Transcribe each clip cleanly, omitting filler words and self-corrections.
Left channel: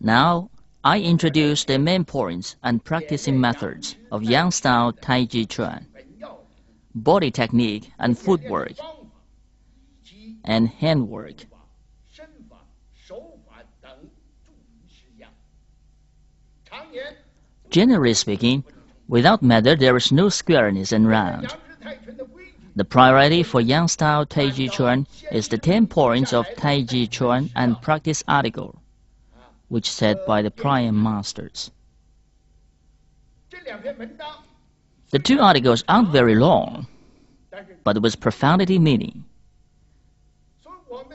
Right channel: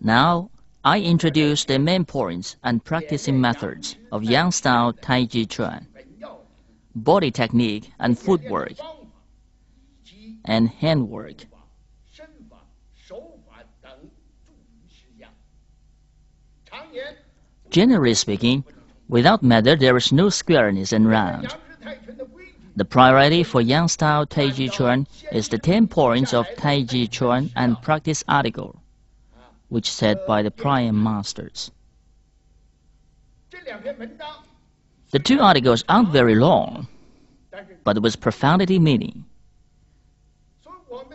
Now, I introduce the main points and practicing methods of Yang-style Taiji Chuan, body technique and footwork, and handwork. Generally speaking, without method there is no squareness and round. The priority for Yang-style Taiji Chuan is the 10 points of Taiji Chuan and practice article, which said by the prior masters. The 2 articles aren't very long, but with profundity meaning.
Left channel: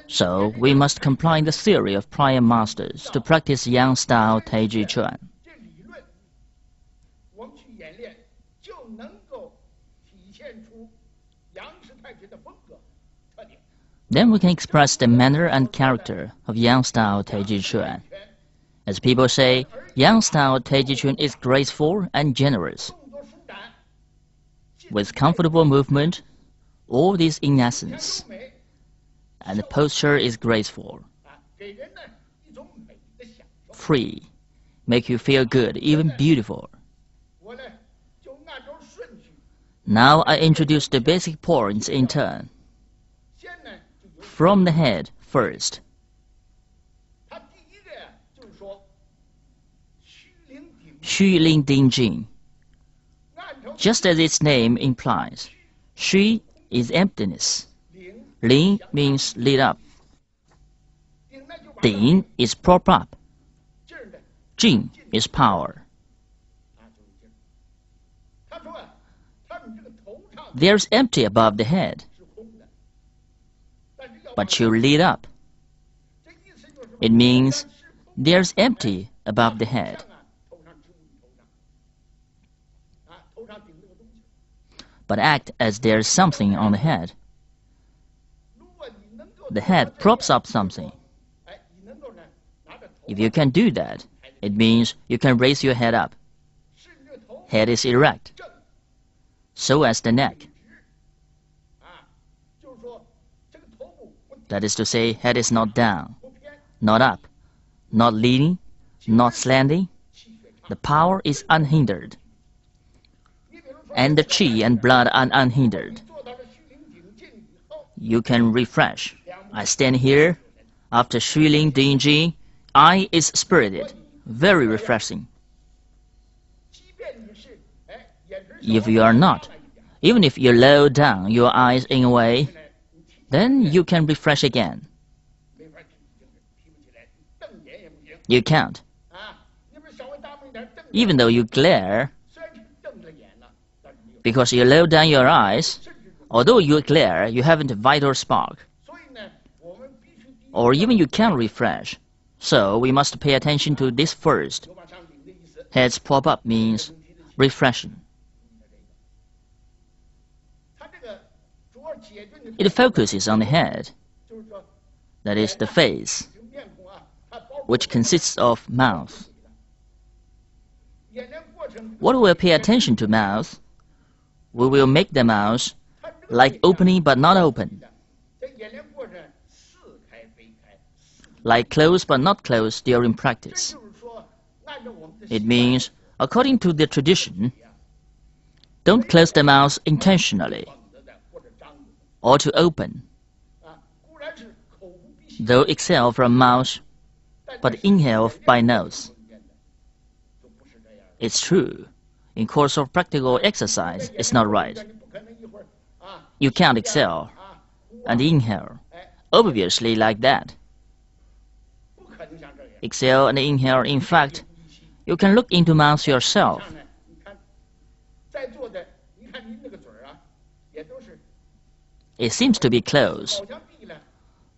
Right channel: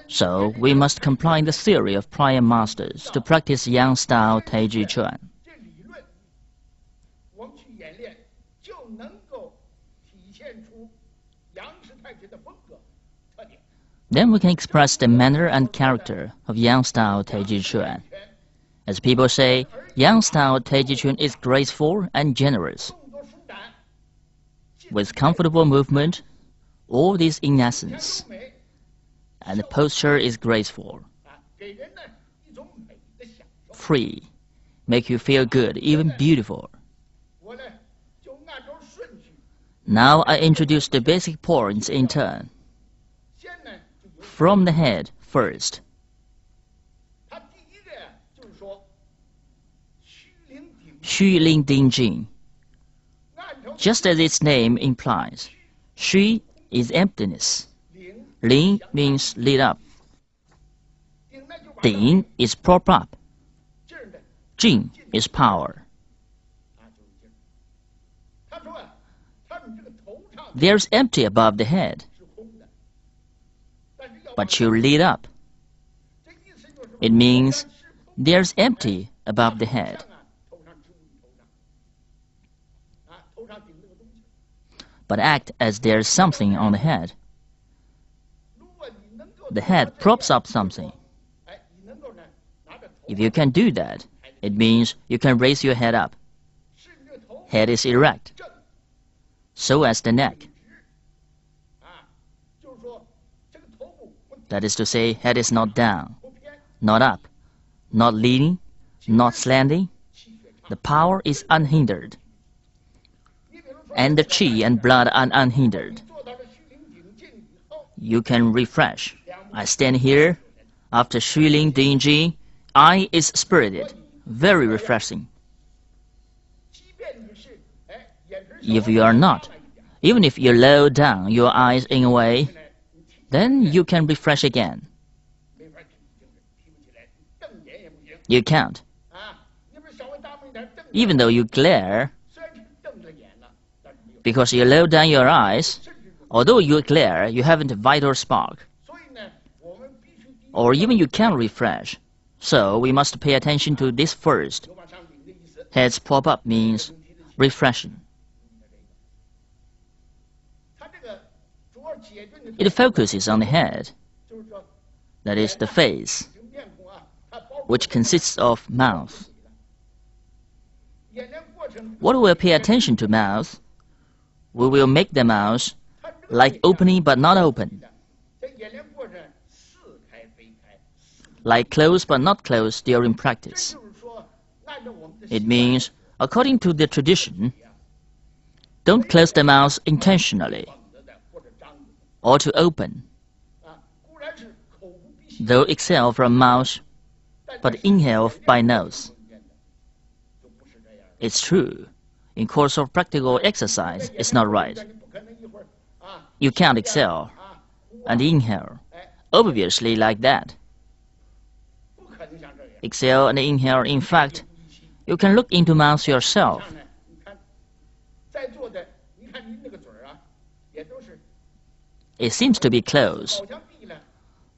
So we must comply the theory of prior masters to practice Yang-style Taiji Chuan. Then we can express the manner and character of Yang-style Taiji Chuan. As people say, Yang-style Taiji Chuan is graceful and generous. With comfortable movement, all this in essence, and the posture is graceful, free, make you feel good, even beautiful. Now I introduce the basic points in turn. From the head first. Xu Ling Ding Jing. Just as its name implies, Xu is emptiness. Ling means lit up. Ding is prop up. Jing is power. There's empty above the head, but you lit up. It means there's empty above the head. But act as there's something on the head. The head props up something. If you can do that, it means you can raise your head up. Head is erect, so as the neck. That is to say, head is not down, not up, not leaning, not slanting. The power is unhindered, and the qi and blood are unhindered. You can refresh. I stand here. After Xu Ling Ding Jing, I is spirited, very refreshing. If you are not, even if you lower down your eyes in a way, then you can refresh again. You can't. Even though you glare, because you lower down your eyes, although you glare, you haven't a vital spark. Or even you can't refresh. So we must pay attention to this first. Heads pop up means refreshing. It focuses on the head, that is the face, which consists of mouth. What will pay attention to mouth? We will make the mouth like opening but not open, like closed but not closed during practice. It means, according to the tradition, don't close the mouth intentionally or to open, though exhale from mouth but inhale by nose. It's true, in course of practical exercise, it's not right. You can't exhale and inhale, obviously like that. Exhale and inhale, in fact, you can look into mouth yourself. It seems to be closed,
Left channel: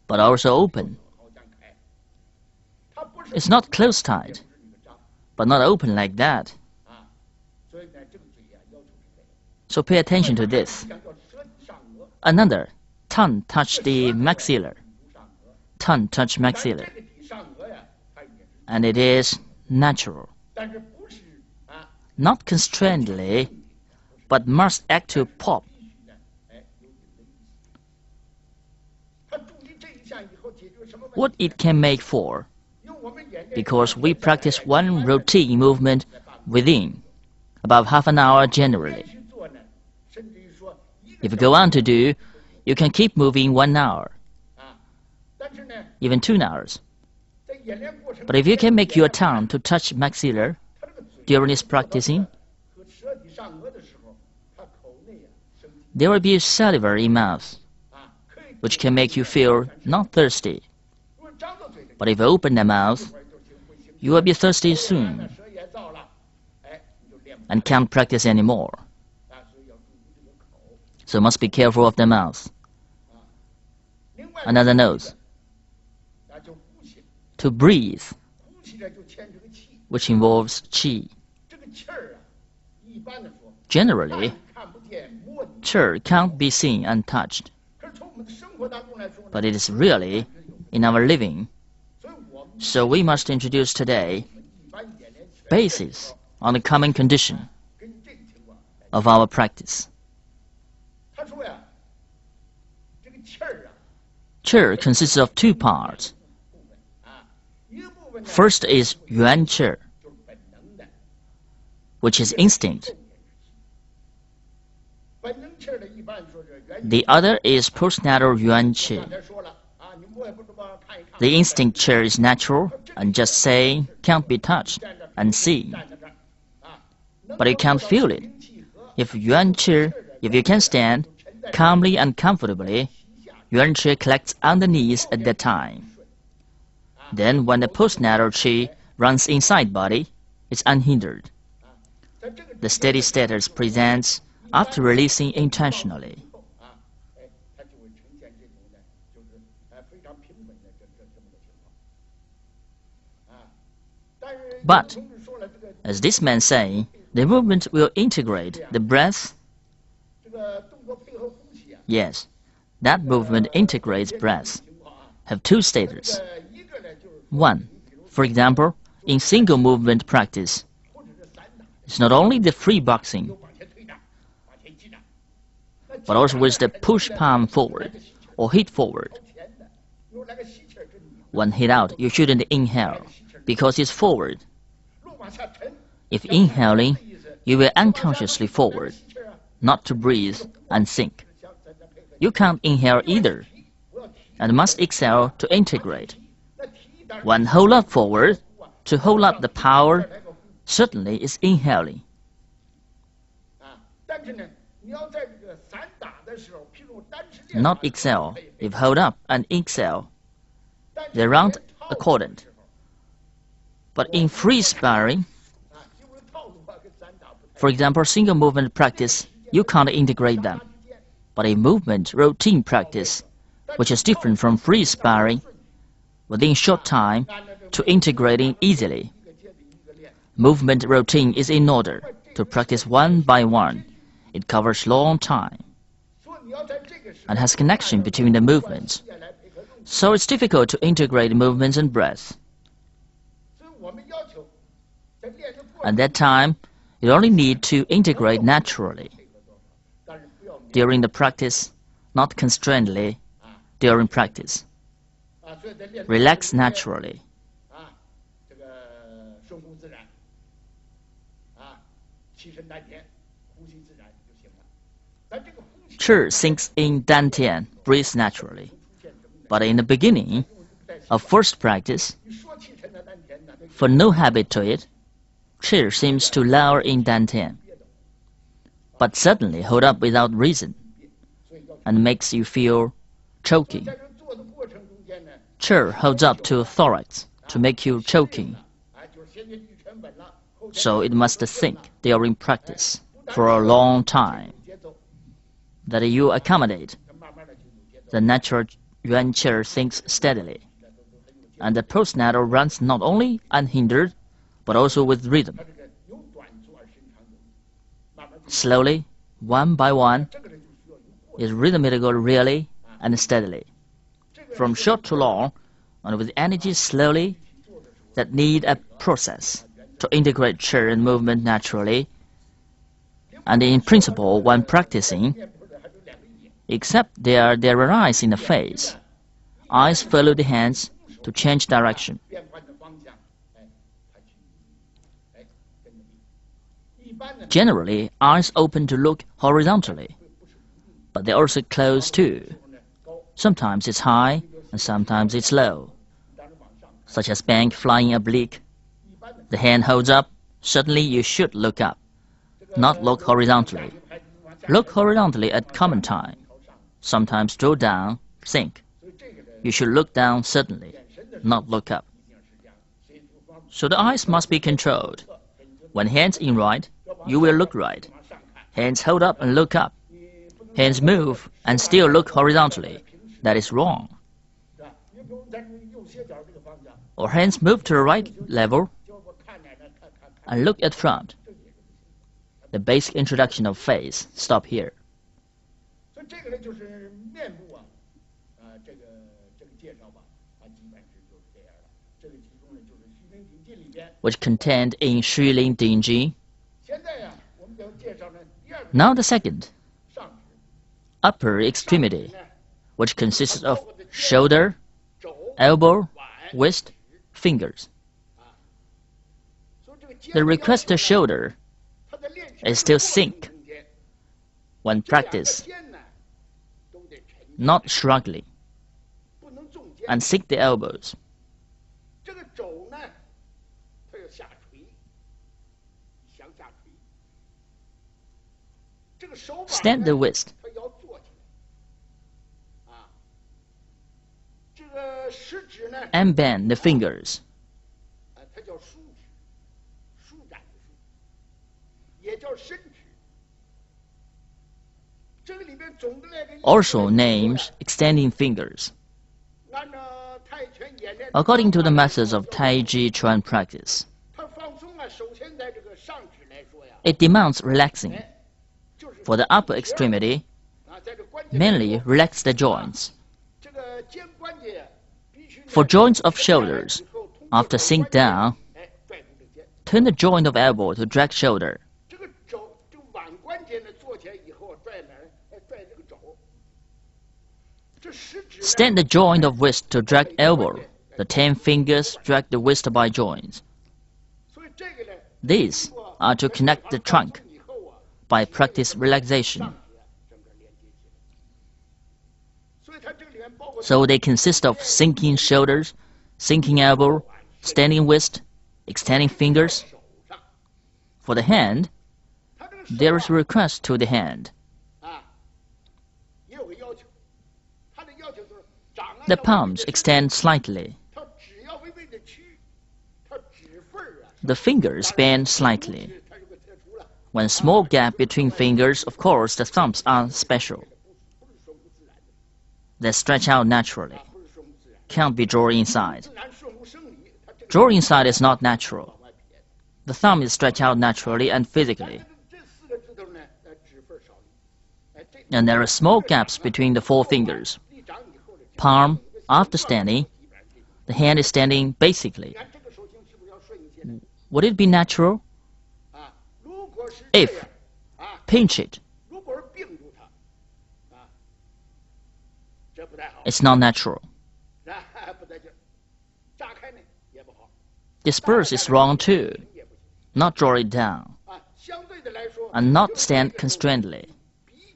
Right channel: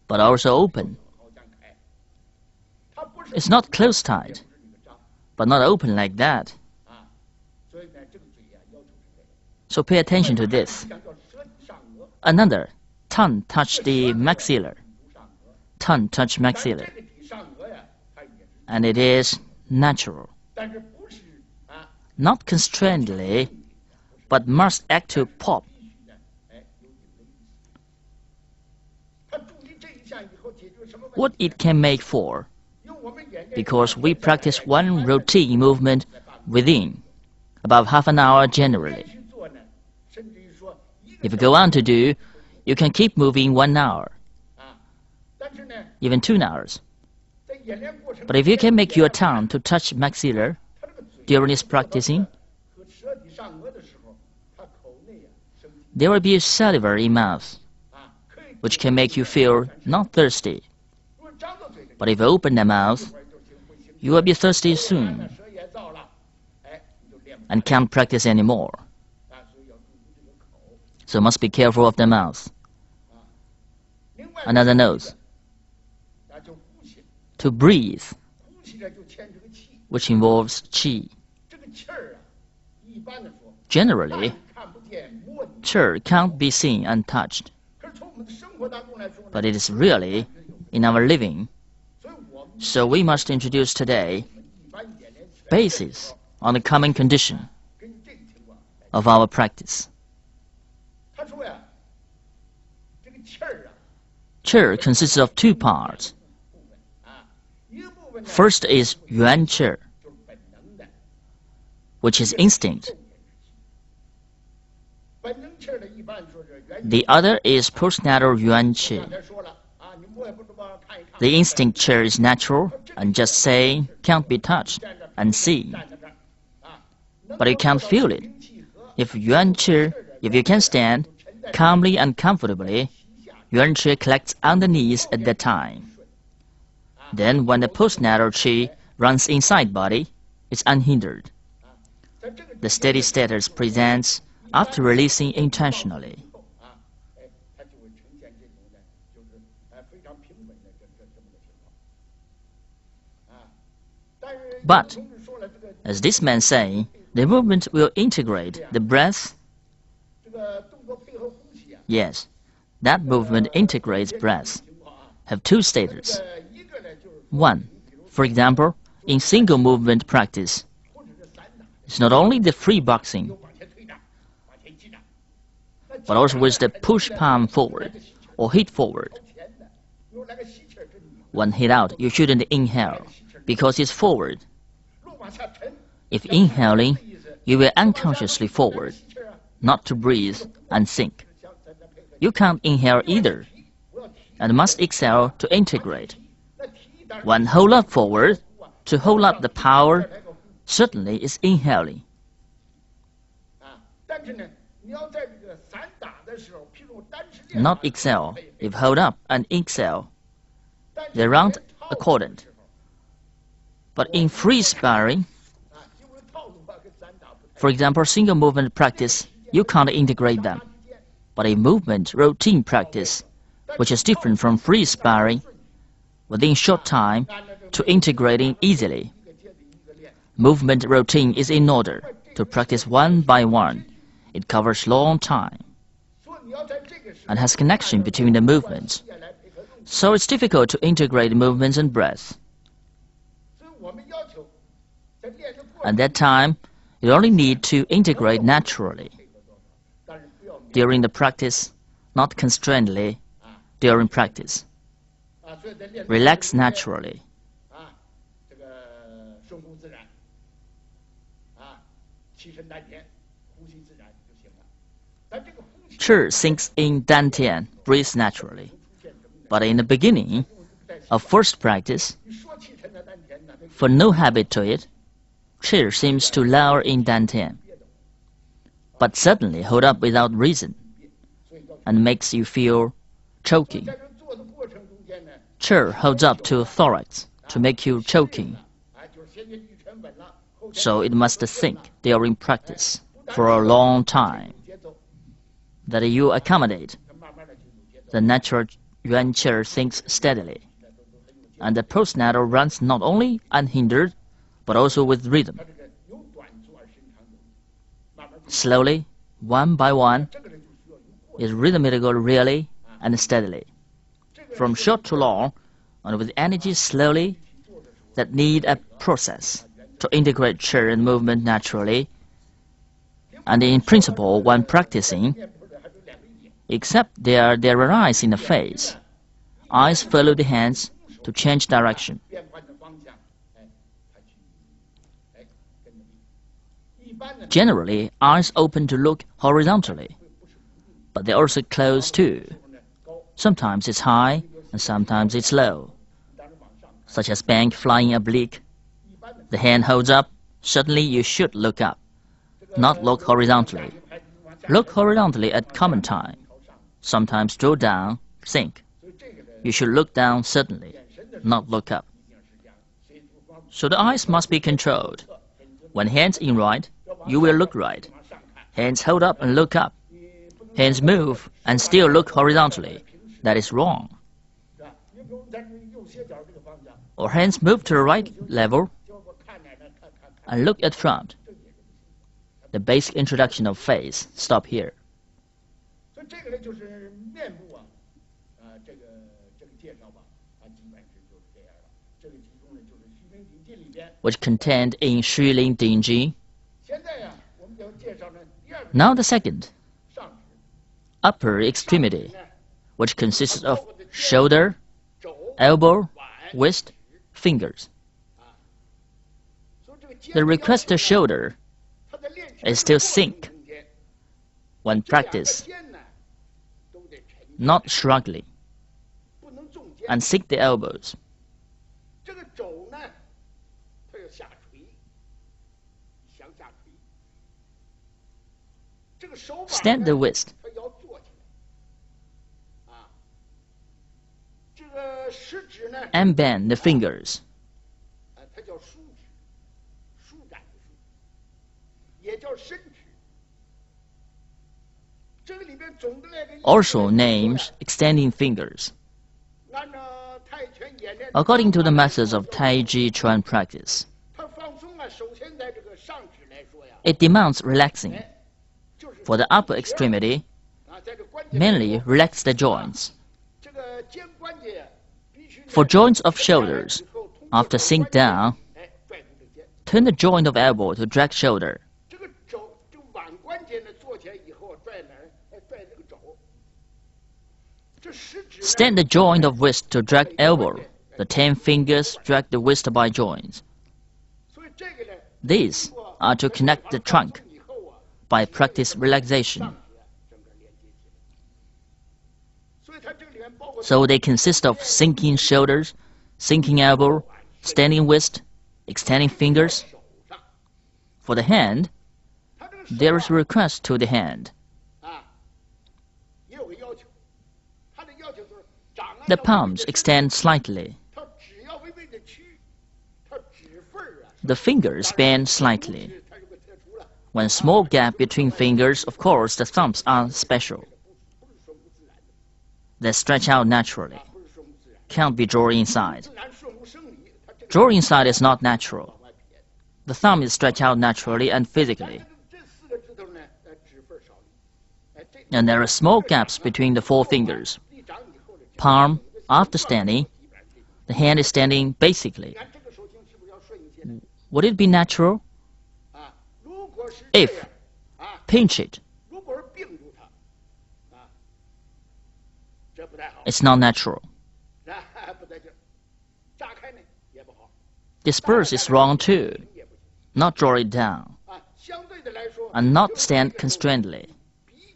but also open. It's not closed tight, but not open like that. So pay attention to this. Another, tongue touch the maxilla. Tongue touch maxilla. And it is natural. Not constrainedly, but must act to pop. What it can make for because we practice one routine movement within about half an hour generally. If you go on to do, you can keep moving 1 hour, even 2 hours. But if you can make your tongue to touch maxilla during this practicing, there will be saliva in mouth, which can make you feel not thirsty. But if you open the mouth, you will be thirsty soon and can't practice anymore. So must be careful of the mouth. Another note: to breathe, which involves qi. Generally, qi can't be seen and touched, but it is really in our living. So we must introduce today basis on the common condition of our practice. Qi consists of 2 parts. First is yuan qi, which is instinct. The other is postnatal yuan qi. The instinct qi is natural and just saying can't be touched and seen. But you can't feel it. If you can stand calmly and comfortably, yuan qi collects on the knees at that time. Then when the postnatal qi runs inside body, it's unhindered. The steady status presents after releasing intentionally. But, as this man saying, the movement will integrate the breath. Yes, that movement integrates breath. Have 2 status. 1, for example, in single movement practice, it's not only the free boxing, but also with the push palm forward or hit forward. When hit out, you shouldn't inhale because it's forward. If inhaling, you will unconsciously forward, not to breathe and think. You can't inhale either, and must exhale to integrate. When hold up forward, to hold up the power, certainly is inhaling. Not exhale. If hold up and exhale, they run accordant. But in free sparring, for example, single movement practice, you can't integrate them. But in movement routine practice, which is different from free sparring, within short time to integrating easily. Movement routine is in order to practice one by one. It covers long time and has connection between the movements. So it's difficult to integrate movements and breath. At that time, you only need to integrate naturally. During the practice, not constrainedly during practice. Relax naturally. Qi sinks in dantian, breathes naturally. But in the beginning of first practice, for no habit to it, qi seems to lower in dantian, but suddenly hold up without reason, and makes you feel choking. Qi holds up to thorax to make you choking. So it must think during practice for a long time that you accommodate. The natural yuan qi thinks steadily, and the postnatal runs not only unhindered, but also with rhythm. Slowly, one by one, is rhythmical really and steadily. From short to long, and with energy slowly, that need a process to integrate qi and movement naturally. And in principle, when practicing, except there arise in the face, eyes follow the hands to change direction. Generally, eyes open to look horizontally, but they also close too. Sometimes it's high and sometimes it's low, such as bank flying oblique. The hand holds up, suddenly you should look up, not look horizontally. Look horizontally at common time. Sometimes draw down, think. You should look down suddenly, not look up. So the eyes must be controlled. When hands in right, you will look right. Hands hold up and look up. Hands move and still look horizontally. That is wrong. Or hands move to the right level and look at front. The basic introduction of face stop here. Which contained in Xu Lin Ding Ji. Now the second, upper extremity, which consists of shoulder, elbow, wrist, fingers. The requested shoulder is still sink when practiced, not struggling, and sink the elbows. Stand the wrist. And bend the fingers. Also names extending fingers. According to the methods of Taiji Chuan practice, it demands relaxing. For the upper extremity, mainly relax the joints. For joints of shoulders, after sink down, turn the joint of elbow to drag shoulder. Stand the joint of wrist to drag elbow. The 10 fingers drag the wrist by joints. These are to connect the trunk by practice relaxation. So they consist of sinking shoulders, sinking elbow, standing wrist, extending fingers. For the hand, there is a request to the hand. The palms extend slightly. The fingers bend slightly. When small gap between fingers, of course, the thumbs are special. They stretch out naturally. Can't be drawn inside. Draw inside is not natural. The thumb is stretched out naturally and physically. And there are small gaps between the 4 fingers. Palm, after standing, the hand is standing basically. Would it be natural? If pinch it, it's not natural. Disperse is wrong too. Not draw it down, and not stand constrainedly.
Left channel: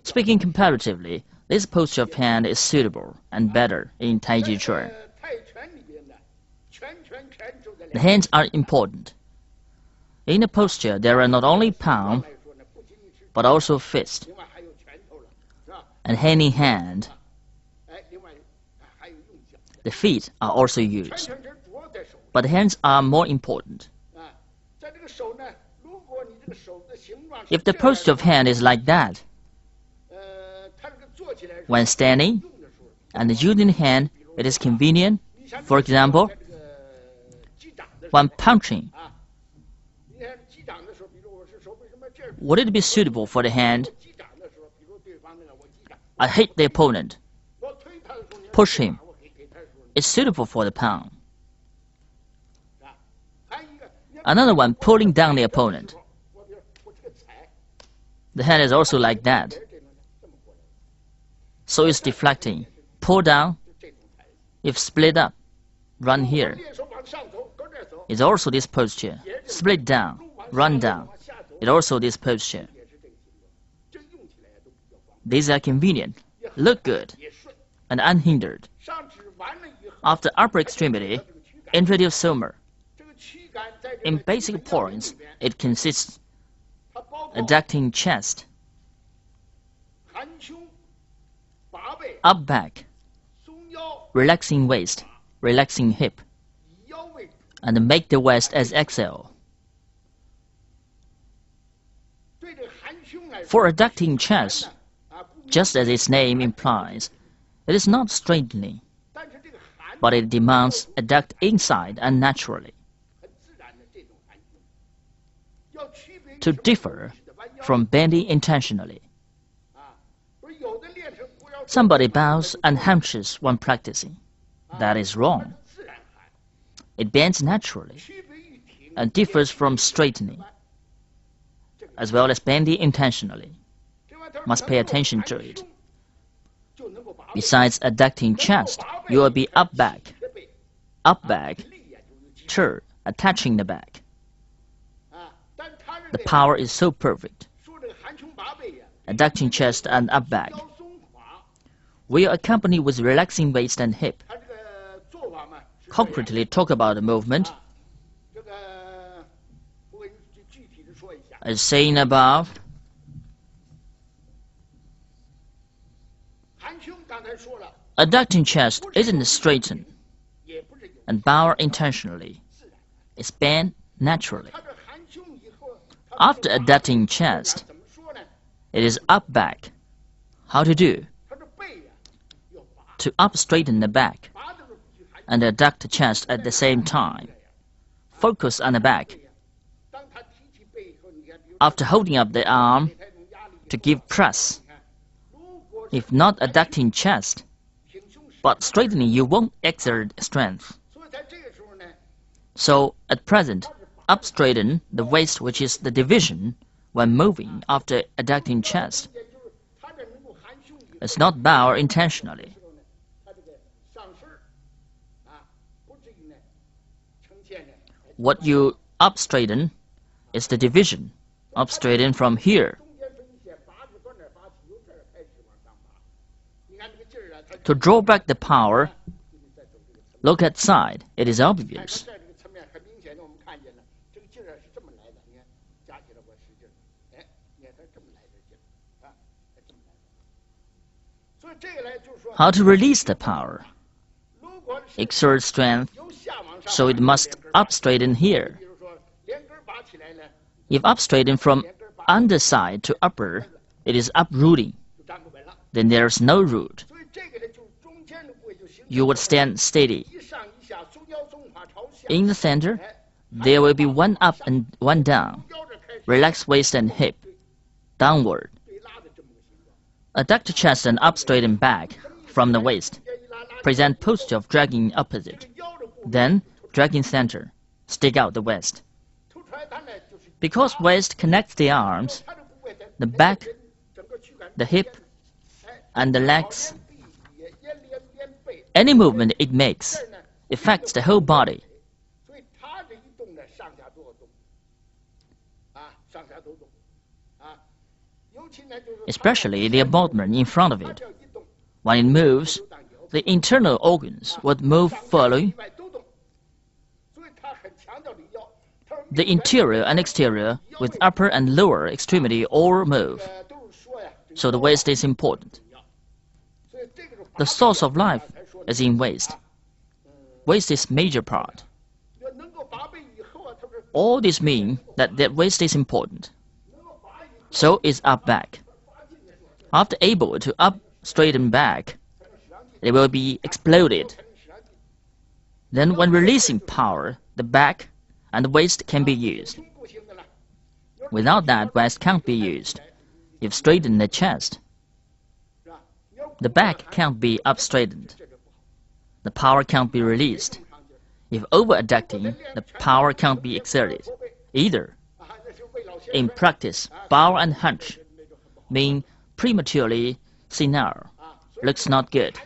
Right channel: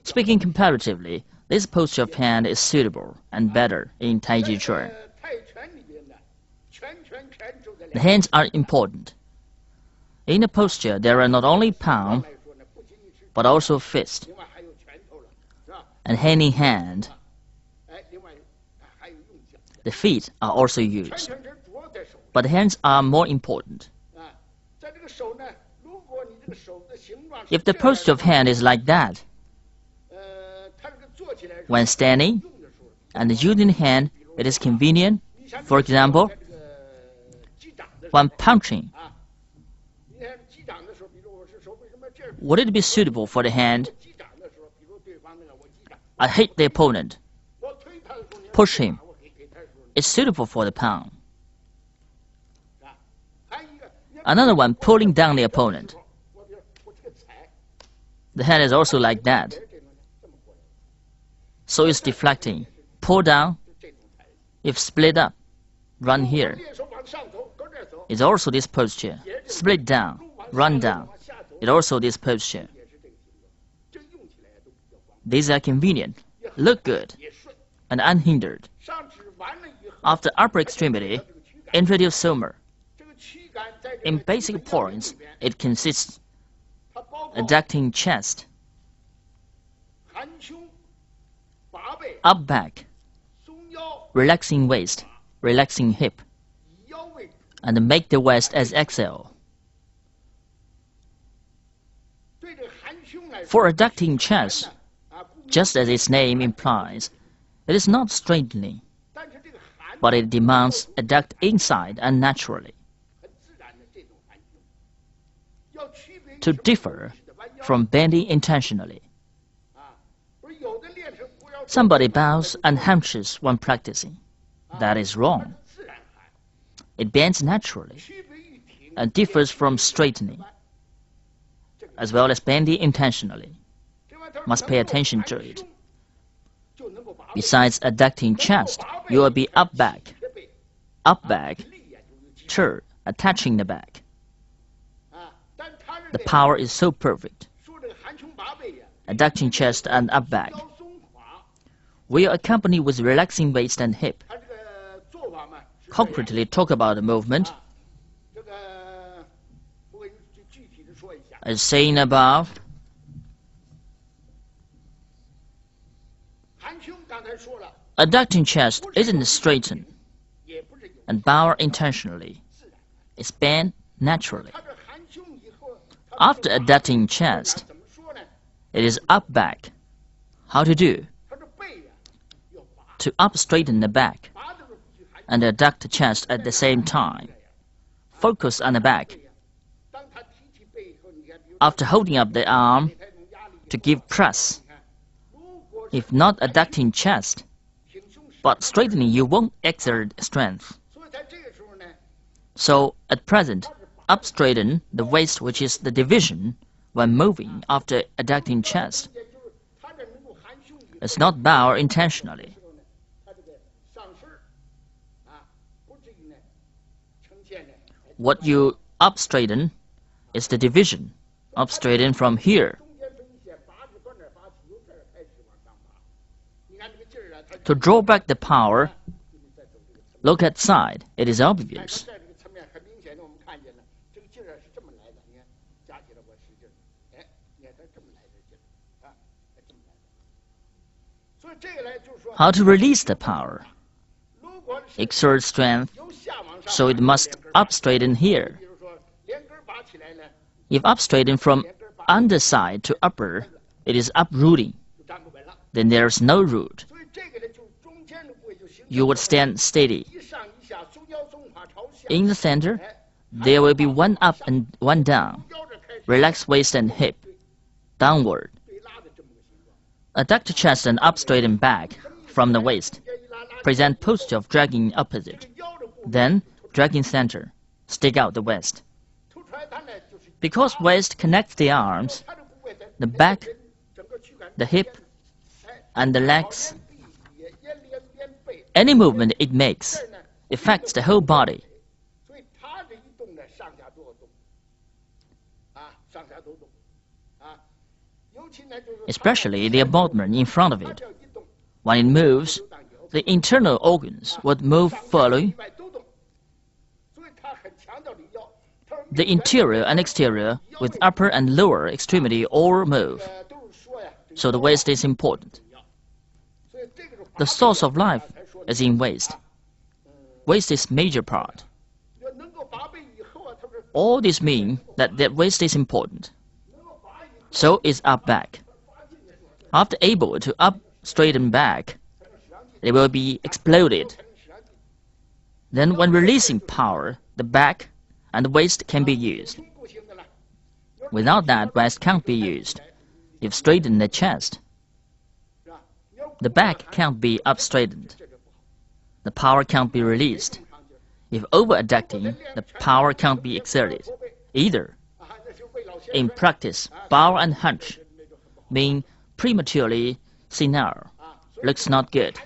Speaking comparatively, this posture of hand is suitable and better in Taiji Chuan. The hands are important. In the posture, there are not only palm, but also fist, and hand in hand. The feet are also used, but the hands are more important. If the posture of hand is like that, when standing and using the hand, it is convenient. For example, when punching, would it be suitable for the hand? I hit the opponent. Push him. It's suitable for the palm. Another one, pulling down the opponent. The hand is also like that. So it's deflecting. Pull down. If split up, run here. It's also this posture. Split down, run down. It also this posture. These are convenient, look good, and unhindered. After upper extremity, introduce somer. In basic points, it consists adducting chest, up back, relaxing waist, relaxing hip, and make the waist as exhale. For adducting chest, just as its name implies, it is not straightening, but it demands adduct inside and naturally. To differ from bending intentionally. Somebody bows and hunches when practicing. That is wrong. It bends naturally and differs from straightening, as well as bending intentionally. Must pay attention to it. Besides adducting chest, you will be up back, turn, attaching the back. The power is so perfect. Adducting chest and up back. We are accompanied with relaxing waist and hip. Concretely talk about the movement. As seen above, adducting chest isn't straightened and bow intentionally. It's bent naturally. After adducting chest, it is up back. How to do? To up straighten the back and adduct the chest at the same time. Focus on the back. After holding up the arm to give press. If not adducting chest, but straightening, you won't exert strength. So at present, up straighten the waist, which is the division when moving after adducting chest. It's not bow intentionally. What you up straighten is the division. Up straighten from here. To draw back the power, look at side. It is obvious. How to release the power? Exert strength, so it must up straighten here. If up straighten from underside to upper, it is uprooting. Then there is no root. You would stand steady. In the center, there will be one up and one down. Relax waist and hip. Downward. Adduct chest and up straighten back from the waist. Present posture of dragging opposite. Then, dragging center. Stick out the waist. Because waist connects the arms, the back, the hip, and the legs, any movement it makes affects the whole body. Especially the abdomen in front of it. When it moves, the internal organs would move fully. The interior and exterior with upper and lower extremity all move. So the waist is important. The source of life is in waist. Waist is major part. All this mean that the waist is important. So is up back. After able to up straighten back, it will be exploded. Then when releasing power, the back and the waist can be used. Without that, waist can't be used. If straighten the chest, the back can't be up straightened. The power can't be released. If over adducting, the power can't be exerted either. In practice, bow and hunch mean prematurely senile, looks not good.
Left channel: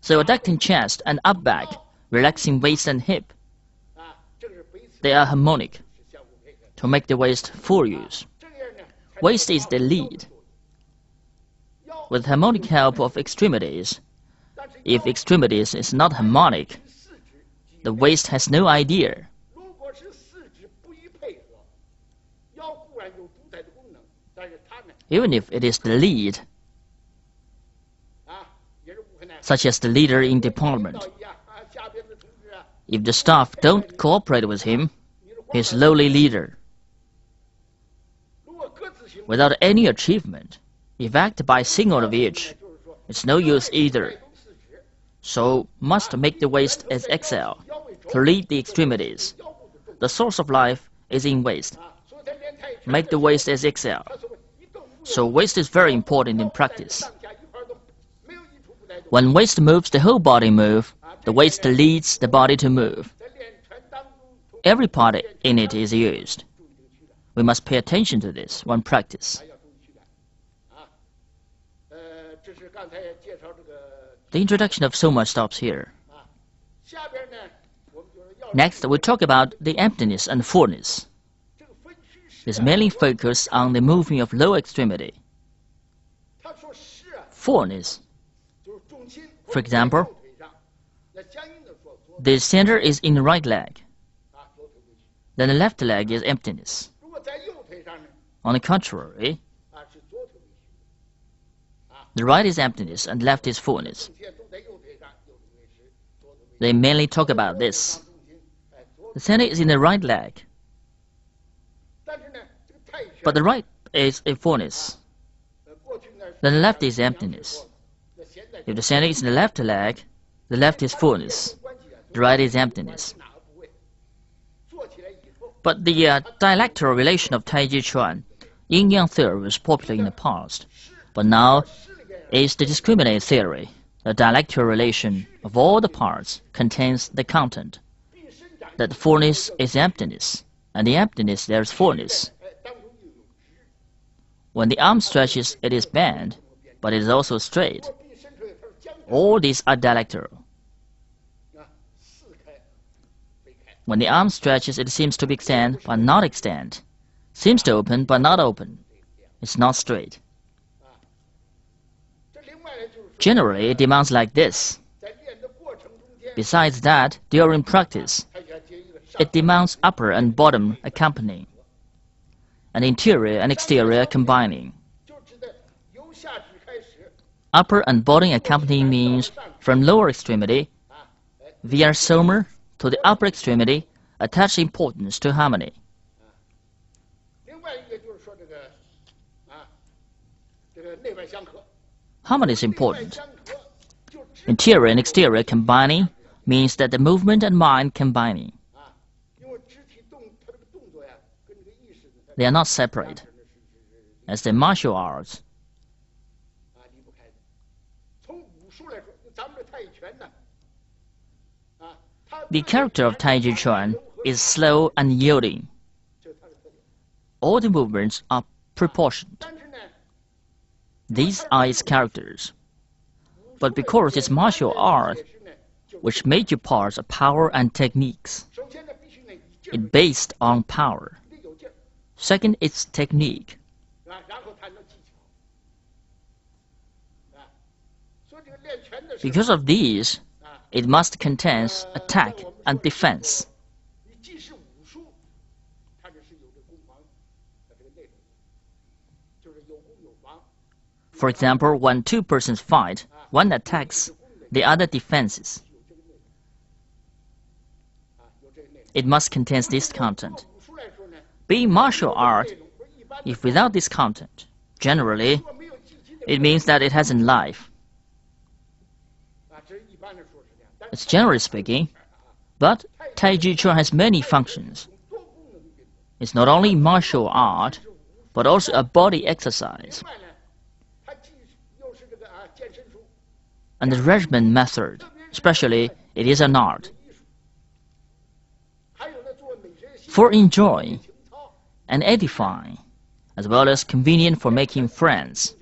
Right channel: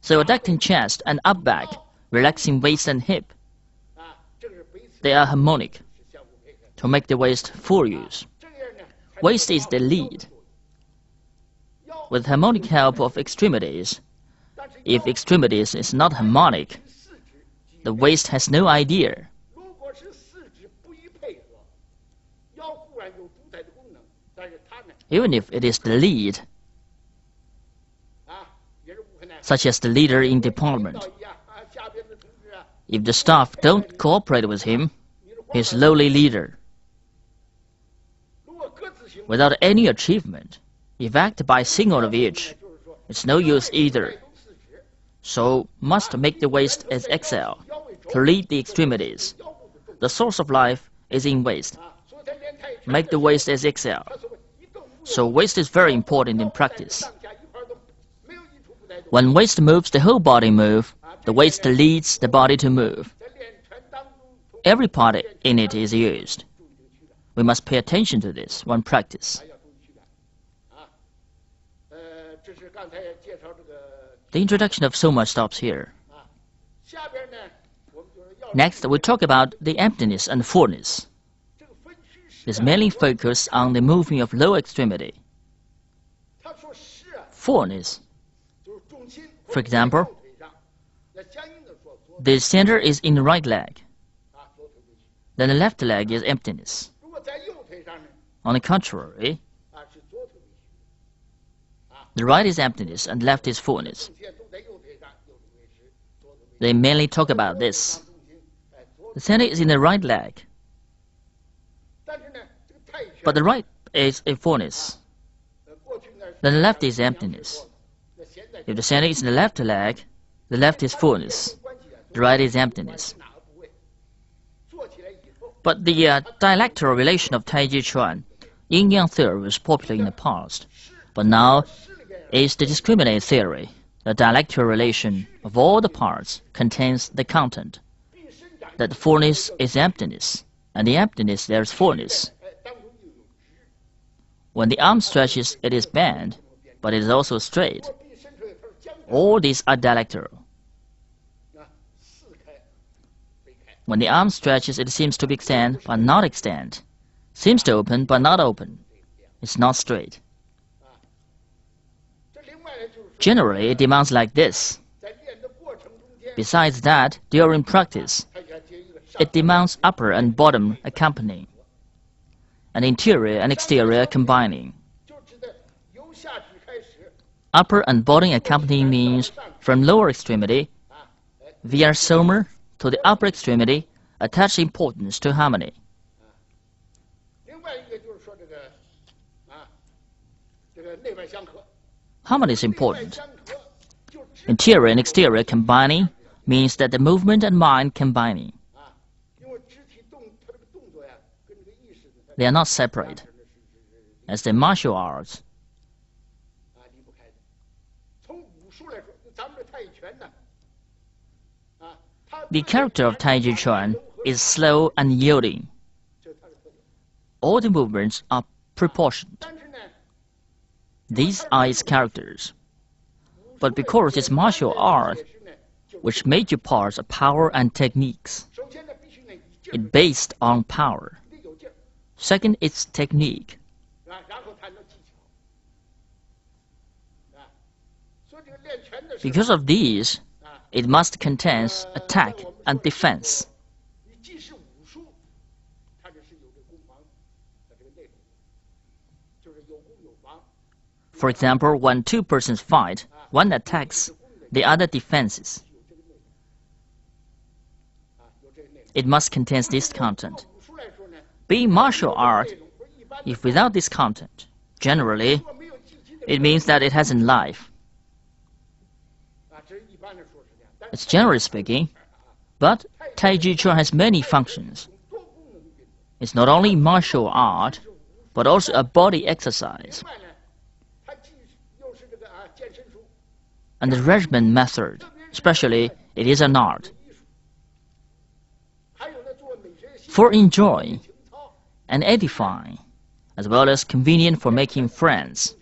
So adducting chest and up back, relaxing waist and hip, they are harmonic. to make the waist full use. Waist is the lead. With harmonic help of extremities, if extremities is not harmonic, the waist has no idea. Even if it is the lead, such as the leader in department, if the staff don't cooperate with him, he's lowly leader. Without any achievement, if act by single of each, it's no use either. So must make the waist as XL, to lead the extremities. The source of life is in waist. Make the waist as XL. So waist is very important in practice. When waist moves, the whole body moves. The waist leads the body to move. Every part in it is used. We must pay attention to this when practice. The introduction of Soma stops here. Next, we talk about the emptiness and fullness. It's mainly focused on the moving of lower extremity. Fullness. For example, the center is in the right leg. Then the left leg is emptiness. On the contrary, the right is emptiness and left is fullness. They mainly talk about this. The center is in the right leg, but the right is a fullness. Then the left is emptiness. If the center is in the left leg, the left is fullness, the right is emptiness. But the dialectical relation of Taiji Chuan, yin-yang theory was popular in the past, but now is the discriminate theory. The dialectical relation of all the parts contains the content that the fullness is emptiness, and the emptiness there is fullness. When the arm stretches, it is bent, but it is also straight. All these are dialectical. When the arm stretches, it seems to be extend, but not extend. Seems to open, but not open. It's not straight. Generally, it demands like this. Besides that, during practice, it demands upper and bottom accompanying, and interior and exterior combining. Upper and bottom accompanying means from lower extremity, via soma, to the upper extremity, attach importance to harmony. Harmony is important. Interior and exterior combining means that the movement and mind combining. They are not separate, as the martial arts. The character of Taiji Chuan is slow and yielding. All the movements are proportioned. These are its characters. But because it's martial art, which major parts are power and techniques, it's based on power. Second, it's technique. Because of these, it must contain attack and defense. For example, when two persons fight, one attacks, the other defenses. It must contain this content. Being martial art, if without this content, generally, it means that it hasn't life. It's generally speaking, but Taiji Chuan has many functions. It's not only martial art, but also a body exercise. And the regimen method, especially, it is an art. For enjoying and edifying, as well as convenient for making friends.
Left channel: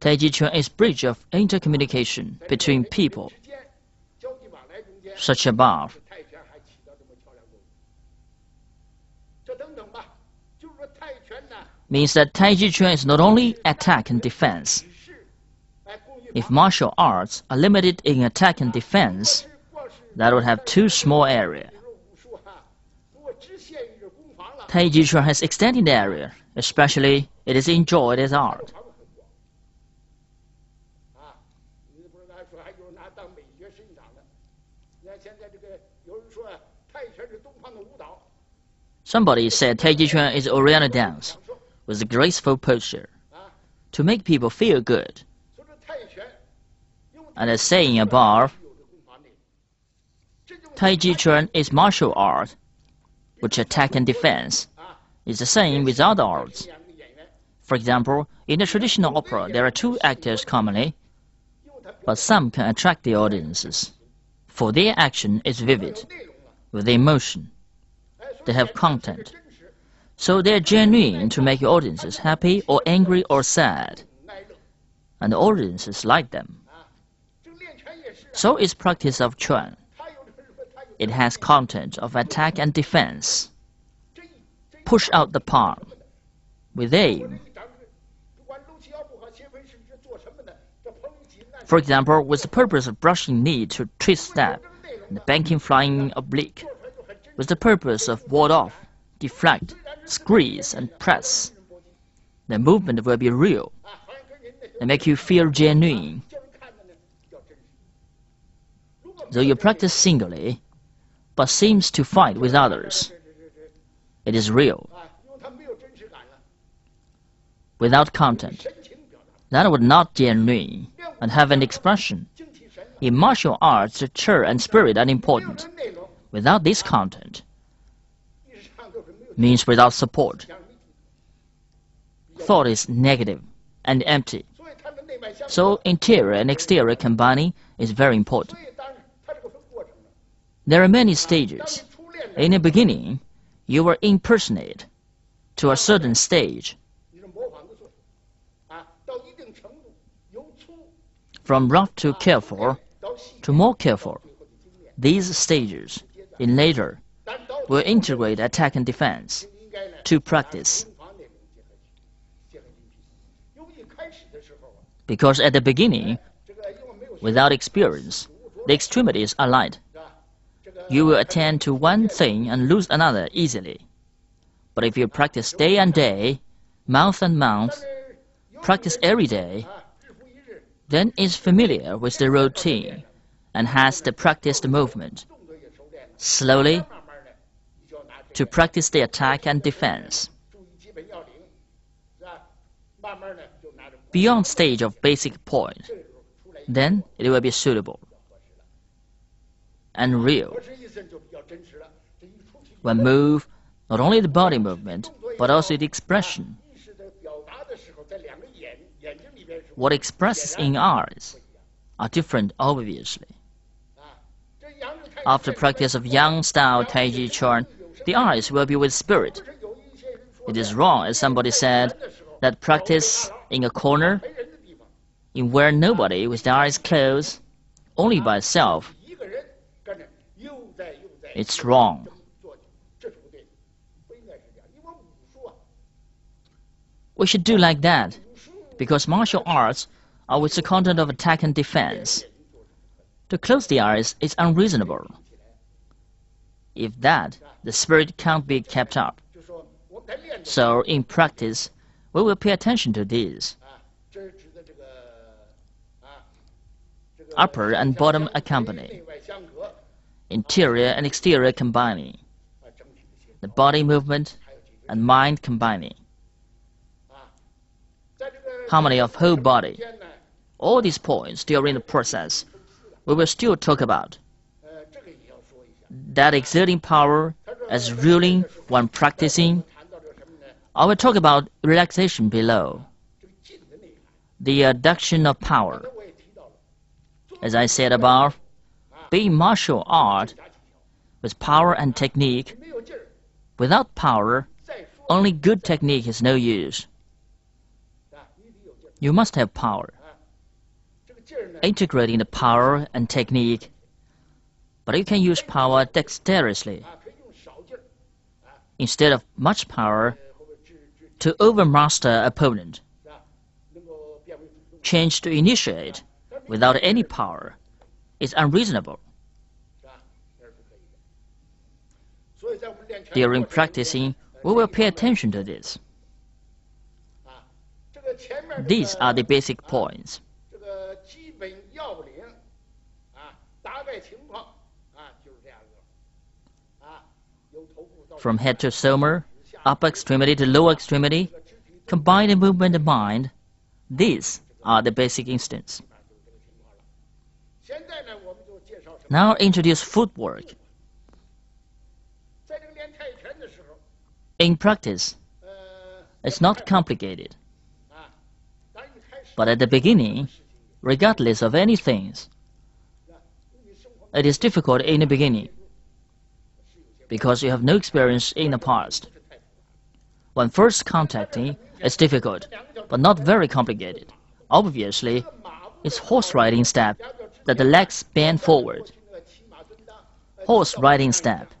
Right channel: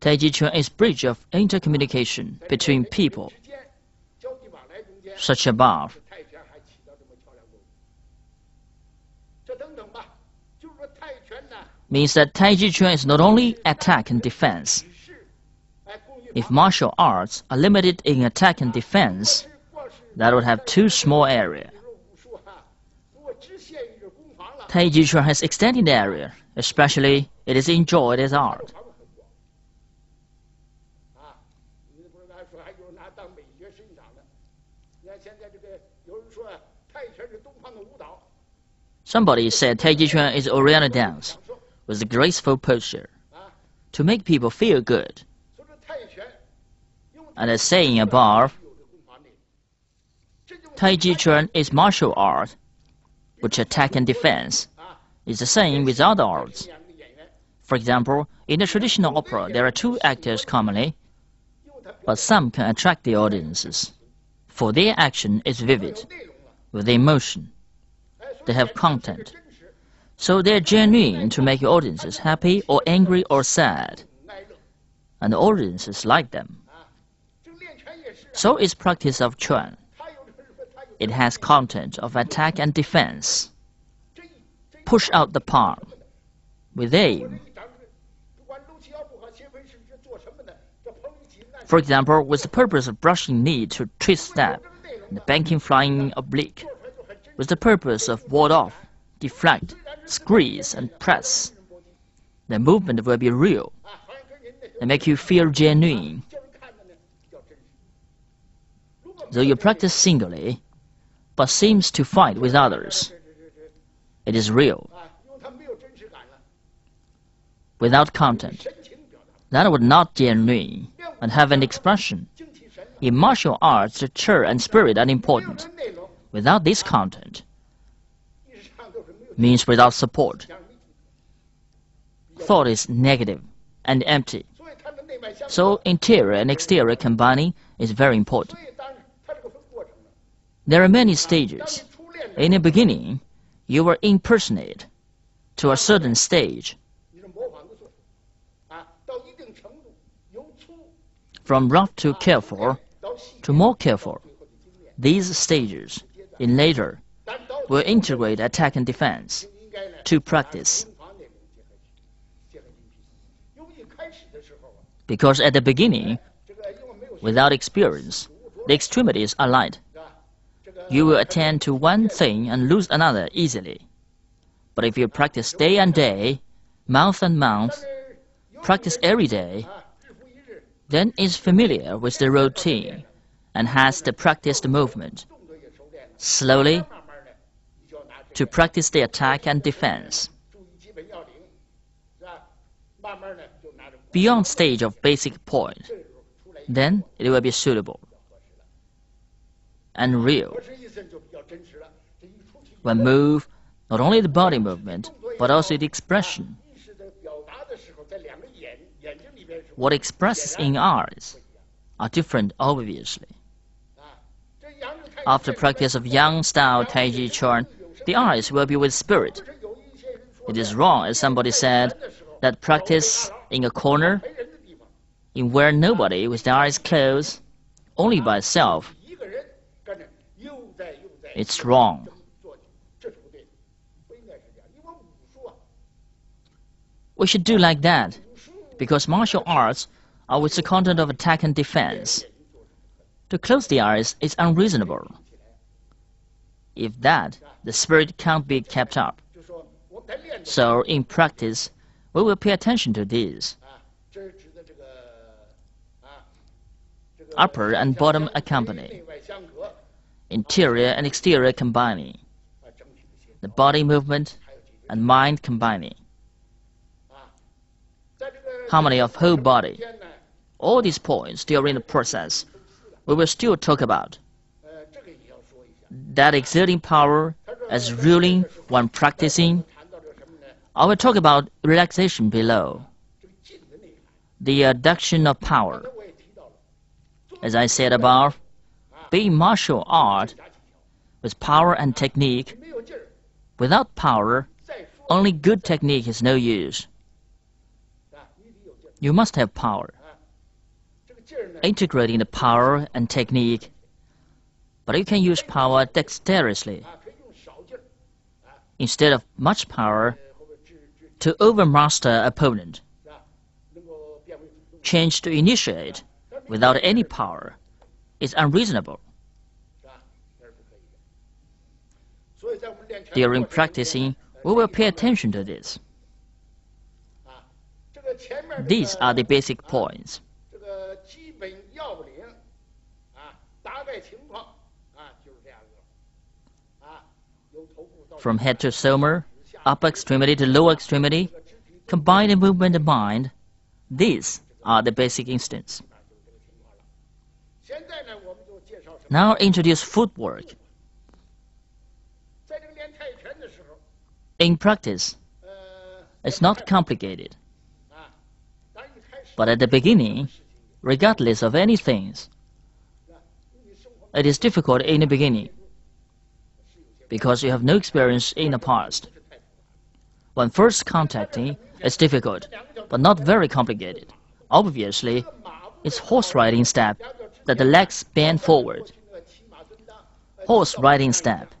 Taiji Chuan is bridge of intercommunication between people, such above. means that Taiji Chuan is not only attack and defense. If martial arts are limited in attack and defense, that would have too small area. Taiji Chuan has extended area, especially it is enjoyed as art. Somebody said Taiji Chuan is Oriental dance with a graceful posture to make people feel good. And as saying above, Taiji Chuan is martial art, which attack and defense is the same with other arts. For example, in the traditional opera, there are two actors commonly, but some can attract the audiences, for their action is vivid, with emotion. They have content, so they are genuine to make audiences happy or angry or sad, and the audiences like them. So is practice of Chuan. It has content of attack and defense. Push out the palm with aim. For example, with the purpose of brushing knee to twist step, and banking flying oblique, with the purpose of ward off, deflect, squeeze, and press. The movement will be real and make you feel genuine. Though you practice singly, but seems to fight with others, it is real. Without content, that would not genuine and have an expression. In martial arts, the chair and spirit are important. Without this content, means without support. Thought is negative and empty. So interior and exterior combining is very important. There are many stages. In the beginning, you will impersonate to a certain stage. From rough to careful to more careful. These stages, in later, will integrate attack and defense to practice. Because at the beginning, without experience, the extremities are light. You will attend to one thing and lose another easily. But if you practice day and day, month and month, practice every day, then is familiar with the routine and has the practiced movement. Slowly, to practice the attack and defense. Beyond stage of basic point, then it will be suitable and real. When move, not only the body movement, but also the expression. What expresses in eyes are different, obviously. After practice of Yang-style Taiji Chuan, the eyes will be with spirit. It is wrong, as somebody said, that practice in a corner, in where nobody with their eyes closed, only by itself. It's wrong. We should do like that, because martial arts are with the content of attack and defense. To close the eyes is unreasonable. If that, the spirit can't be kept up. So in practice, we will pay attention to these. Upper and bottom accompany. Interior and exterior combining. The body movement and mind combining. Harmony of whole body. All these points during the process, we will still talk about. That exerting power as ruling when practicing. I will talk about relaxation below. The adduction of power. As I said above, being martial art with power and technique, without power, only good technique is no use. You must have power. Integrating the power and technique, but you can use power dexterously. Instead of much power, to overmaster opponent. Change to initiate without any power is unreasonable. During practicing, we will pay attention to this. These are the basic points. From head to somer, upper extremity to lower extremity, combined movement of mind, these are the basic instincts. Now introduce footwork. In practice, it's not complicated. But at the beginning, regardless of any things, it is difficult in the beginning because you have no experience in the past. When first contacting, it's difficult, but not very complicated. Obviously, it's horse riding step that the legs bend forward. Horse riding step,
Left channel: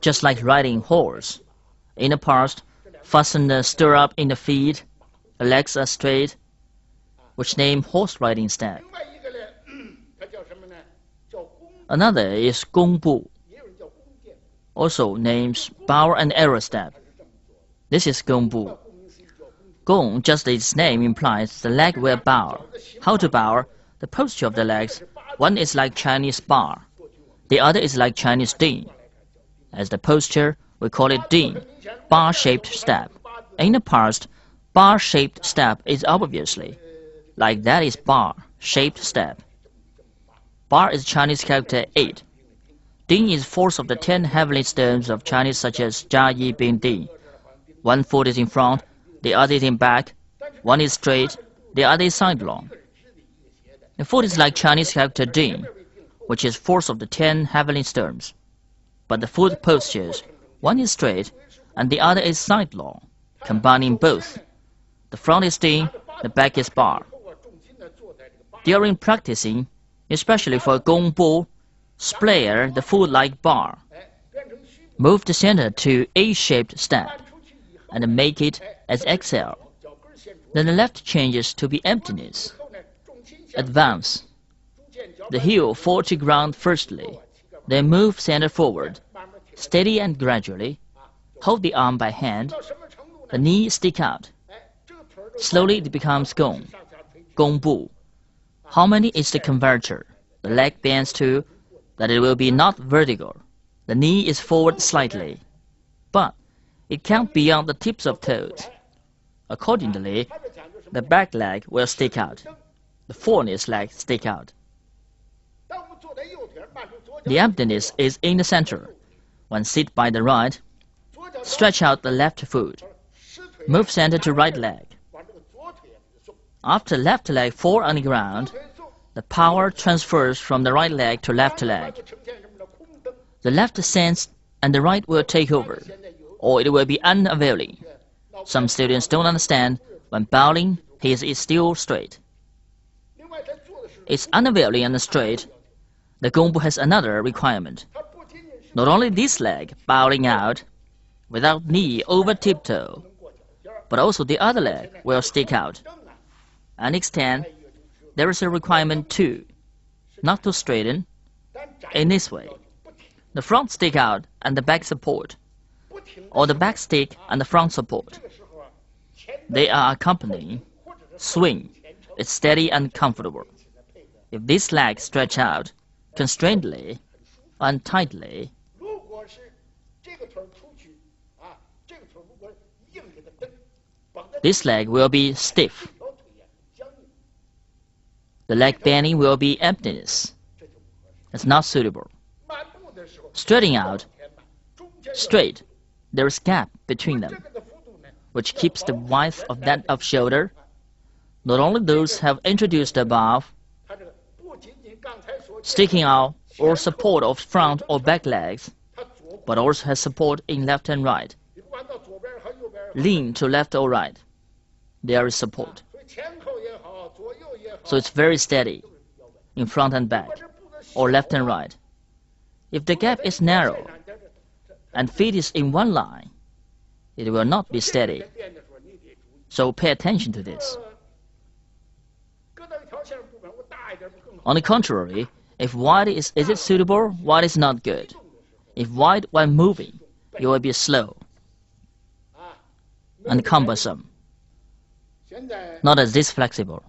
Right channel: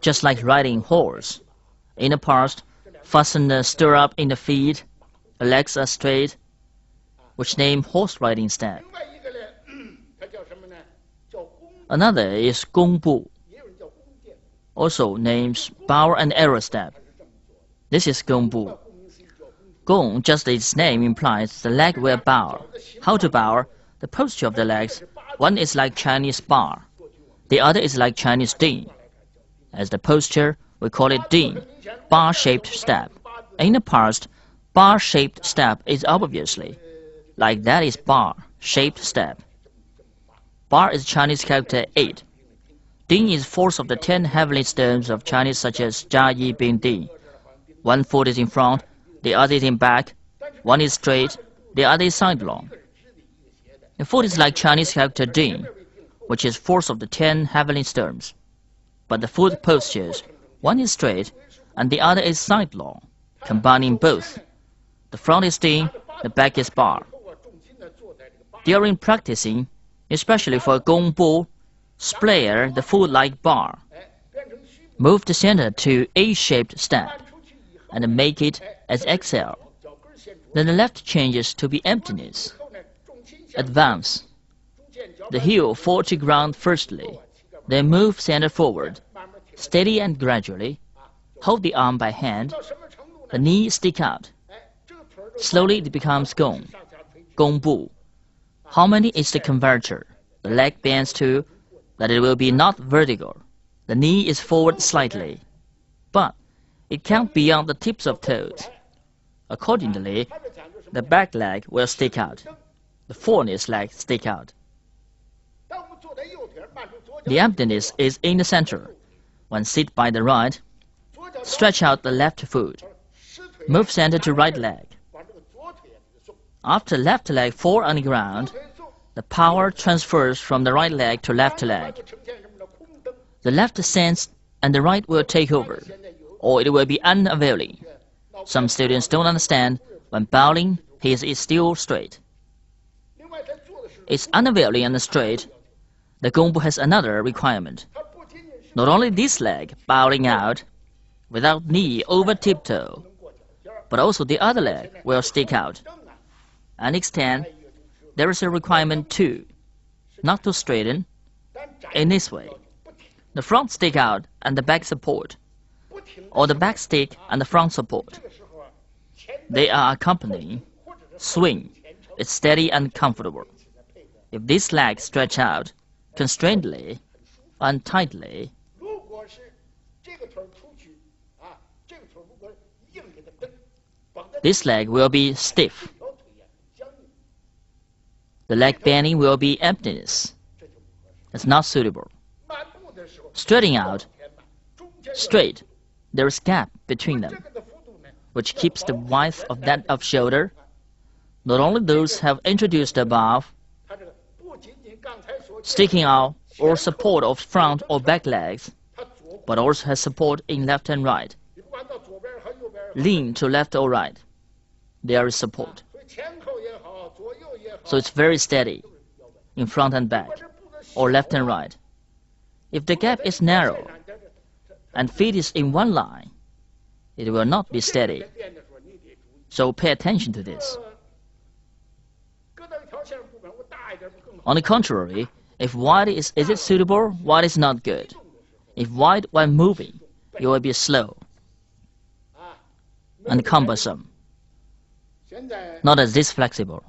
just like riding horse. In the past, fasten the stirrup in the feet, the legs are straight, which name horse riding step. Another is gong bu, also names bow and arrow step. This is gong bu. Gong, just its name implies the leg will bow. How to bow? The posture of the legs. One is like Chinese bar. The other is like Chinese ding. As the posture, we call it ding, bar-shaped step. In the past, bar-shaped step is obviously like that is bar-shaped step. Bar is Chinese character 8. Ding is force of the 10 heavenly stones of Chinese such as Jia Yi Bing Ding. One foot is in front, the other is in back. One is straight, the other is sidelong. The foot is like Chinese character Ding, which is force of the 10 heavenly stones. But the foot postures, one is straight and the other is sidelong, combining both. The front is Ding, the back is bar. During practicing, especially for gong bu, splare the foot like bar. Move the center to A-shaped step and make it as exhale. Then the left changes to be emptiness. Advance. The heel fall to ground firstly, then move center forward, steady and gradually. Hold the arm by hand. The knee stick out. Slowly it becomes gong, gong bu. How many is the converter? The leg bends to that it will be not vertical. The knee is forward slightly, but it can't be on the tips of toes. Accordingly, the back leg will stick out. The foremost leg stick out. The emptiness is in the center. When sit by the right, stretch out the left foot. Move center to right leg. After left leg fall on the ground, the power transfers from the right leg to left leg. The left sense and the right will take over, or it will be unavailing. Some students don't understand when bowing, he is still straight. It's unavailing and straight. The gong bu has another requirement. Not only this leg bowing out without knee over tiptoe, but also the other leg will stick out and extend. There is a requirement too, not to straighten. In this way, the front stick out and the back support, or the back stick and the front support. They are accompanying. Swing. It's steady and comfortable. If this leg stretch out constrainedly and tightly, this leg will be stiff. The leg bending will be emptiness. It's not suitable. Straightening out, straight, there is gap between them, which keeps the width of that of shoulder. Not only those have introduced above, sticking out or support of front or back legs, but also has support in left and right. Lean to left or right, there is support. So it's very steady in front and back, or left and right. If the gap is narrow and feet is in one line, it will not be steady. So pay attention to this. On the contrary, if wide is it suitable, wide is not good. If wide when moving, it will be slow and cumbersome, not as this flexible.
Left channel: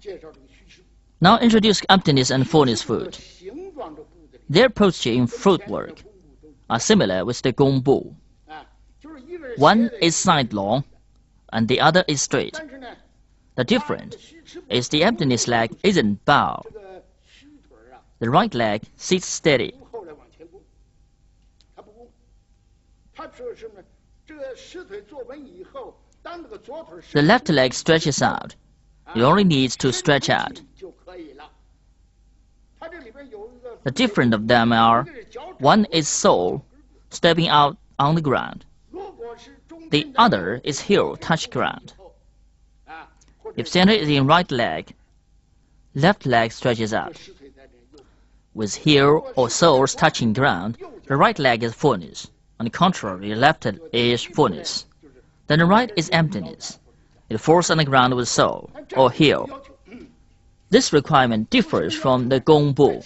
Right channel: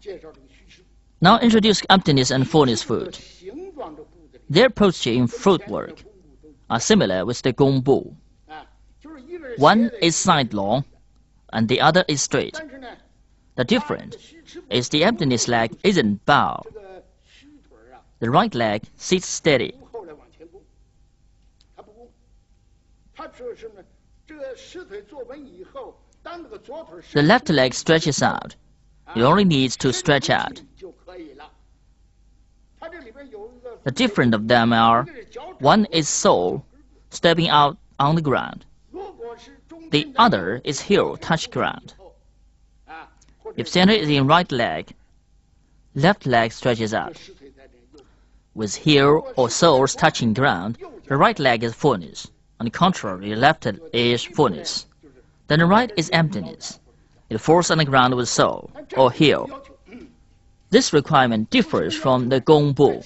Now introduce emptiness and fullness foot. Their posture in footwork are similar with the Gong Bu. One is sidelong and the other is straight. The difference is the emptiness leg isn't bowed. The right leg sits steady. The left leg stretches out. It only needs to stretch out. The difference of them are, one is sole, stepping out on the ground. The other is heel, touch ground. If center is in right leg, left leg stretches out. With heel or soles touching ground, the right leg is fullness. On the contrary, the left is fullness. Then the right is emptiness. It falls on the ground with sole or heel. This requirement differs from the Gong Bu,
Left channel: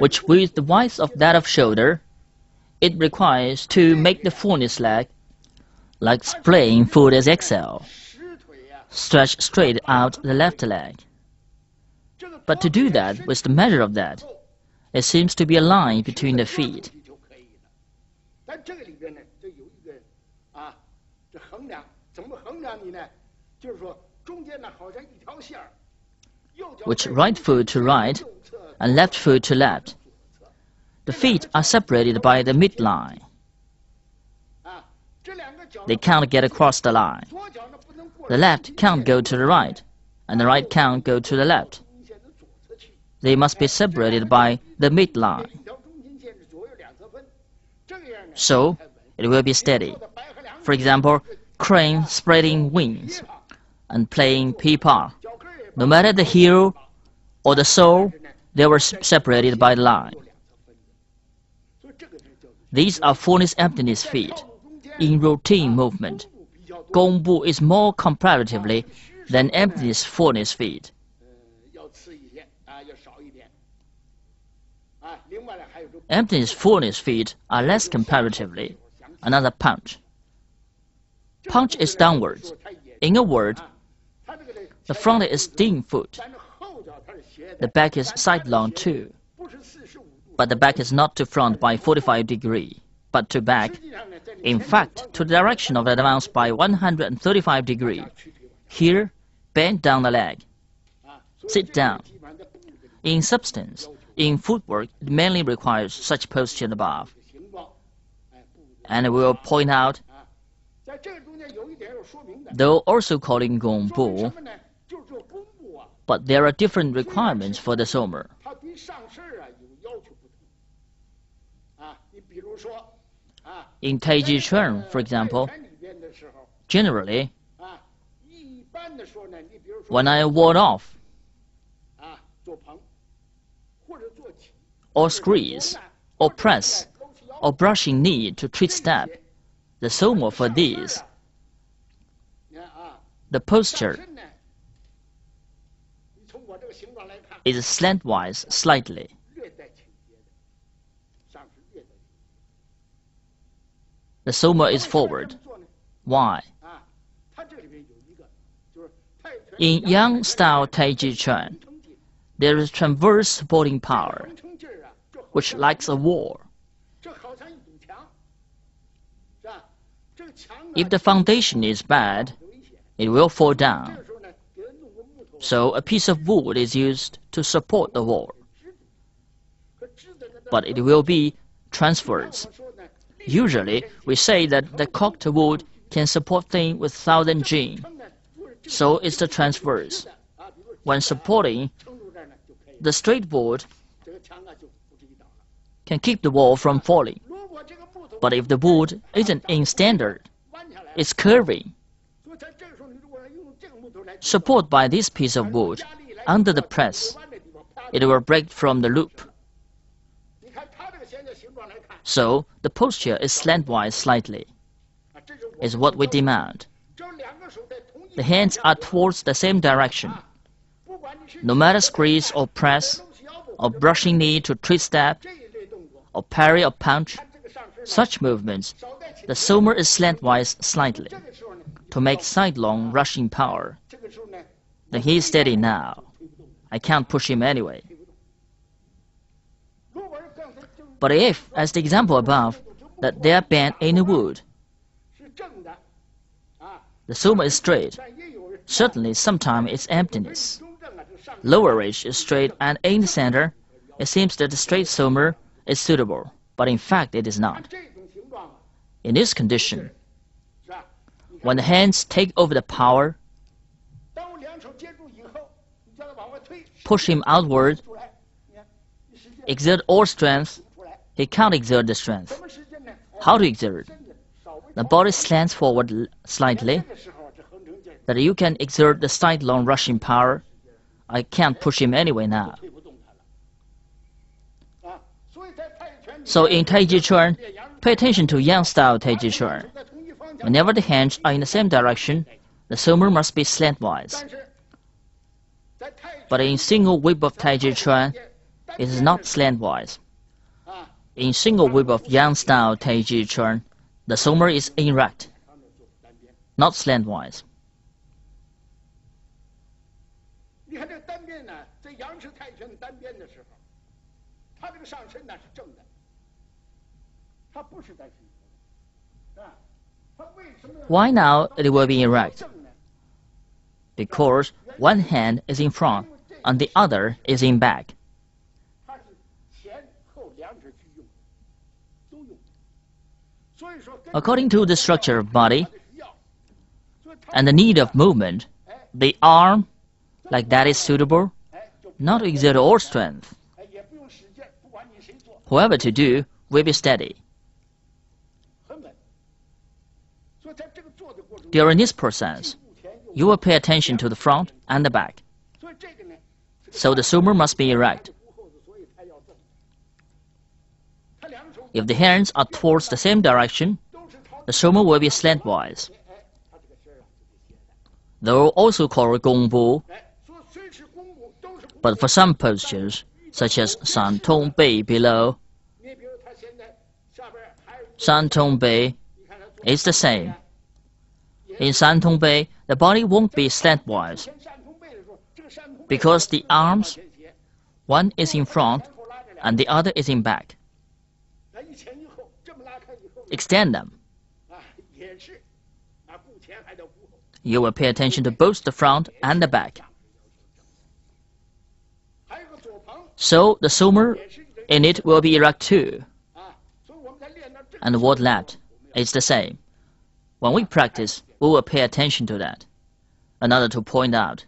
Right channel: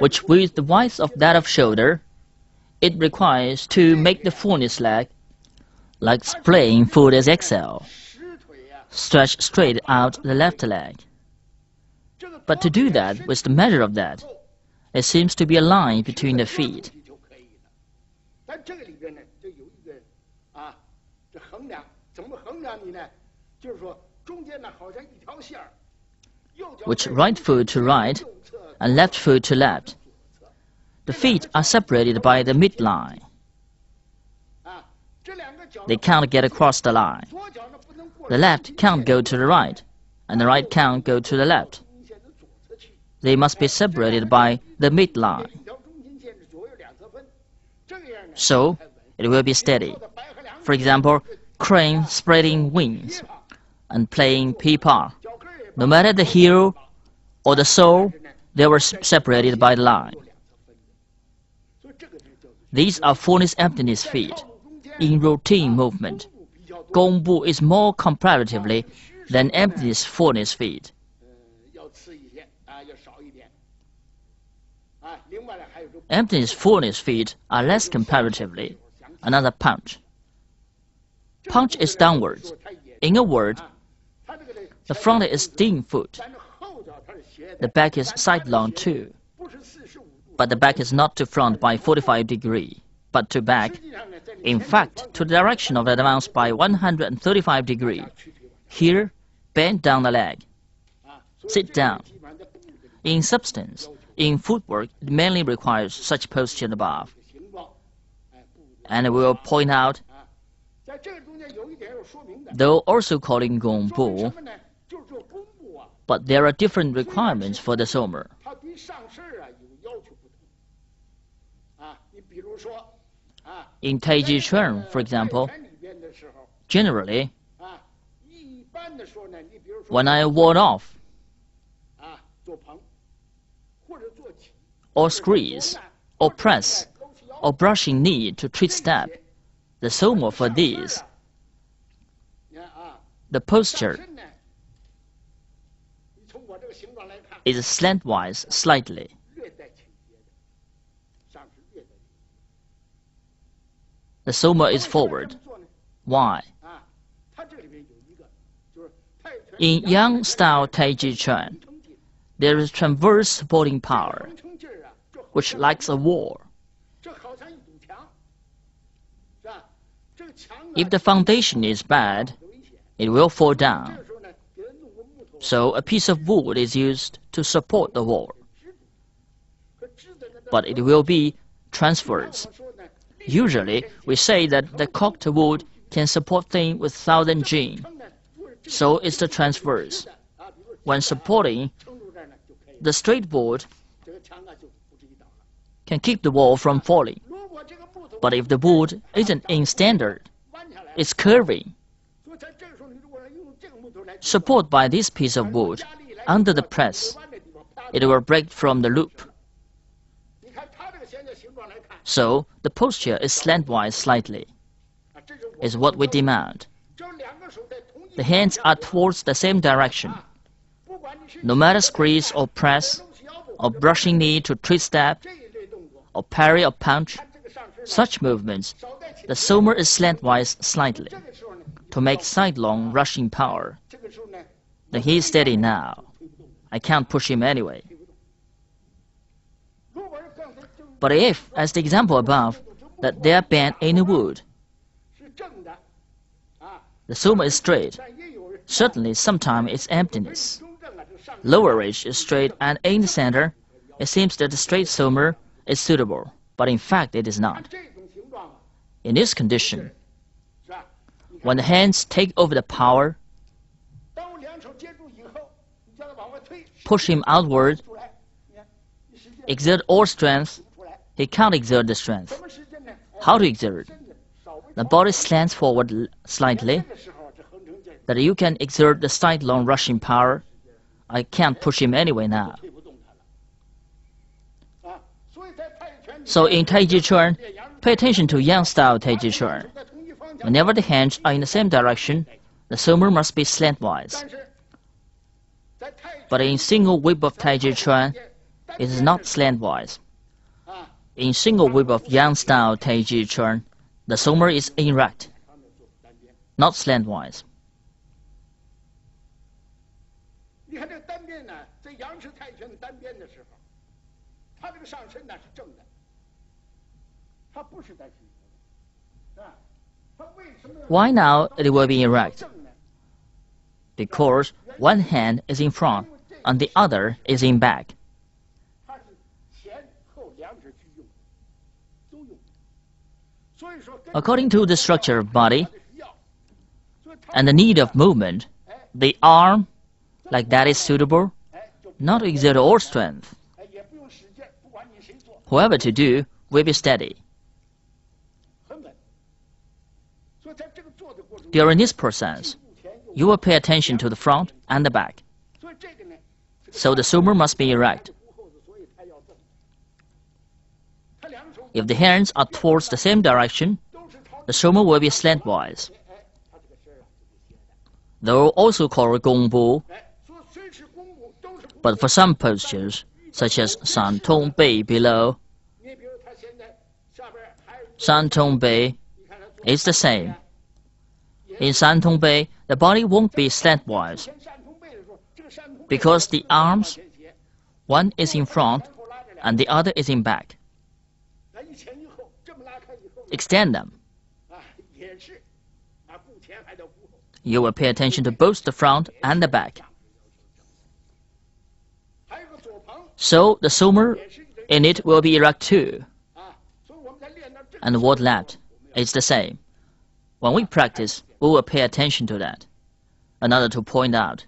which with the width of that of shoulder, it requires to make the fullness leg, like playing foot as XL, stretch straight out the left leg. But to do that with the measure of that, it seems to be a line between the feet. Which right foot to right and left foot to left. The feet are separated by the midline. They can't get across the line. The left can't go to the right, and the right can't go to the left. They must be separated by the midline. So, it will be steady. For example, crane spreading wings and playing pipa. No matter the heel or the sole, they were separated by the line. These are fullness emptiness feet. In routine movement, Gong Bu is more comparatively than emptiness fullness feet. Emptiness fullness feet are less comparatively. Another punch. Punch is downwards. In a word, the front is dim foot. The back is sidelong too. But the back is not to front by 45 degrees, but to back. In fact, to the direction of the advance by 135 degrees. Here, bend down the leg. Sit down. In substance, in footwork, it mainly requires such posture above. And I will point out, though also calling Gong Bu, but there are different requirements for the somer. In Taiji Chuan, for example, generally, when I ward off, or squeeze, or press, or brushing knee to treat step, the somer for these, the posture is slantwise slightly. The somer is forward. Why? In Yang style Taiji Chuan, there is transverse supporting power, which likes a wall. If the foundation is bad, it will fall down. So a piece of wood is used to support the wall. But it will be transverse. Usually, we say that the cocked wood can support things with 1,000 G. So it's the transverse. When supporting, the straight board can keep the wall from falling. But if the board isn't in standard, it's curving. Support by this piece of wood under the press, it will break from the loop. So the posture is slantwise slightly, is what we demand. The hands are towards the same direction. No matter squeeze or press, or brushing knee to twist step, or parry or punch, such movements, the somer is slantwise slightly, to make sidelong rushing power. Then he is steady now. I can't push him anyway. But if, as the example above, that they are bent in a wood, the somer is straight, certainly sometimes it's emptiness. Lower ridge is straight, and in the center, it seems that the straight somer is suitable, but in fact it is not. In this condition, when the hands take over the power, push him outward, exert all strength, he can't exert the strength. How to exert? The body slants forward slightly, that you can exert the sidelong rushing power. I can't push him anyway now. So in Taiji Chuan, pay attention to Yang style Taiji Chuan. Whenever the hands are in the same direction, the somer must be slantwise. But in single whip of Taiji Chuan, it is not slantwise. In single whip of Yang style Taiji Chuan, the somer is erect, not slantwise. Why now it will be erect? Because one hand is in front and the other is in back. According to the structure of body and the need of movement, the arm, like that, is suitable, not to exert all strength. However to do, will be steady. During this process, you will pay attention to the front and the back. So the somer must be erect. If the hands are towards the same direction, the somer will be slantwise. Though also called gongbu, but for some postures, such as San Tong Bei below, San Tong Bei is the same. In San Tong Bei, the body won't be slantwise, because the arms, one is in front and the other is in back. Extend them. You will pay attention to both the front and the back. So the somer in it will be erect too. And what left is the same. When we practice, we will pay attention to that. Another to point out.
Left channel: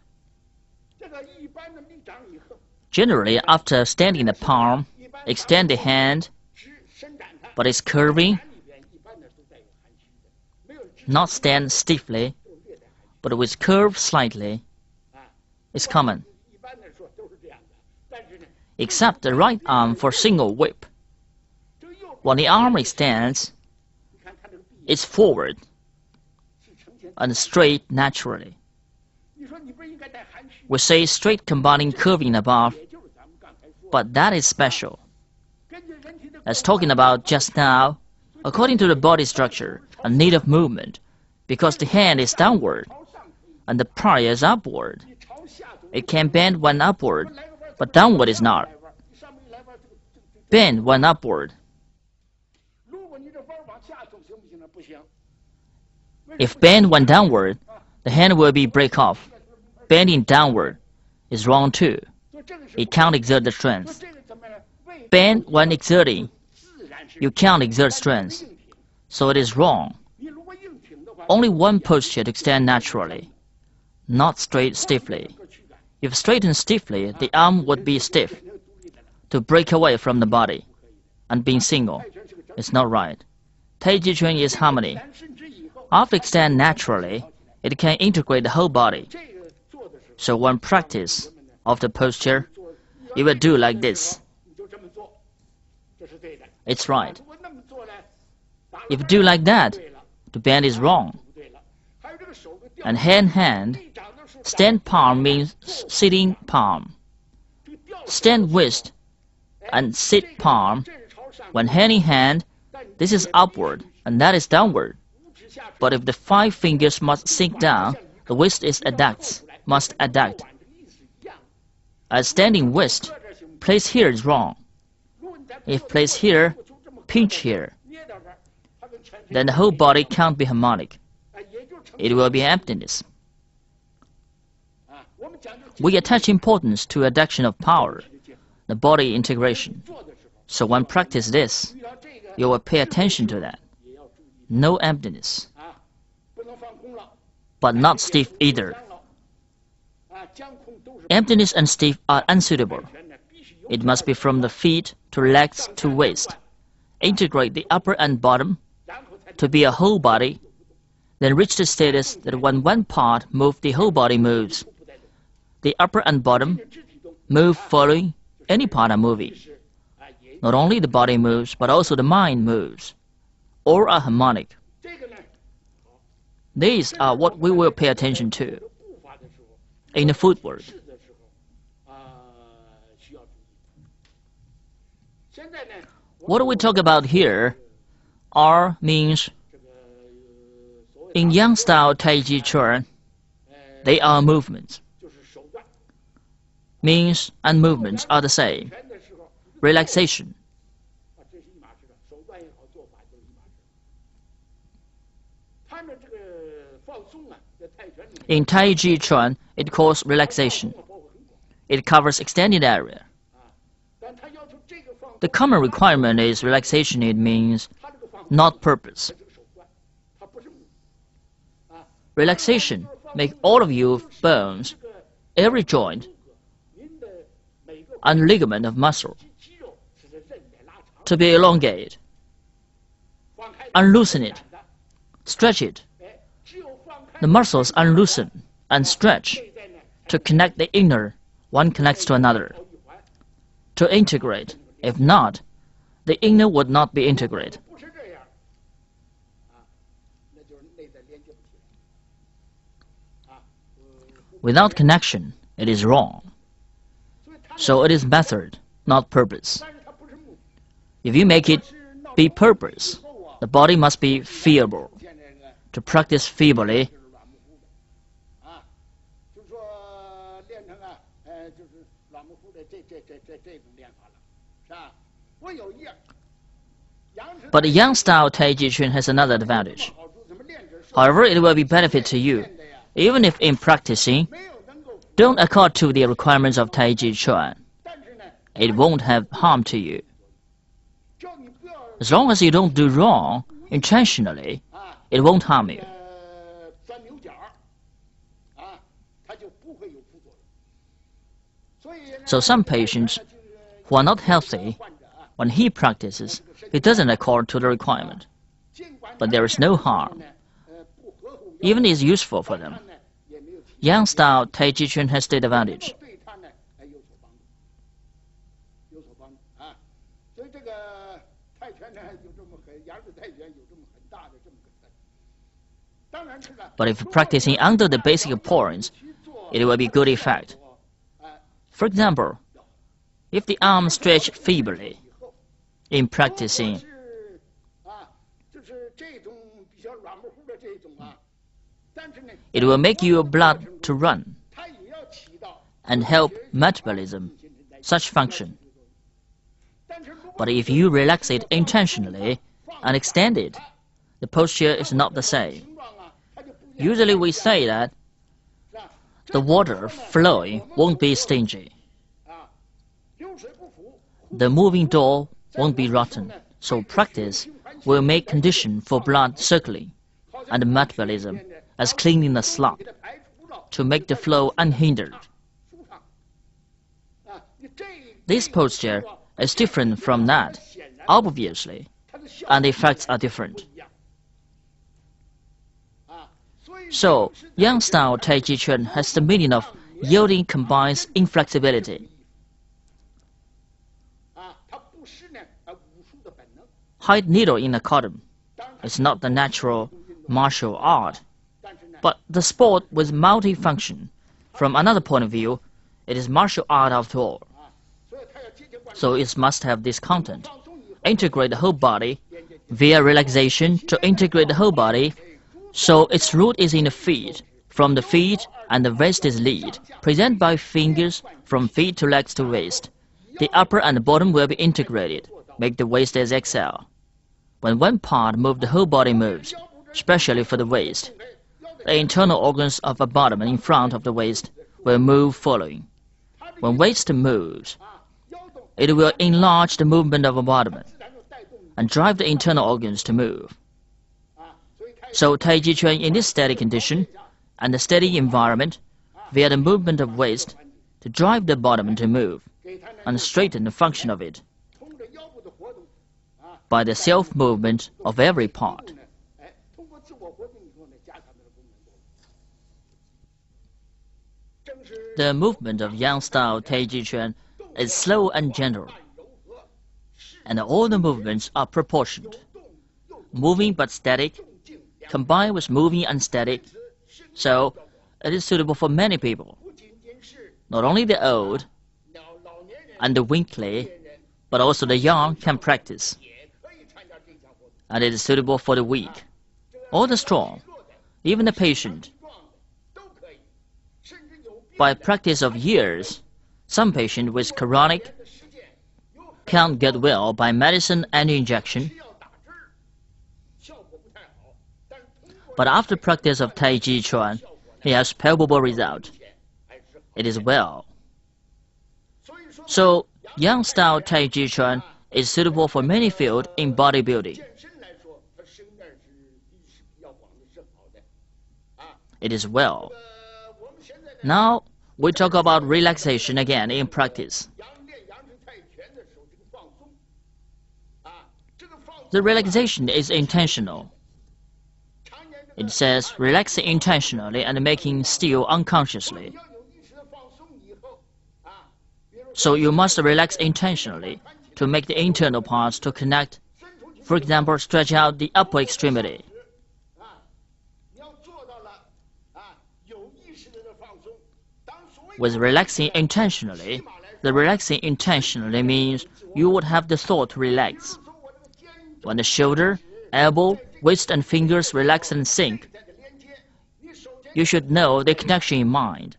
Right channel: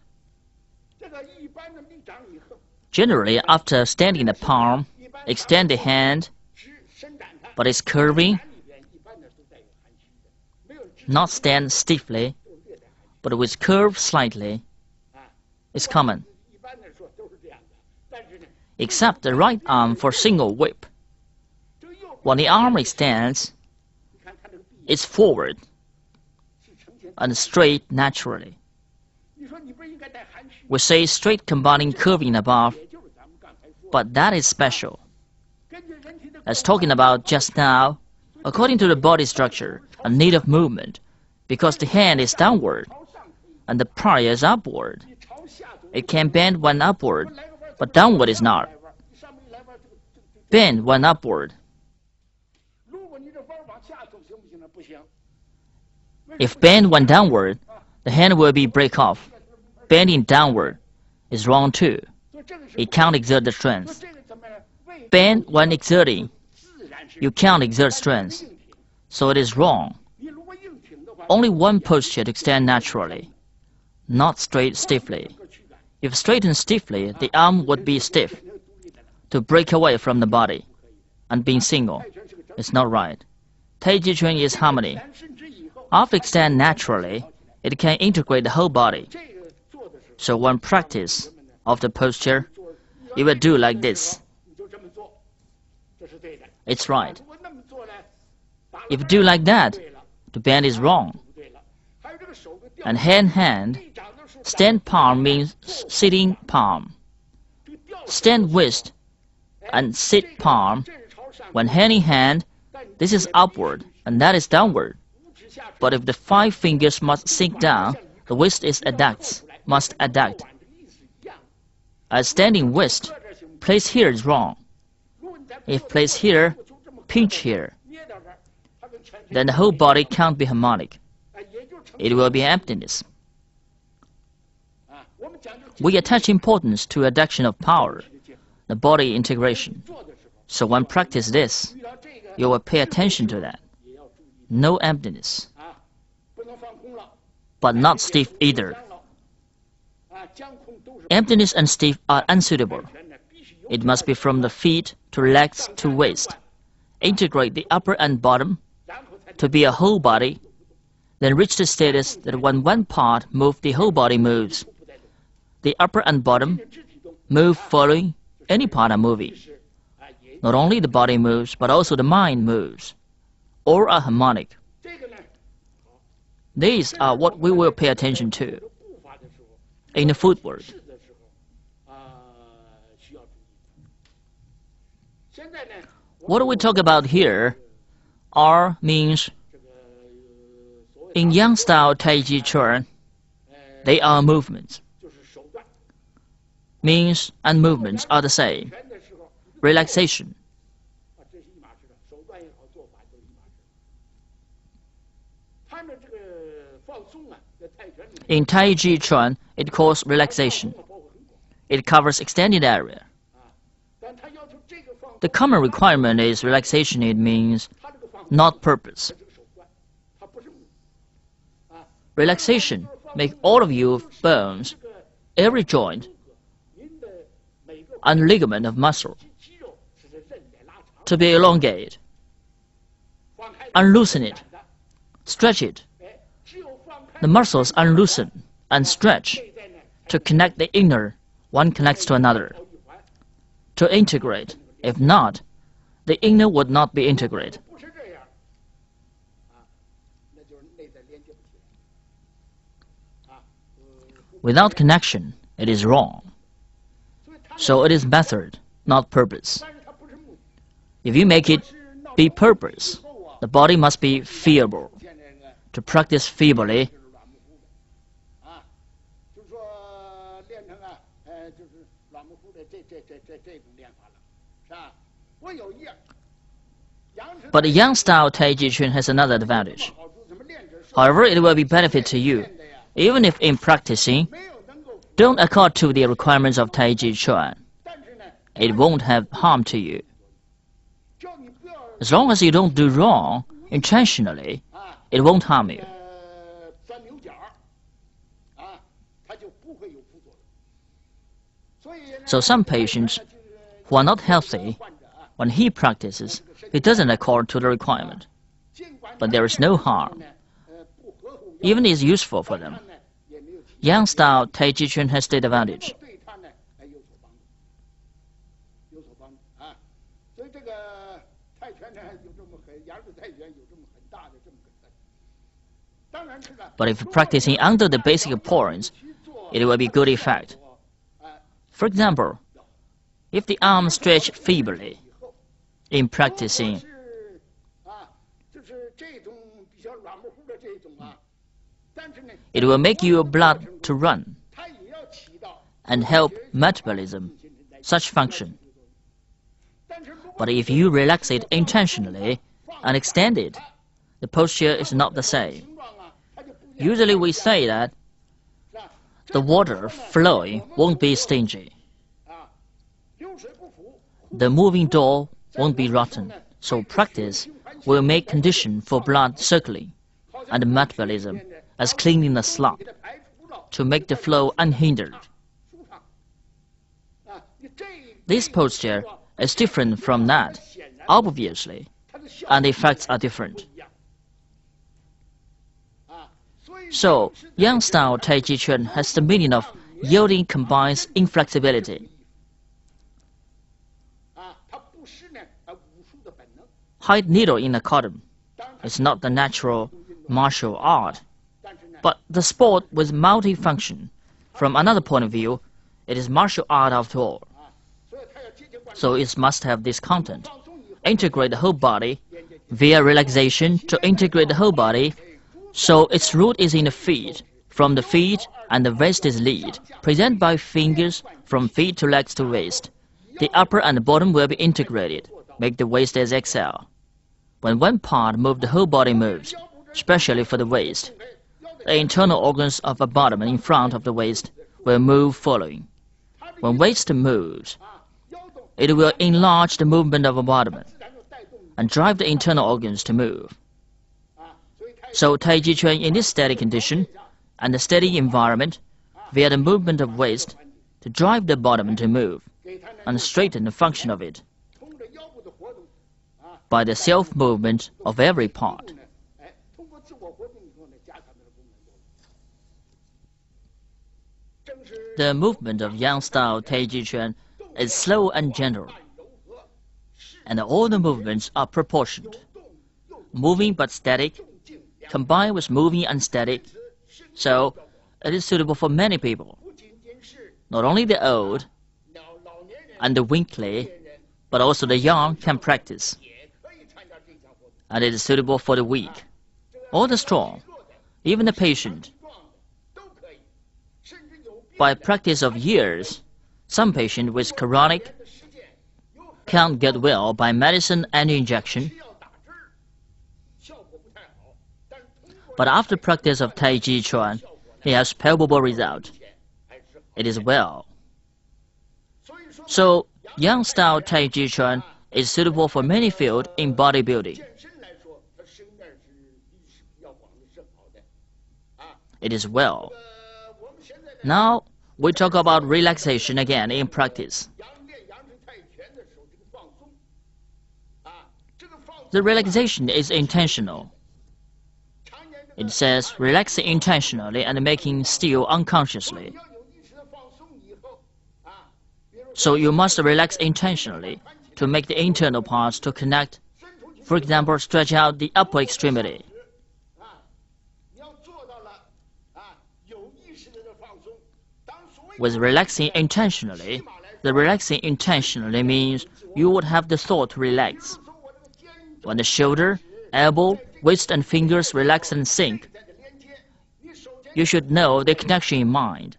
Generally, after standing the palm, extend the hand, but it's curving. Not stand stiffly, but with curve slightly. It's common. Except the right arm for single whip. When the arm extends, it's forward and straight naturally. We say straight combining curving above, but that is special. As talking about just now, according to the body structure and need of movement, because the hand is downward and the prior is upward, it can bend when upward, but downward is not. Bend when upward. If bend when downward, the hand will be break off. Bending downward is wrong too. It can't exert the strength. Bend when exerting, you can't exert strength, so it is wrong. Only one posture to extend naturally, not straight stiffly. If straightened stiffly, the arm would be stiff, to break away from the body, and being single. It's not right. Taiji Chuan is harmony. After extend naturally, it can integrate the whole body. So when practice of the posture, you will do like this. It's right. If you do like that, the bend is wrong. and hand. Stand palm means sitting palm. Stand wrist and sit palm. When hand in hand, this is upward and that is downward. But if the 5 fingers must sink down, the wrist is must adduct. As standing wrist, place here is wrong. If place here, pinch here, then the whole body can't be harmonic. It will be emptiness. We attach importance to adduction of power, the body integration. So when practice this, you will pay attention to that. No emptiness, but not stiff either. Emptiness and stiff are unsuitable. It must be from the feet to legs to waist. Integrate the upper and bottom to be a whole body, then reach the status that when one part moves, the whole body moves. The upper and bottom move following any part are moving. Not only the body moves, but also the mind moves. All are harmonic. These are what we will pay attention to in the footwork. What do we talk about here? R means, in Yang style Taiji Chuan, they are movements. Means and movements are the same. Relaxation. In Taiji Chuan, it calls relaxation. It covers extended area. The common requirement is relaxation. It means not purpose. Relaxation make all of your bones, every joint, and ligament of muscle to be elongated. Unloosen it, stretch it. The muscles unloosen and stretch to connect the inner, one connects to another, to integrate. If not, the inner would not be integrated. Without connection, it is wrong. So it is method, not purpose. If you make it be purpose, the body must be feeble. To practice feebly, but the Yang style Taiji Chuan has another advantage. However, it will be benefit to you, even if in practicing, don't accord to the requirements of Taiji Chuan. It won't have harm to you. As long as you don't do wrong intentionally, it won't harm you. So some patients who are not healthy, when he practices, it doesn't accord to the requirement. But there is no harm. Even is useful for them. Yang style Taiji Chuan has the advantage. But if practicing under the basic points, it will be good effect. For example, if the arm stretched feebly in practicing, it will make your blood to run and help metabolism, such function. But if you relax it intentionally and extend it, the posture is not the same. Usually we say that the water flowing won't be stingy. The moving door won't be rotten. So practice will make condition for blood circulating and metabolism as cleaning the slot to make the flow unhindered. This posture is different from that, obviously, and the effects are different. So, Yang style Taiji Chuan has the meaning of yielding combines inflexibility. Hide needle in a cotton is not the natural martial art, But the sport with multifunction, from another point of view, it is martial art after all. So it must have this content. Integrate the whole body via relaxation to integrate the whole body. So its root is in the feet. From the feet and the waist is lead. Present by fingers from feet to legs to waist. The upper and the bottom will be integrated. Make the waist as XL. When one part moves, the whole body moves, especially for the waist. The internal organs of the bottom and in front of the waist will move following. When waist moves, it will enlarge the movement of the bottom and drive the internal organs to move. So Taiji Chuan in this steady condition and the steady environment, via the movement of waist, to drive the bottom to move and straighten the function of it by the self-movement of every part. The movement of Yang-style Taiji Chuan is slow and gentle, and all the movements are proportioned, moving but static, combined with moving and static, so it is suitable for many people. Not only the old and the weakly, but also the young can practice, and it is suitable for the weak, or the strong, even the patient. By practice of years, some patient with chronic can't get well by medicine and injection. But after practice of Taiji Chuan, he has palpable result. It is well. So, Yang-style Taiji Chuan is suitable for many fields in bodybuilding. It is well. Now, we talk about relaxation again in practice. The relaxation is intentional. It says relaxing intentionally and making still unconsciously. So you must relax intentionally to make the internal parts to connect. For example, stretch out the upper extremity. With relaxing intentionally, the relaxing intentionally means you would have the thought to relax. When the shoulder, elbow, waist and fingers relax and sink, you should know the connection in mind.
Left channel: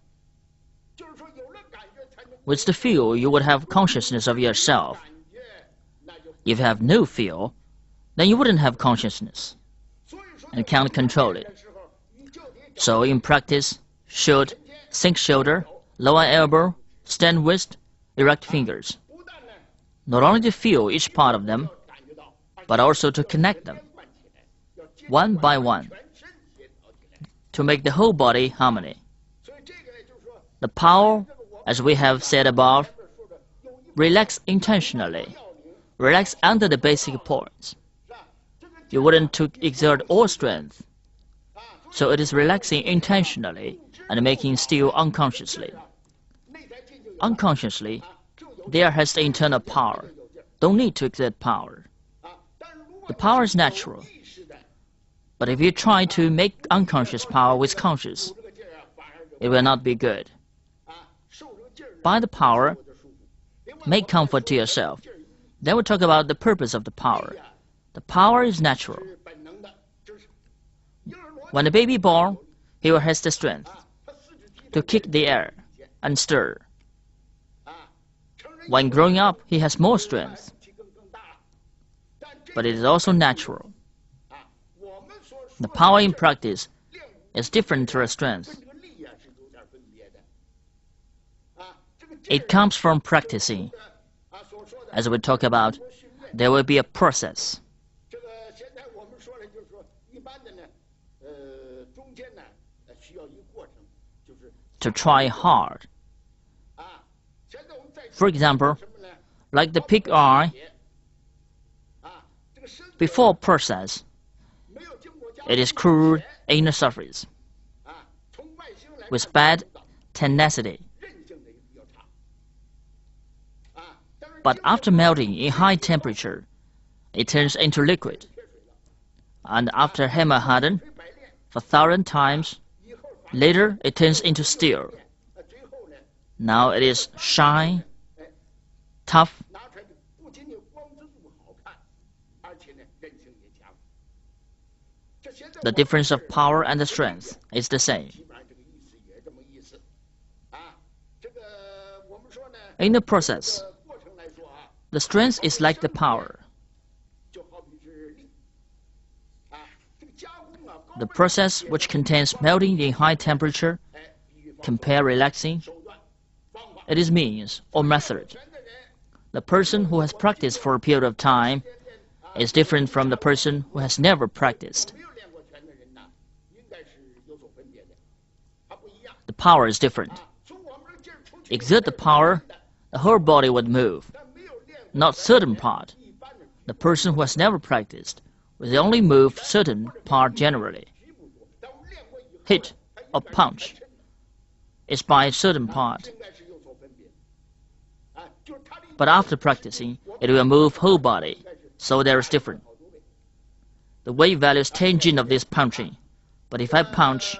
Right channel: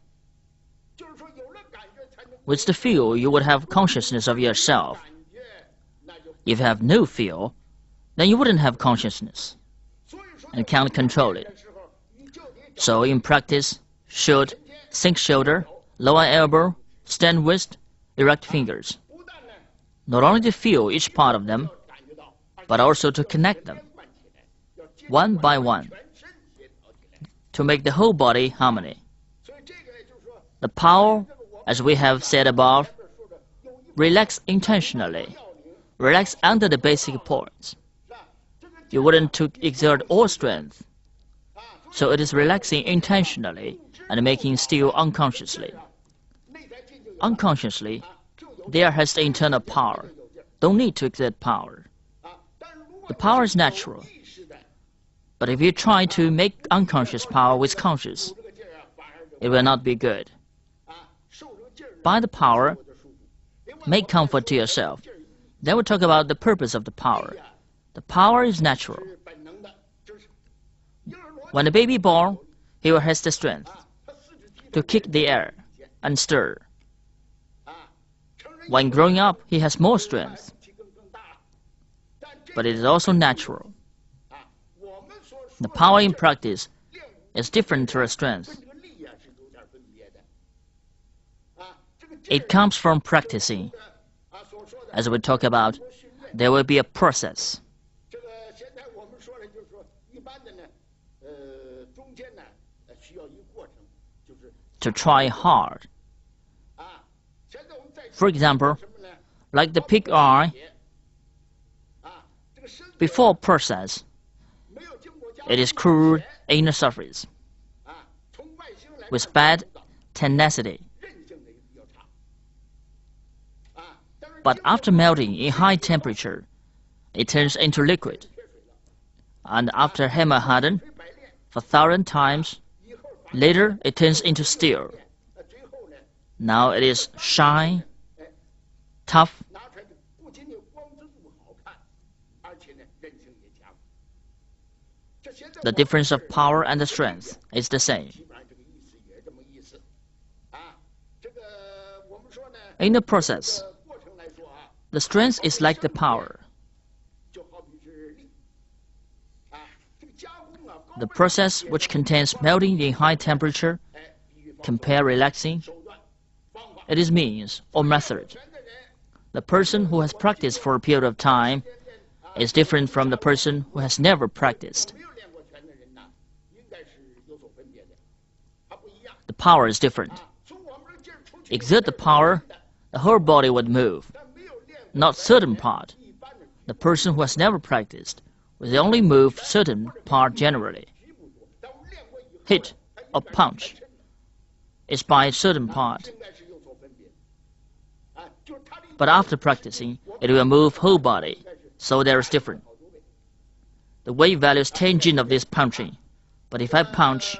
With the feel, you would have consciousness of yourself. If you have no feel, then you wouldn't have consciousness and can't control it. So in practice, should sink shoulder, lower elbow, stand waist, erect fingers. Not only to feel each part of them, but also to connect them, one by one, to make the whole body harmony. The power, as we have said above, relax intentionally, relax under the basic points. You wouldn't to exert all strength, so it is relaxing intentionally and making still unconsciously. Unconsciously, there has the internal power. Don't need to exert power. The power is natural. But if you try to make unconscious power with conscious, it will not be good. By the power, make comfort to yourself. Then we'll talk about the purpose of the power. The power is natural. When the baby born, he will have the strength to kick the air and stir. When growing up, he has more strength. But it is also natural. The power in practice is different to the strength. It comes from practicing. As we talk about, there will be a process. To try hard. For example, like the pig eye, before process, it is crude inner surface with bad tenacity. But after melting in high temperature, it turns into liquid. And after hammer hardened for 1,000 times, Later, it turns into steel. Now it is shine, tough. The difference of power and the strength is the same. In the process, the strength is like the power. The process which contains melting in high temperature, compare relaxing, it is means or method. The person who has practiced for a period of time is different from the person who has never practiced. The power is different. Exert the power, the whole body would move, not certain part. The person who has never practiced will only move certain part generally. Hit or punch is by a certain part. But after practicing, it will move whole body, so there is difference. The weight value is tangent of this punching, but if I punch,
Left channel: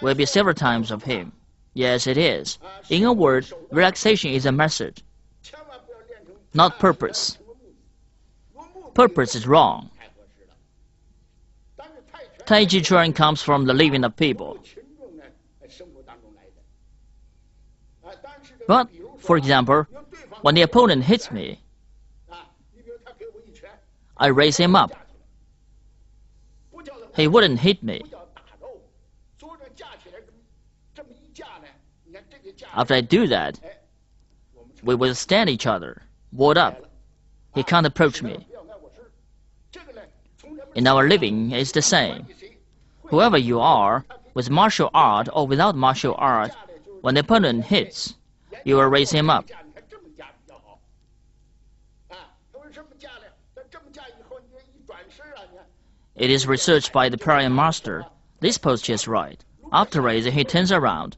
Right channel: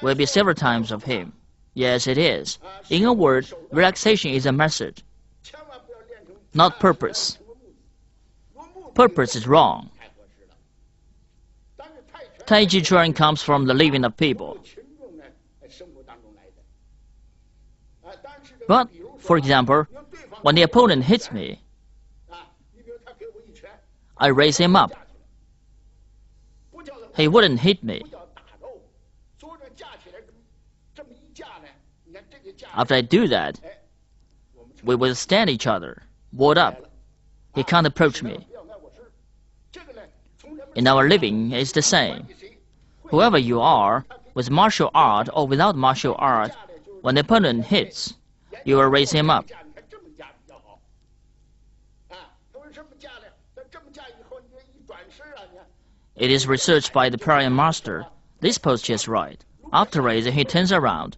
will be several times of him. Yes, it is. In a word, relaxation is a method, not purpose. Purpose is wrong. Tai Chi Chuan comes from the living of people. But, for example, when the opponent hits me, I raise him up. He wouldn't hit me. After I do that, we will stand each other, ward up. He can't approach me. In our living, it's the same. Whoever you are, with martial art or without martial art, when the opponent hits, you will raise him up. It is researched by the prior master. This posture is right. After raising, he turns around.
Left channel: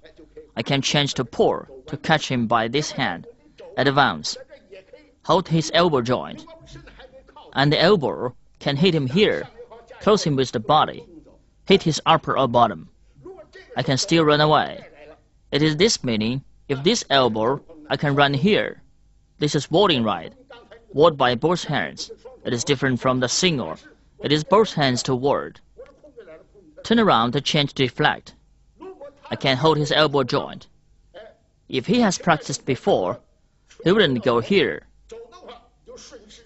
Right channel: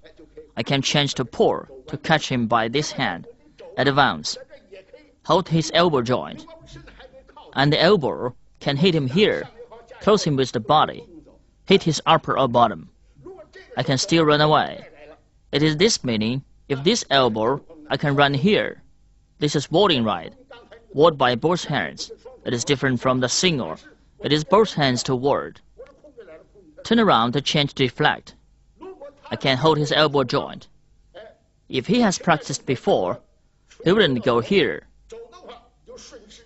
I can change to pour to catch him by this hand. Advance. Hold his elbow joint. And the elbow can hit him here. Close him with the body. Hit his upper or bottom. I can still run away. It is this meaning. If this elbow, I can run here. This is warding right. Ward by both hands. It is different from the single. It is both hands to ward. Turn around to change deflect. I can hold his elbow joint. If he has practiced before, he wouldn't go here.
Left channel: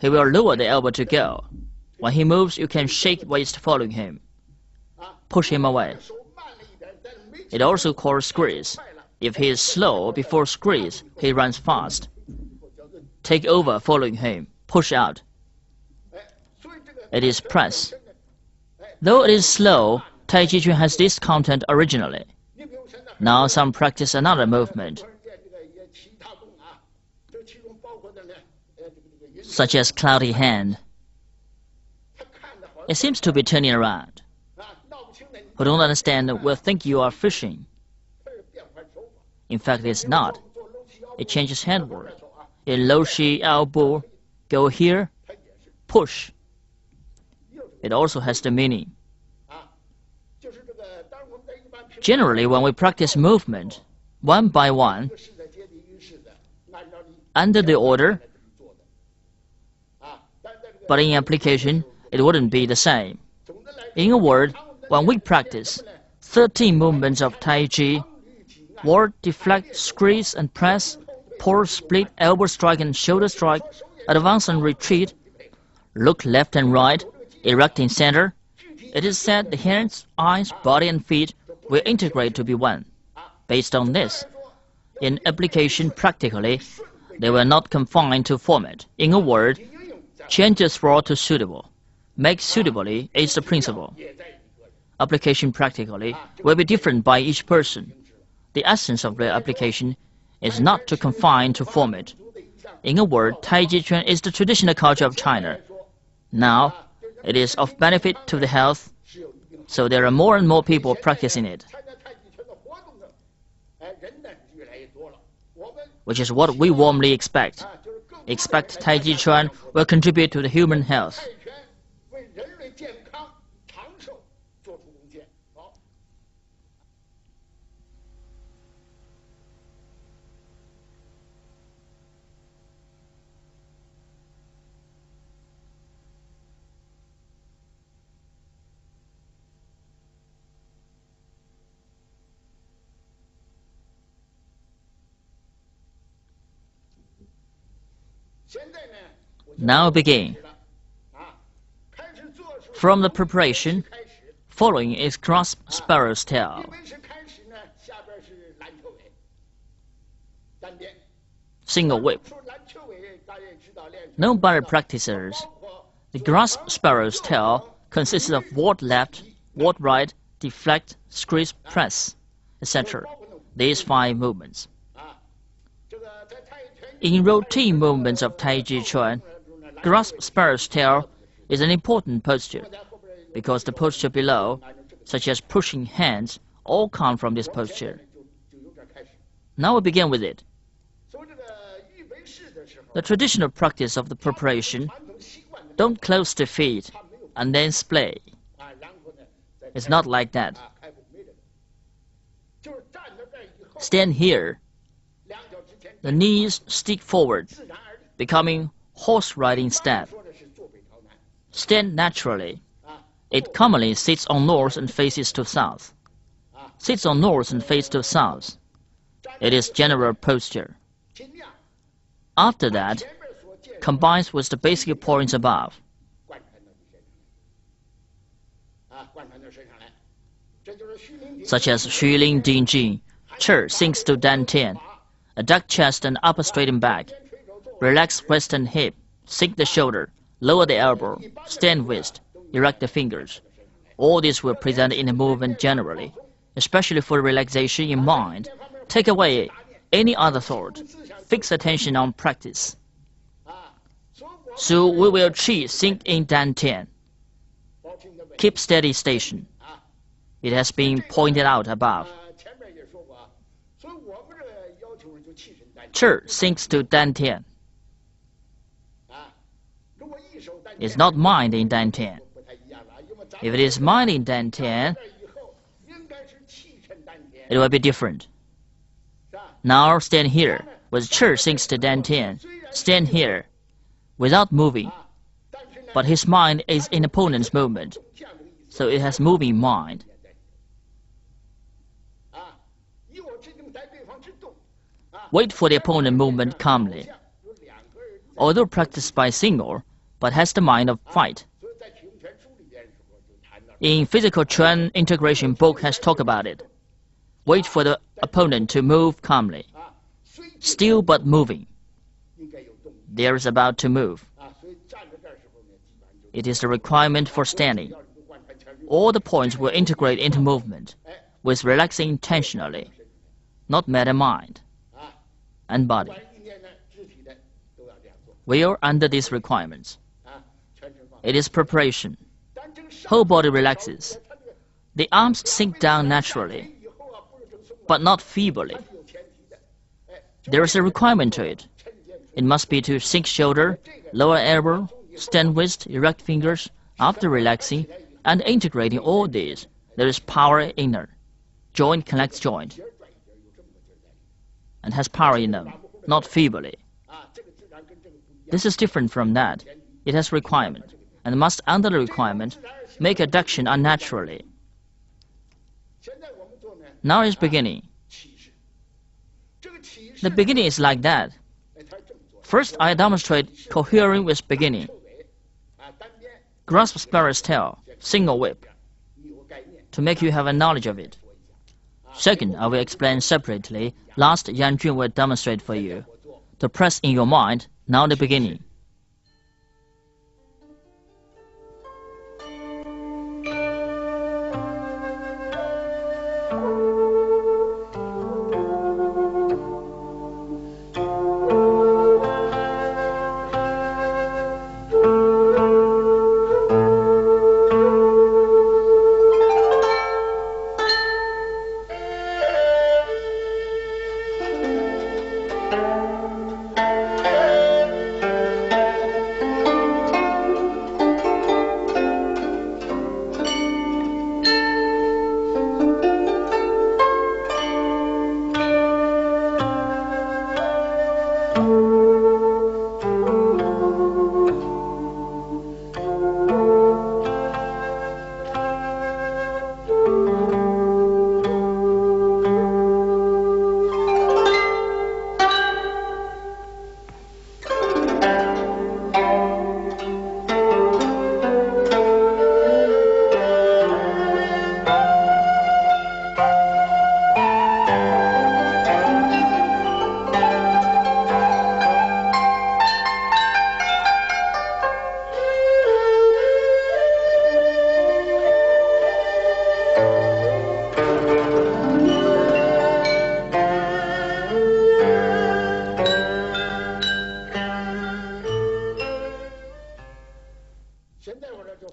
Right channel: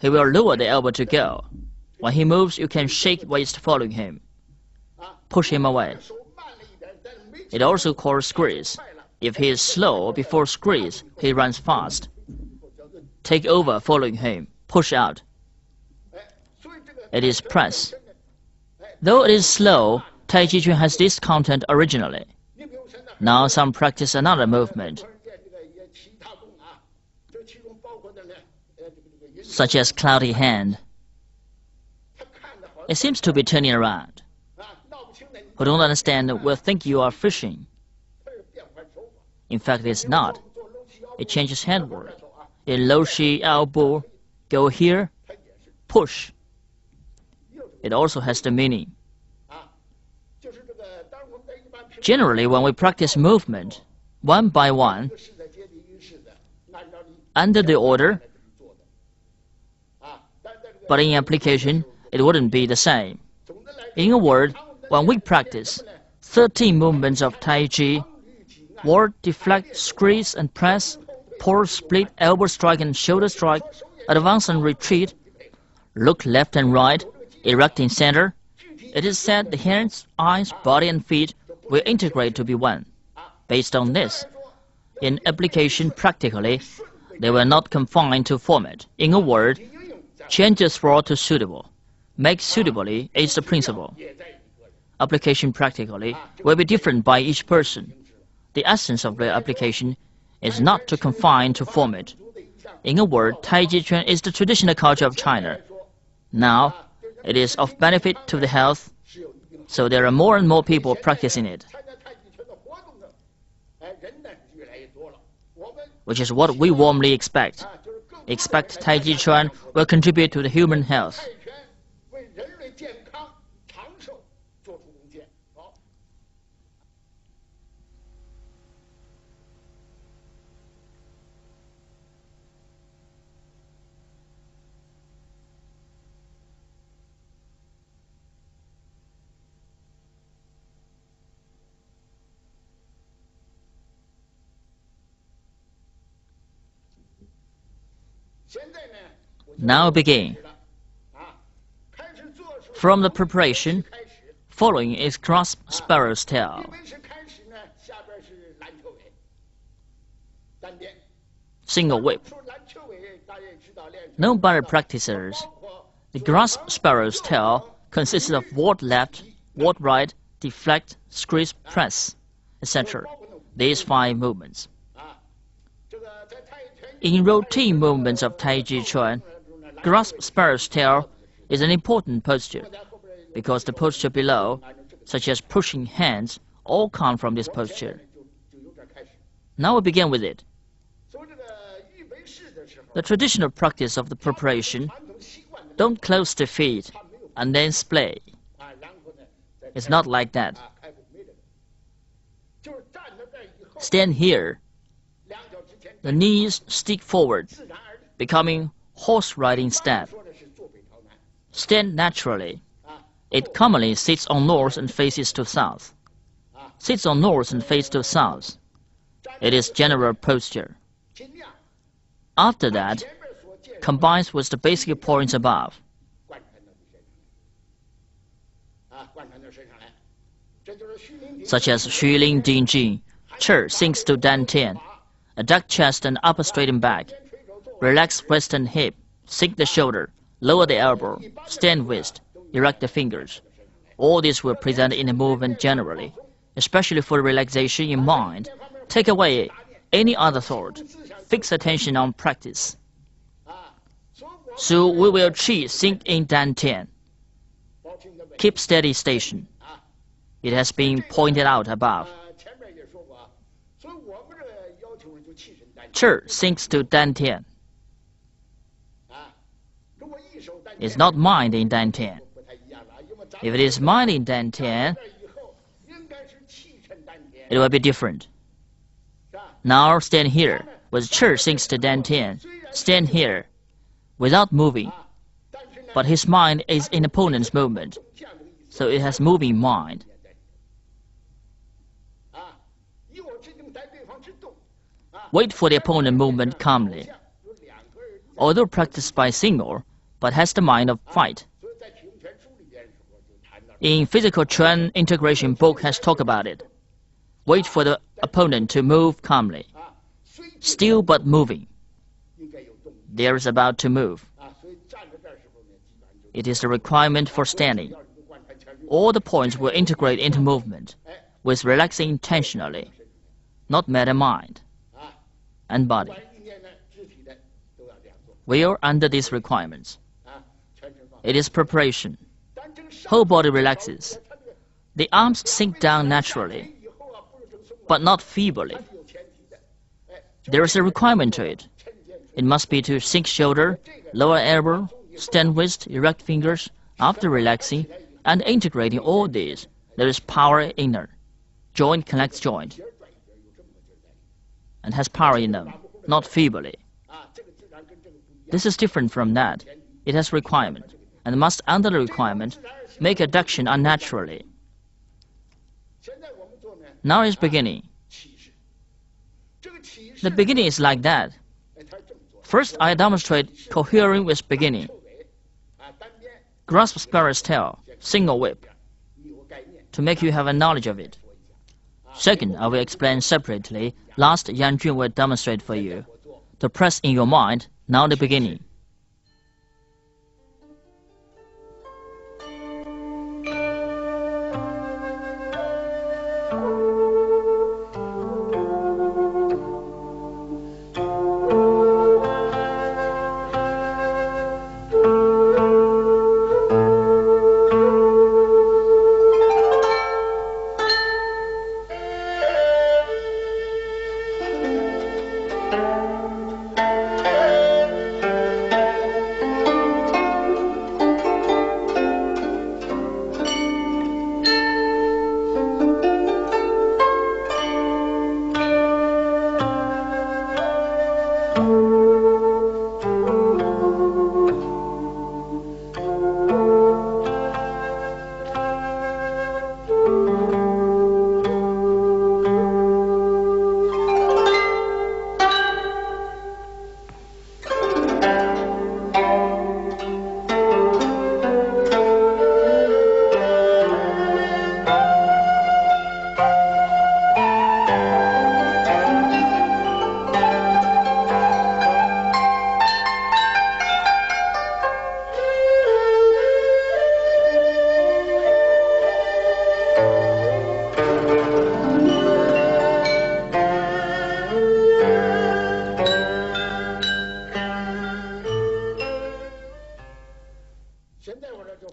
He will lower the elbow to go. When he moves, you can shake waist following him. Push him away. It also called squeeze. If he is slow before squeeze, he runs fast. Take over following him. Push out. It is press. Though it is slow, Tai Chi Chuan has this content originally. Now some practice another movement, such as cloudy hand. It seems to be turning around. Who don't understand will think you are fishing. In fact, it's not. It changes handward. In low shi elbow, go here, push. It also has the meaning. Generally, when we practice movement, one by one, under the order, but in application, it wouldn't be the same. In a word, when we practice 13 movements of Tai Chi, ward, deflect, squeeze and press, pour, split, elbow strike and shoulder strike, advance and retreat, look left and right, erect in center, it is said the hands, eyes, body and feet will integrate to be one. Based on this, in application practically, they were not confined to format. In a word, change the throat to suitable. Make suitably is the principle. Application practically will be different by each person. The essence of the application is not to confine to format. In a word, Tai Chi Chuan is the traditional culture of China. Now, it is of benefit to the health, so there are more and more people practicing it, which is what we warmly expect. Expect Tai Chi Chuan will contribute to the human health. Now begin. From the preparation, following is grasp sparrow's tail. Single whip. Known by practicers, the grasp sparrow's tail consists of ward left, ward right, deflect, squeeze, press, etc. These 5 movements. In routine movements of Taiji Chuan, grasp sparrow's tail is an important posture, because the posture below, such as pushing hands, all come from this posture. Now we begin with it. The traditional practice of the preparation, don't close the feet and then splay. It's not like that. Stand here. The knees stick forward, becoming horse riding step. Stand naturally. It commonly sits on north and faces to south. Sits on north and faces to south. It is general posture. After that, combines with the basic points above. Such as Xulin Dingjin, chair sinks to dantian, a duck chest and upper straighten back. Relax waist and hip, sink the shoulder, lower the elbow, stand wrist, erect the fingers. All this will present in the movement generally, especially for relaxation in mind. Take away any other thought. Fix attention on practice. So we will chi sink in dantian. Keep steady station. It has been pointed out above. Chair sinks to dantian. It's not mind in dantian. If it is mind in dantian, it will be different. Now stand here, with chair sinks to dantian. Stand here, without moving. But his mind is in opponent's movement, so it has moving mind. Wait for the opponent movement calmly. Although practiced by single, but has the mind of fight. In Physical Chuan Integration book has talked about it. Wait for the opponent to move calmly. Still but moving. There is about to move. It is the requirement for standing. All the points will integrate into movement, with relaxing intentionally, not matter mind and body. We are under these requirements. It is preparation. Whole body relaxes. The arms sink down naturally, but not feebly. There is a requirement to it. It must be to sink shoulder, lower elbow, stand wrist, erect fingers. After relaxing and integrating all these, there is power inner. Joint connects joint and has power in them, not feebly. This is different from that. It has requirement, and must, under the requirement, make adduction unnaturally. Now is beginning. The beginning is like that. First, I demonstrate cohering with beginning. Grasp sparrow's tail, single whip, to make you have a knowledge of it. Second, I will explain separately. Last, Yang Zhen will demonstrate for you. To press in your mind, now the beginning.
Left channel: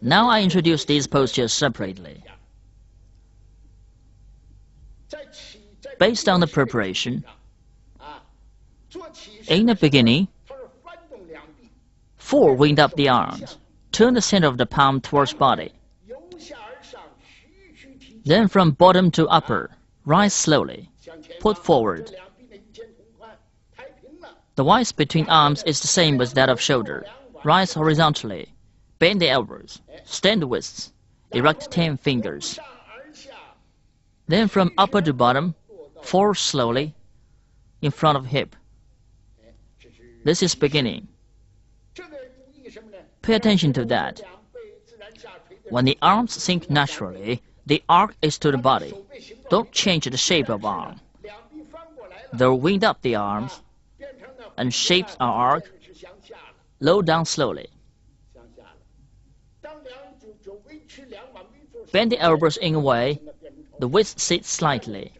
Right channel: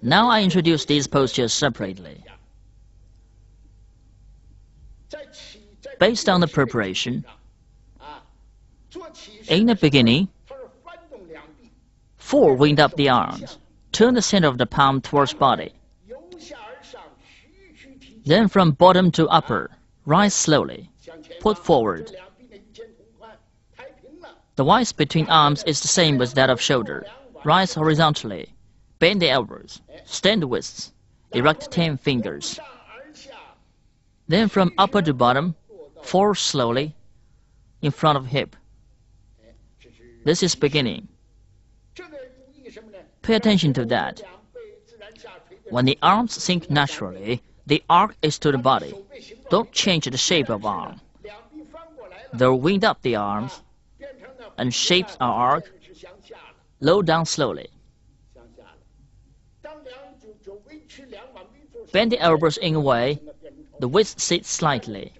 Now I introduce these postures separately. Based on the preparation, in the beginning, 4 wind up the arms. Turn the center of the palm towards body. Then from bottom to upper, rise slowly. Put forward. The width between arms is the same as that of shoulder. Rise horizontally. Bend the elbows. Stand the wrists. Erect 10 fingers. Then from upper to bottom, 4 slowly in front of hip. This is beginning. Pay attention to that. When the arms sink naturally, the arc is to the body. Don't change the shape of arm. They'll wind up the arms and shapes our arc. Low down slowly. Bend the elbows in a way the waist sits slightly.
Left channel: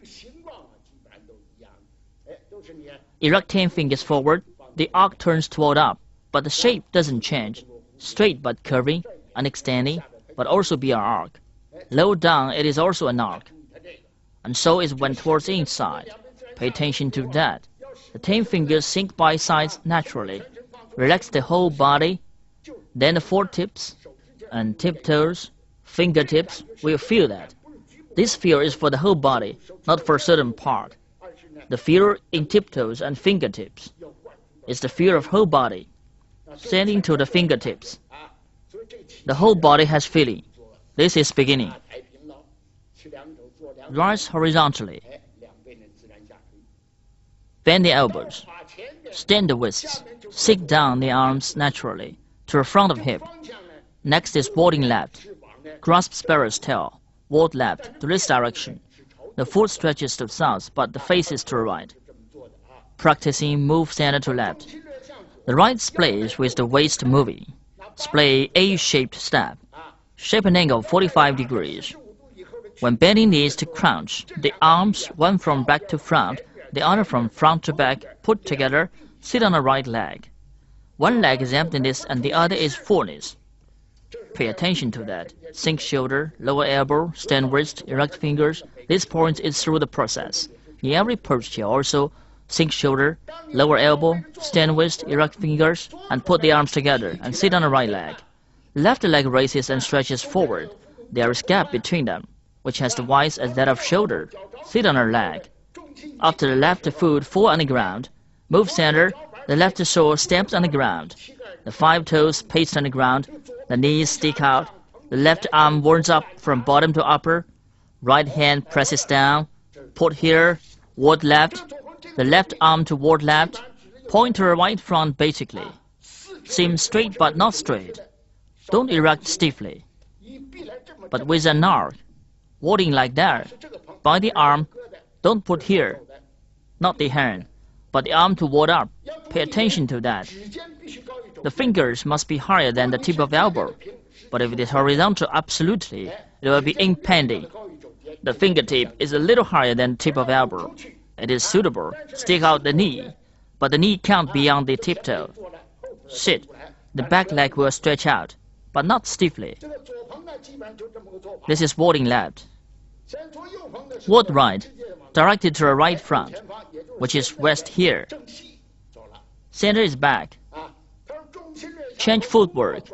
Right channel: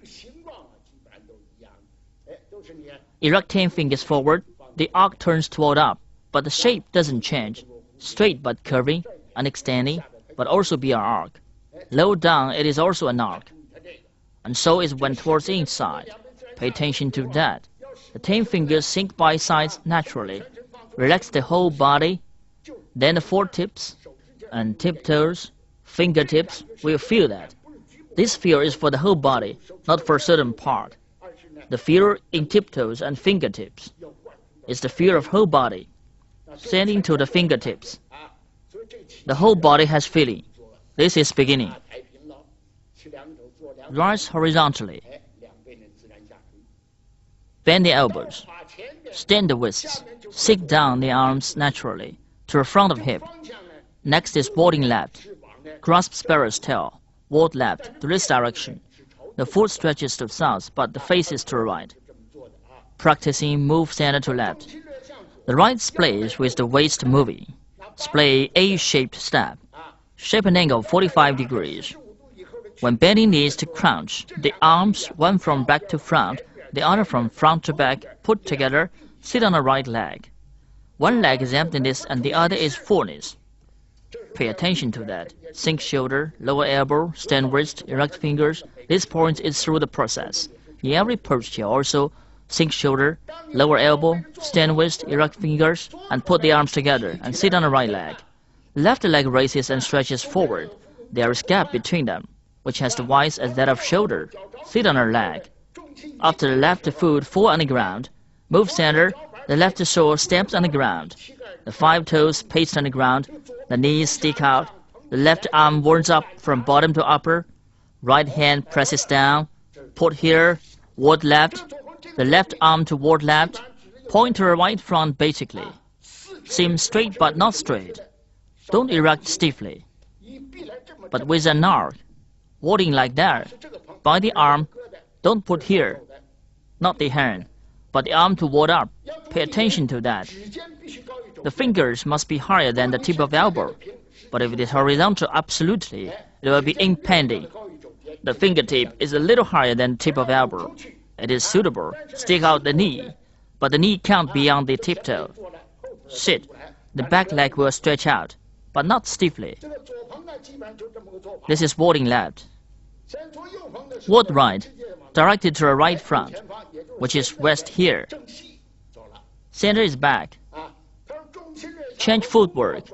Erect 10 fingers forward. The arc turns toward up, but the shape doesn't change. Straight but curving and extending, but also be an arc. Low down, it is also an arc. And so is when towards the inside. Pay attention to that. The 10 fingers sink by sides naturally. Relax the whole body. Then the 4 tips and tiptoes, fingertips will feel that. This feel is for the whole body, not for a certain part. The feel in tiptoes and fingertips is the feel of whole body, sending to the fingertips. The whole body has feeling. This is beginning. Rise horizontally. Bend the elbows. Stand the wrists. Sit down the arms naturally to the front of hip. Next is boarding left. Grasp sparrow's tail. Ward left to this direction. The foot stretches to the south, but the face is to the right. Practicing move center to left. The right splays with the waist moving. Splay A-shaped step. Shape an angle 45 degrees. When bending knees to crouch, the arms, one from back to front, the other from front to back, put together, sit on the right leg. One leg is emptiness and the other is fullness. Pay attention to that. Sink shoulder, lower elbow, stand wrist, erect fingers. This point is through the process. In every posture also, sink shoulder, lower elbow, stand wrist, erect fingers, and put the arms together and sit on the right leg. Left leg raises and stretches forward. There is gap between them, which has the width as that of shoulder. Sit on the leg. After the left foot fall on the ground, move center, the left sole stamps on the ground. The 5 toes paste on the ground, the knees stick out, the left arm warms up from bottom to upper, right hand presses down, put here, ward left, the left arm toward left, point to the right front basically. Seem straight but not straight. Don't erect stiffly, but with an arc, warding like that. By the arm, don't put here, not the hand, but the arm to ward up. Pay attention to that. The fingers must be higher than the tip of the elbow, but if it is horizontal absolutely, it will be impending. The fingertip is a little higher than the tip of the elbow. It is suitable. Stick out the knee, but the knee can't be on the tiptoe. Sit. The back leg will stretch out, but not stiffly. This is warding left. Ward right, directed to the right front, which is rest here. Center is back. Change footwork.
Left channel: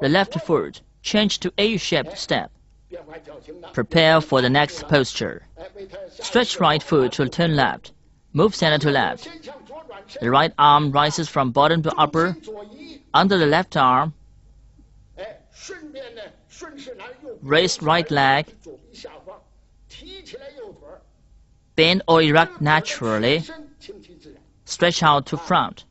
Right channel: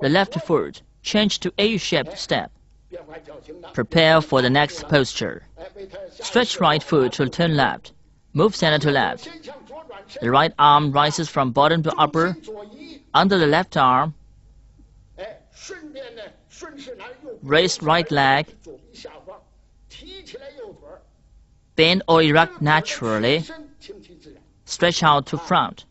The left foot, change to A-shaped step. Prepare for the next posture. Stretch right foot to turn left. Move center to left. The right arm rises from bottom to upper. Under the left arm, raise right leg. Bend or erect naturally. Stretch out to front.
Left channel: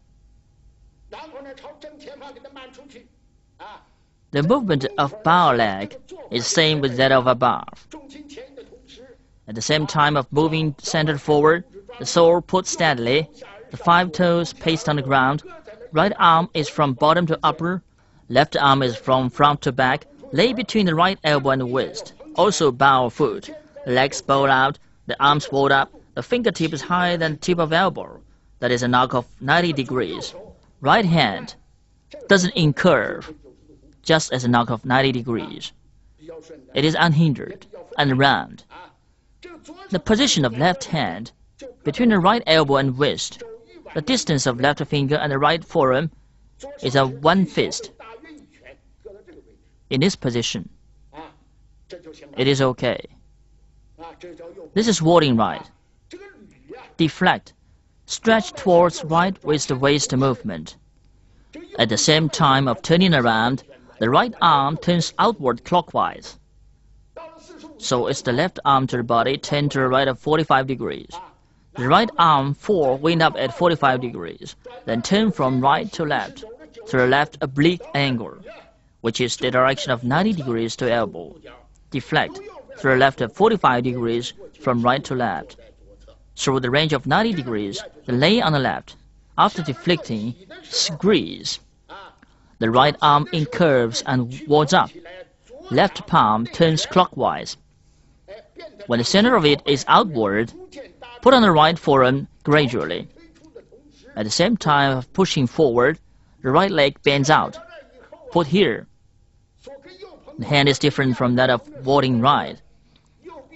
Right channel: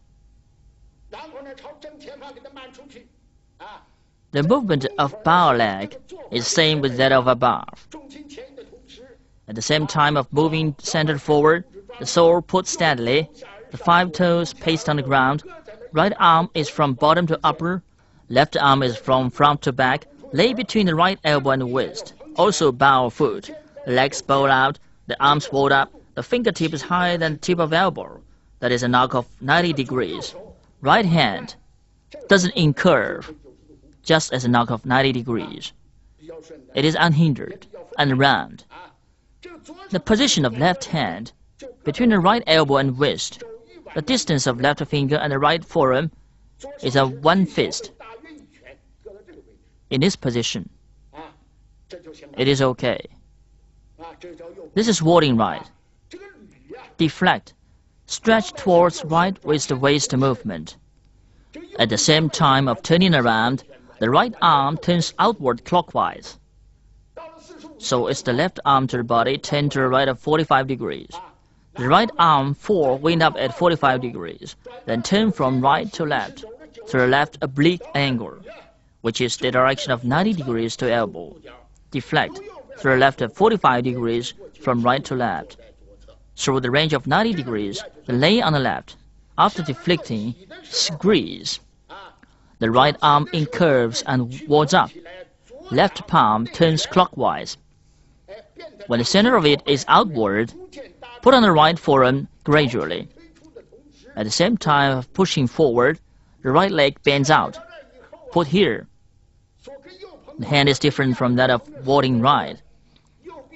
The movement of bow leg is same with that of above. At the same time of moving centered forward, the sole put steadily, the 5 toes paste on the ground, right arm is from bottom to upper, left arm is from front to back, lay between the right elbow and the waist. Also bow foot, legs bow out, the arms rolled up, the fingertip is higher than the tip of elbow. That is an arc of 90 degrees. Right hand doesn't incurve. just as a knock of 90 degrees. It is unhindered and round. The position of left hand between the right elbow and wrist, the distance of left finger and the right forearm is a one fist. In this position, it is okay. This is warding right. Deflect. Stretch towards right with the waist movement. At the same time of turning around, the right arm turns outward clockwise. So it's the left arm to the body turned to the right of 45 degrees. The right arm forward wind up at 45 degrees, then turn from right to left through a left oblique angle, which is the direction of 90 degrees to elbow. Deflect through a left of 45 degrees from right to left. Through the range of 90 degrees, then lay on the left. After deflecting, squeeze. The right arm incurves and wards up. Left palm turns clockwise. When the center of it is outward, put on the right forearm gradually. At the same time of pushing forward, the right leg bends out. Put here. The hand is different from that of warding right.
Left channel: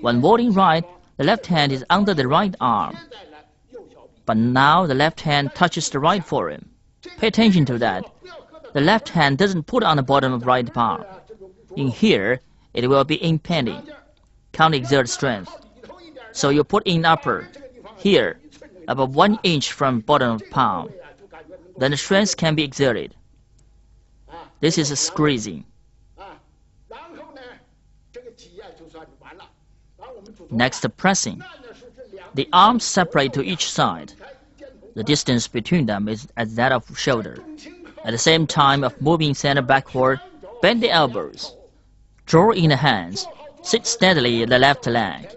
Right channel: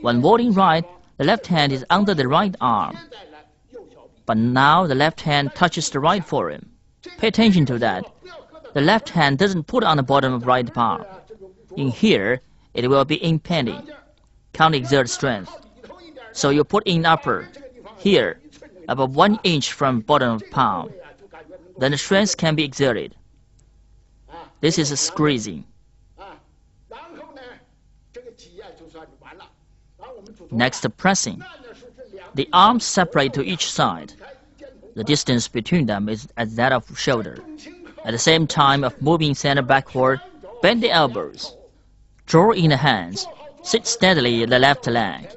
When warding right, the left hand is under the right arm. But now the left hand touches the right forearm. Pay attention to that. The left hand doesn't put on the bottom of right palm. In here, it will be impending. Can't exert strength. So you put in upper, here, about 1 inch from bottom of palm. Then the strength can be exerted. This is squeezing. Next, pressing. The arms separate to each side. The distance between them is as that of shoulder. At the same time of moving center backward, bend the elbows. Draw in the hands. Sit steadily the left leg.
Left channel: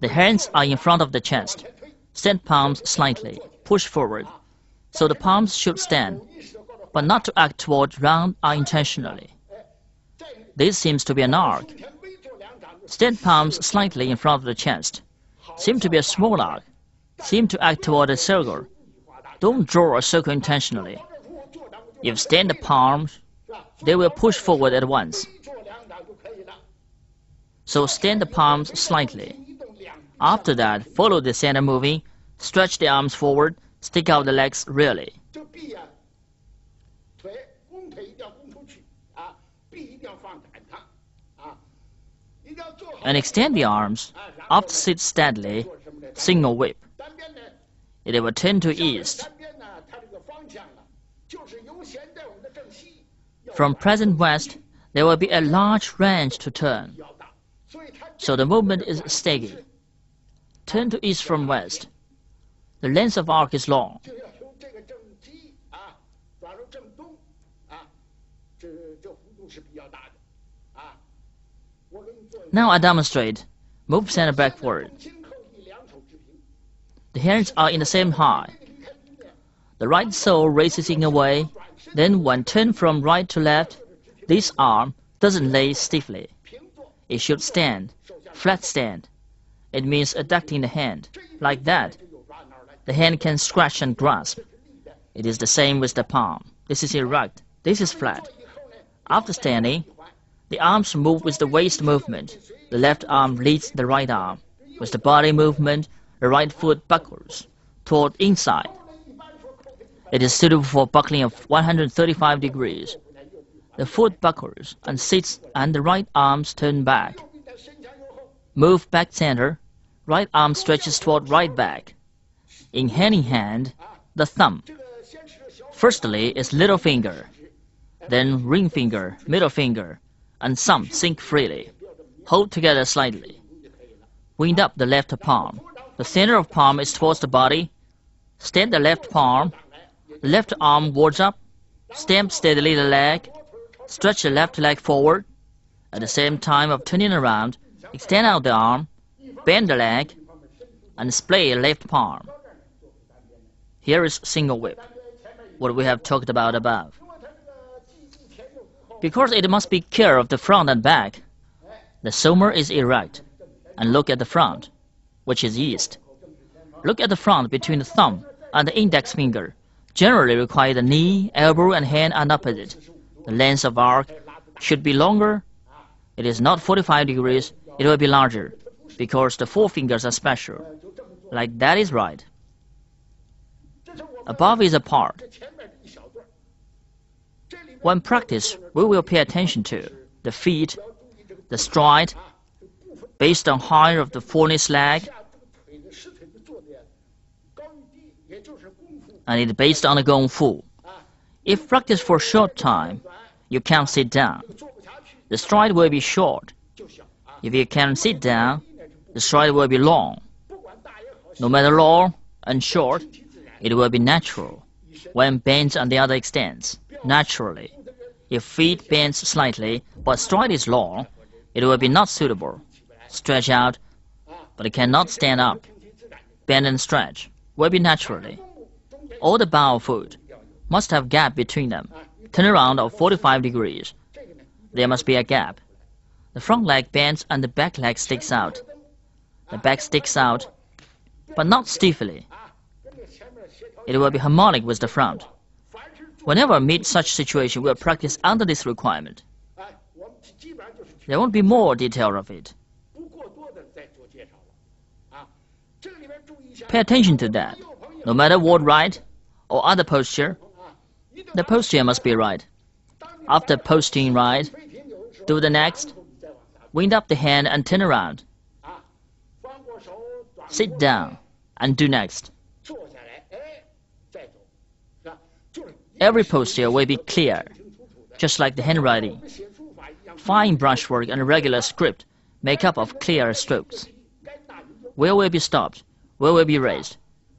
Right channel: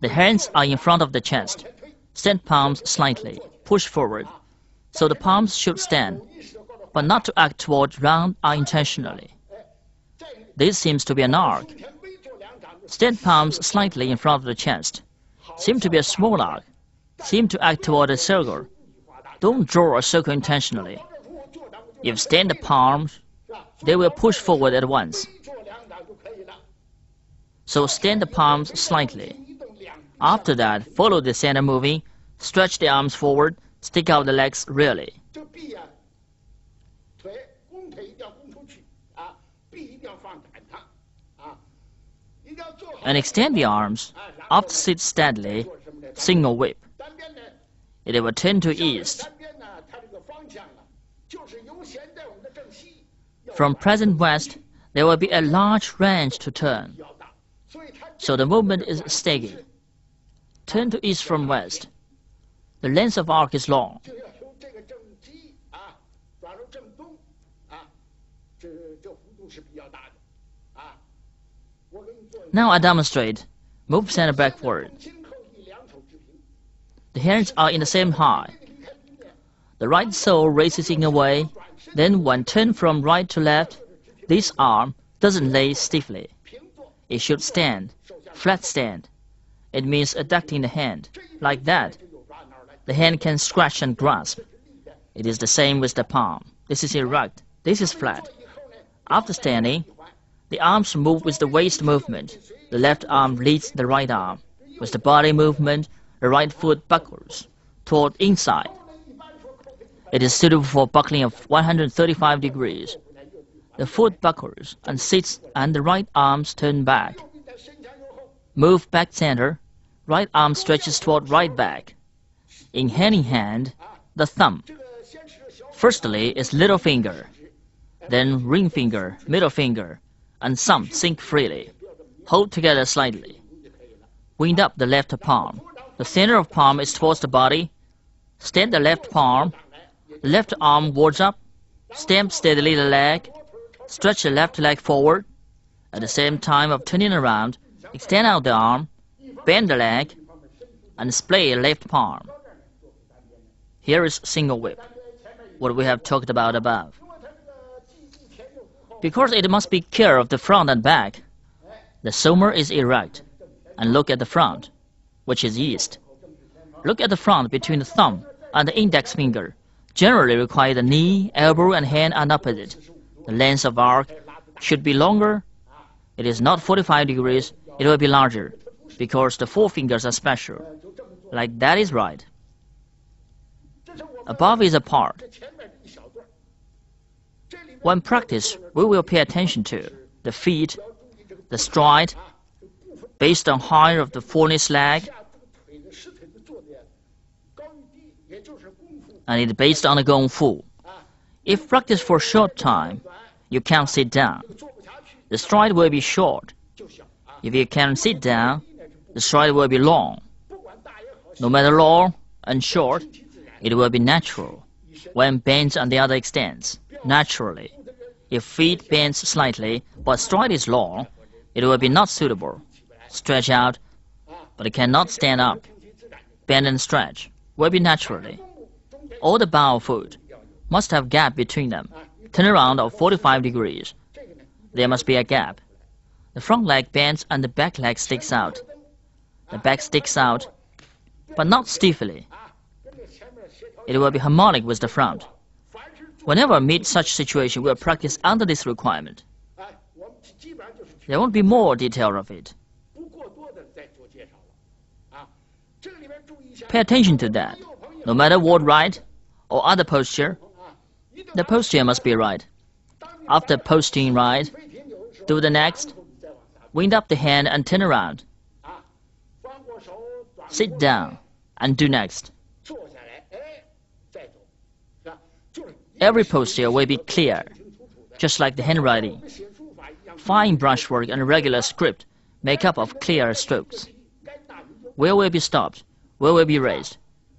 The hands are in front of the chest. Stand palms slightly. Push forward. So the palms should stand, but not to act toward round unintentionally. This seems to be an arc. Stand palms slightly in front of the chest. Seem to be a small arc. Seem to act toward a circle. Don't draw a circle intentionally. If stand the palms, they will push forward at once. So stand the palms slightly. After that, follow the center moving, stretch the arms forward, stick out the legs really. And extend the arms. After sit steadily, single whip. It will turn to east. From present west, there will be a large range to turn. So the movement is steady. Turn to east from west. The length of arc is long. Now I demonstrate. Move center backward. The hands are in the same height. The right sole raises in a way. Then when turned from right to left, this arm doesn't lay stiffly. It should stand, flat stand. It means adducting the hand, like that. The hand can scratch and grasp. It is the same with the palm. This is erect. This is flat. After standing, the arms move with the waist movement. The left arm leads the right arm. With the body movement, the right foot buckles toward inside. It is suitable for buckling of 135 degrees. The foot buckles and sits and the right arms turn back. Move back center. Right arm stretches toward right back. In hand, the thumb. Firstly is little finger. Then ring finger, middle finger, and thumb sink freely. Hold together slightly. Wind up the left palm. The center of palm is towards the body. Stand the left palm. Left arm wards up. Stamp steadily the leg. Stretch the left leg forward. At the same time of turning around, extend out the arm, bend the leg, and splay left palm. Here is single whip, what we have talked about above. Because it must be clear of the front and back, the somer is erect, and look at the front, which is east. Look at the front between the thumb and the index finger. Generally require the knee, elbow, and hand are opposite. The length of arc should be longer. It is not 45 degrees, it will be larger, because the four fingers are special. Like that is right. Above is apart. When practice, we will pay attention to the feet, the stride, based on height of the foremost leg, and it is based on the Gong Fu. If practice for a short time, you can't sit down. The stride will be short. If you can sit down, the stride will be long. No matter long and short, it will be natural. When bent on the other extends, naturally. If feet bend slightly, but stride is long, it will be not suitable. Stretch out, but it cannot stand up. Bend and stretch will be naturally. All the bow foot must have gap between them. Turn around of 45 degrees. There must be a gap. The front leg bends and the back leg sticks out. The back sticks out, but not stiffly. It will be harmonic with the front. Whenever meet such situation, we'll practice under this requirement. There won't be more detail of it. Pay attention to that. No matter what right or other posture, the posture must be right. After posting right, do the next. Wind up the hand and turn around. Sit down and do next. Every posture will be clear, just like the handwriting. Fine brushwork and regular script make up of clear strokes. Where will be stopped? Where will be raised?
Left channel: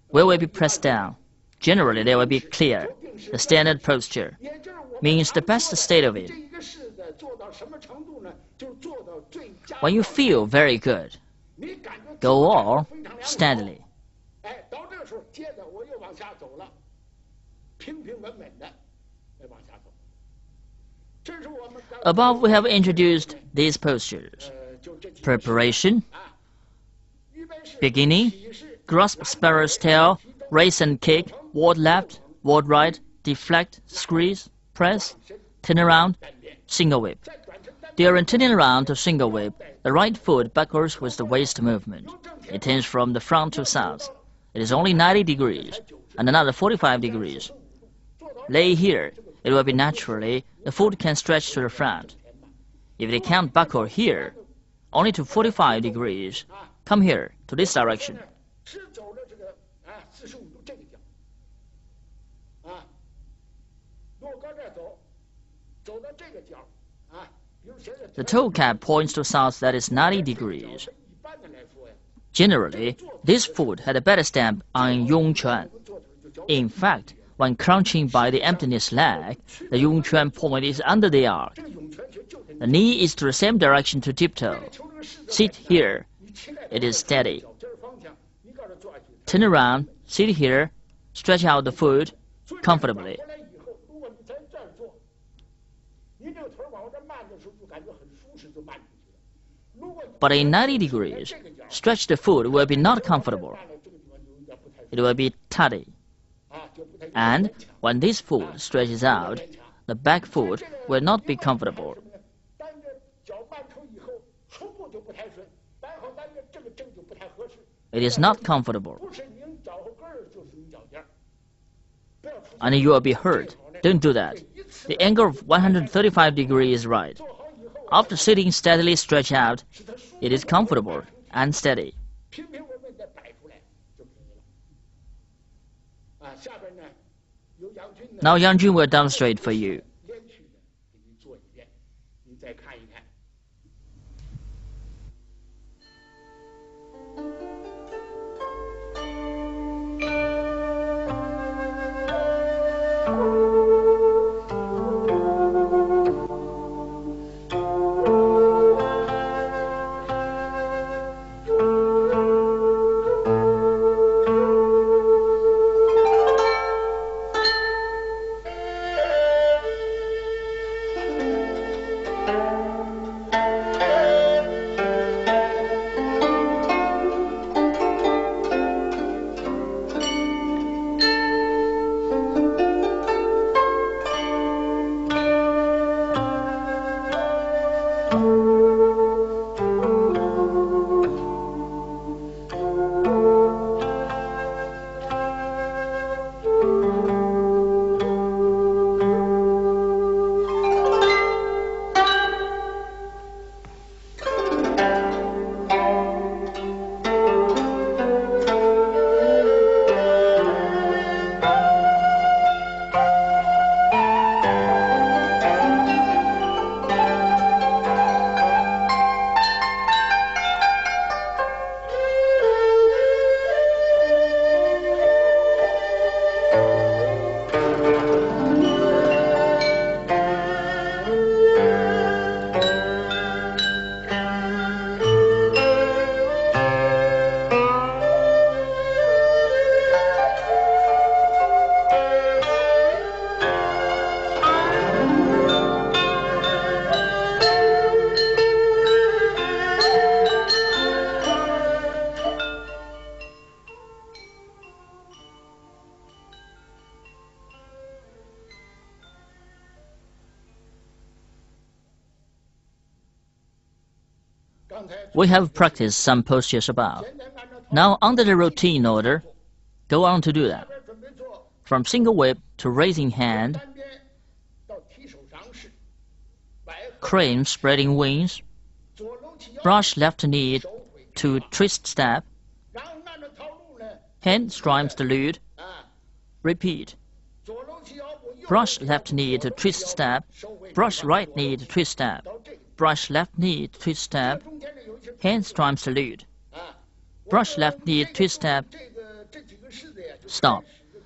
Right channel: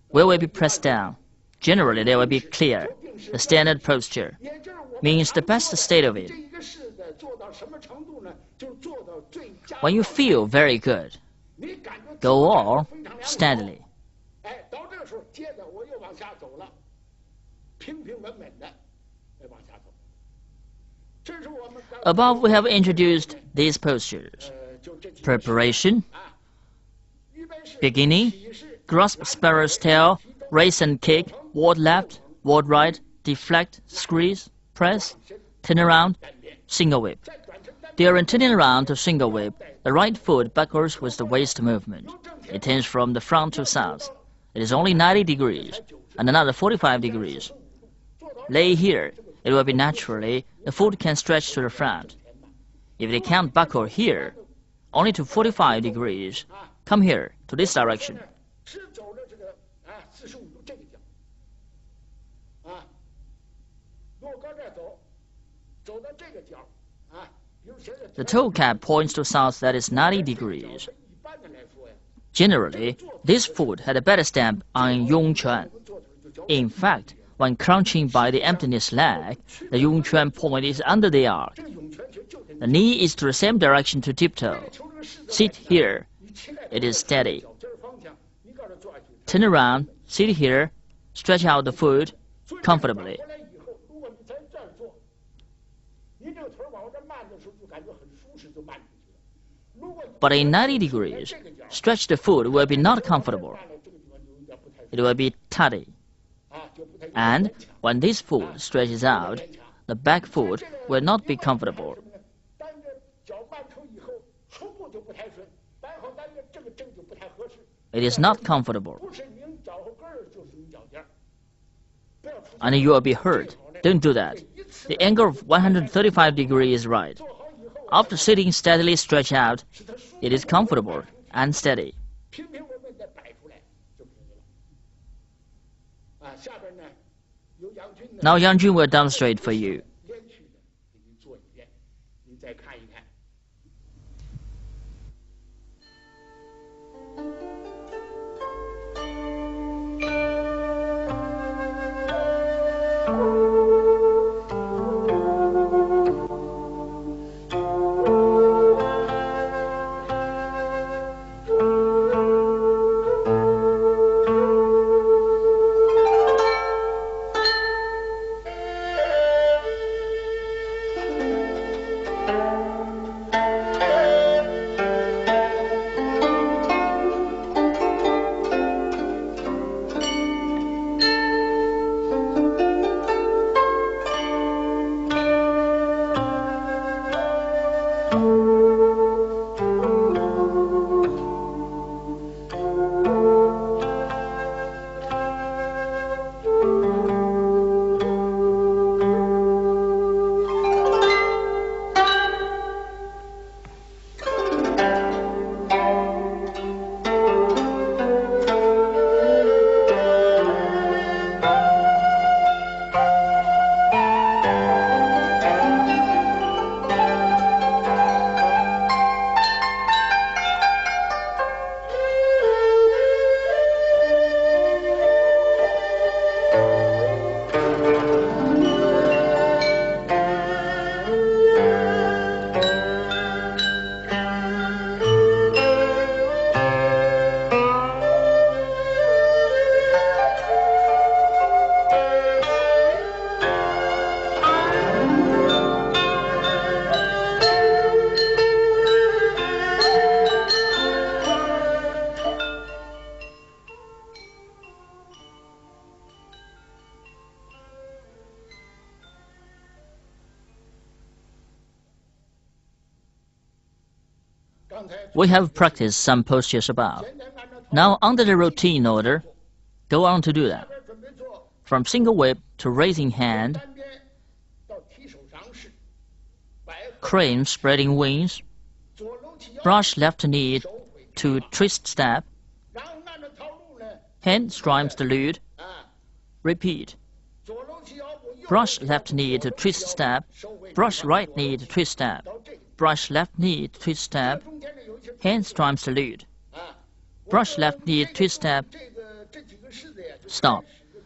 Where will be pressed down? Generally, they will be clear. The standard posture means the best state of it. When you feel very good, go on steadily. Above we have introduced these postures. Preparation, beginning, grasp sparrow's tail, raise and kick, ward left, ward right, deflect, squeeze, press, turn around, single whip. During turning around to single whip, the right foot buckles with the waist movement. It turns from the front to south. It is only 90 degrees and another 45 degrees. Lay here, it will be naturally, the foot can stretch to the front. If they can't buckle here, only to 45 degrees, come here, to this direction. The toe cap points to south, that is 90 degrees. Generally, this foot had a better stamp on Yung Chuan. In fact, when crouching by the emptiness leg, the Yung Chuan point is under the arc. The knee is to the same direction to tiptoe. Sit here. It is steady. Turn around, sit here, stretch out the foot comfortably. But in 90 degrees, stretch the foot will be not comfortable. It will be tight. And when this foot stretches out, the back foot will not be comfortable. It is not comfortable. And you will be hurt. Don't do that. The angle of 135 degrees is right. After sitting steadily stretched out, it is comfortable and steady. Now Yang Zhen will demonstrate for you. We have practiced some postures above. Now, under the routine order, go on to do that. From single whip to raising hand, crane spreading wings, brush left knee to twist step, hand strikes the lead, repeat. Brush left knee to twist step, brush right knee to twist step, brush left knee to twist step, hand strikes the lead. Brush left knee, twist step, stop.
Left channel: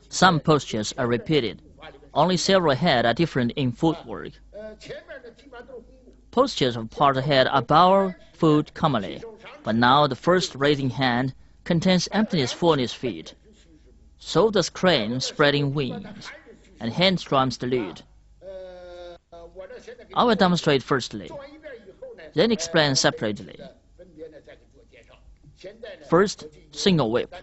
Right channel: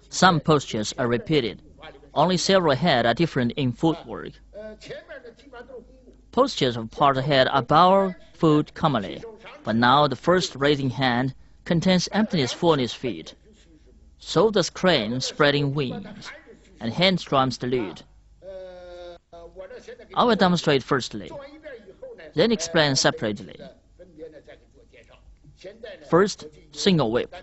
Some postures are repeated. Only several head are different in footwork. Postures of part head are bow foot commonly, but now the first raising hand contains emptiness fullness feet. So does crane spreading wings, and hand strikes the lead. I will demonstrate firstly, then explain separately. First, single whip.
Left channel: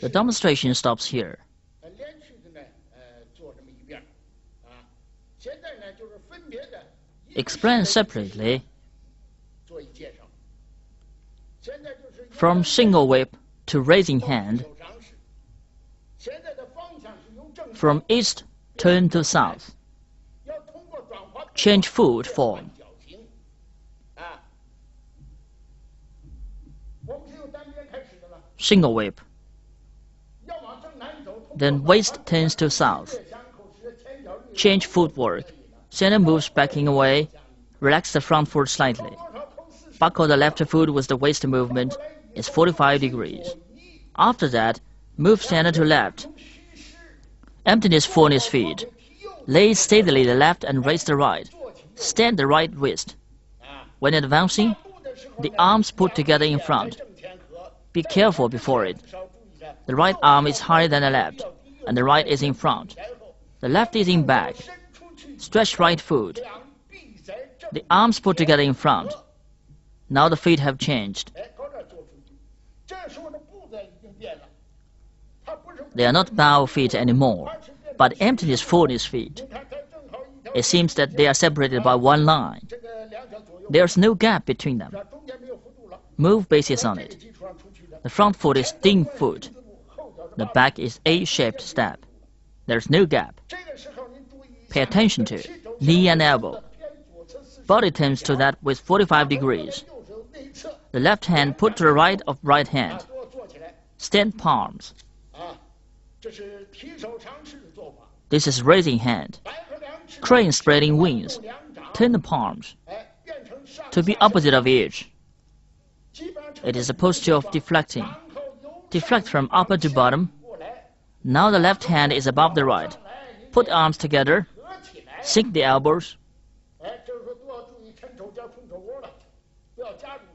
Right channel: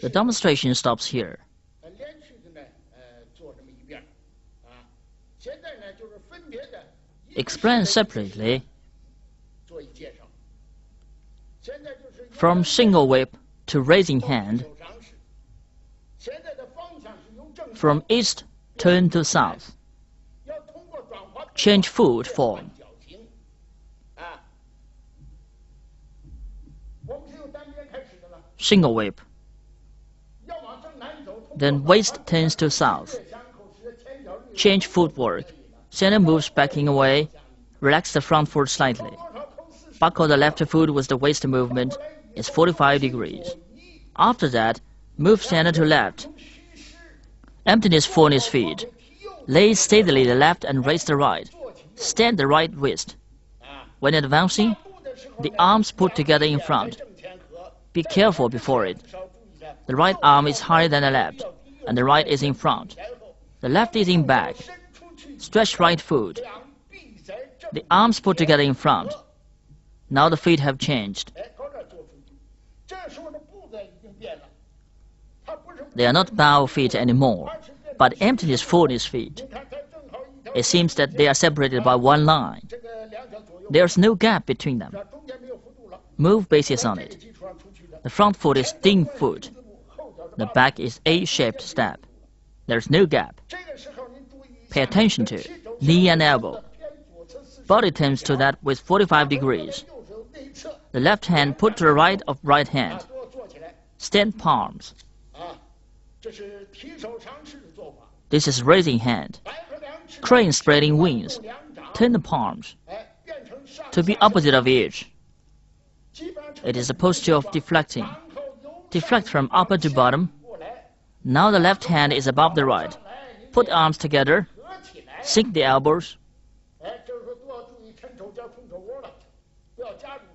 The demonstration stops here. Explain separately. From single whip to raising hand. From east turn to south. Change foot form. Single whip. Then waist turns to south. Change footwork. Center moves backing away. Relax the front foot slightly. Buckle the left foot with the waist movement. It's 45 degrees. After that, move center to left. Emptiness fullness feet. Lay steadily the left and raise the right. Stand the right wrist. When advancing, the arms put together in front. Be careful before it. The right arm is higher than the left, and the right is in front. The left is in back. Stretch right foot. The arms put together in front. Now the feet have changed. They are not bow feet anymore, but emptiness fullness feet. It seems that they are separated by one line. There's no gap between them. Move bases on it. The front foot is thin foot. The back is A-shaped step. There's no gap. Pay attention to knee and elbow. Body turns to that with 45 degrees. The left hand put to the right of right hand. Stand palms. This is raising hand. Crane spreading wings. Turn the palms to be opposite of each. It is a posture of deflecting. Deflect from upper to bottom. Now the left hand is above the right. Put arms together. Sink the elbows.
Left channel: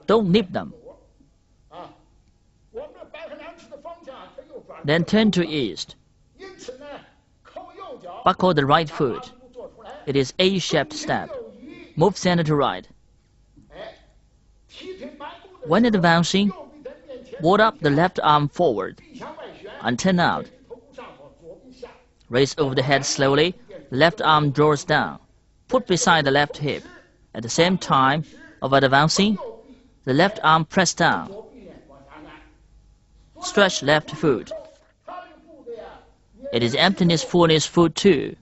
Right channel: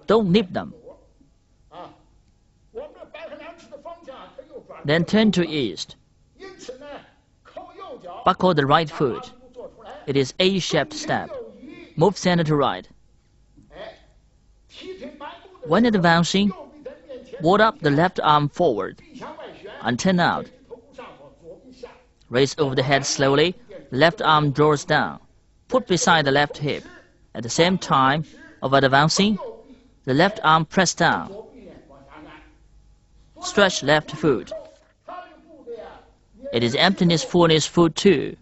Don't nip them. Then turn to east. Buckle the right foot. It is A-shaped step. Move center to right. When advancing, ward up the left arm forward and turn out. Raise over the head slowly. Left arm draws down. Put beside the left hip. At the same time of advancing, the left arm press down. Stretch left foot. It is emptiness fullness foot too.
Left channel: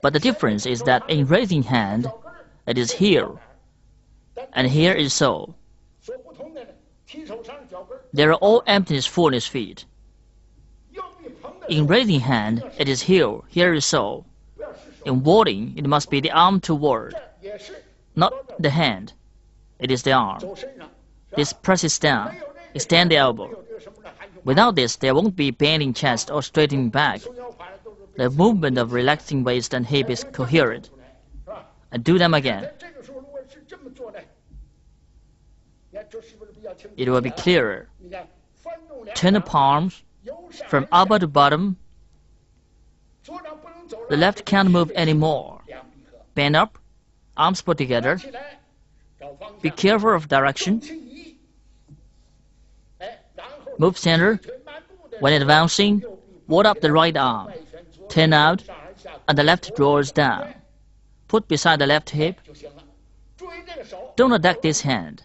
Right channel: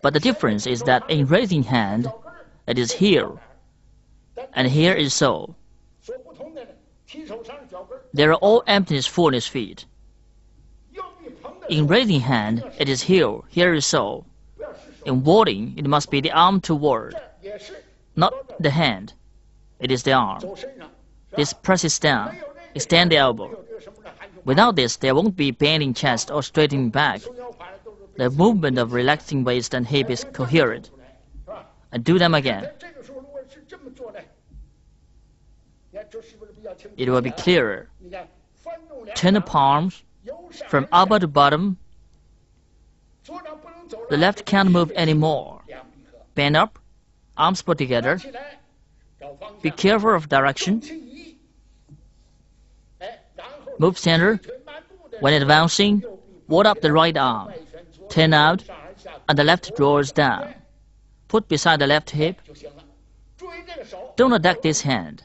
But the difference is that in raising hand, it is here, and here is so. They are all emptiness fullness feet. In raising hand, it is here, here is so. In warding, it must be the arm to ward, not the hand. It is the arm. This presses down. Extend the elbow. Without this, there won't be bending chest or straightening back. The movement of relaxing waist and hip is coherent. And do them again. It will be clearer. Turn the palms from upper to bottom. The left can't move anymore. Bend up, arms put together. Be careful of direction. Move center. When advancing, ward up the right arm. Turn out, and the left draws down. Put beside the left hip. Don't attack this hand.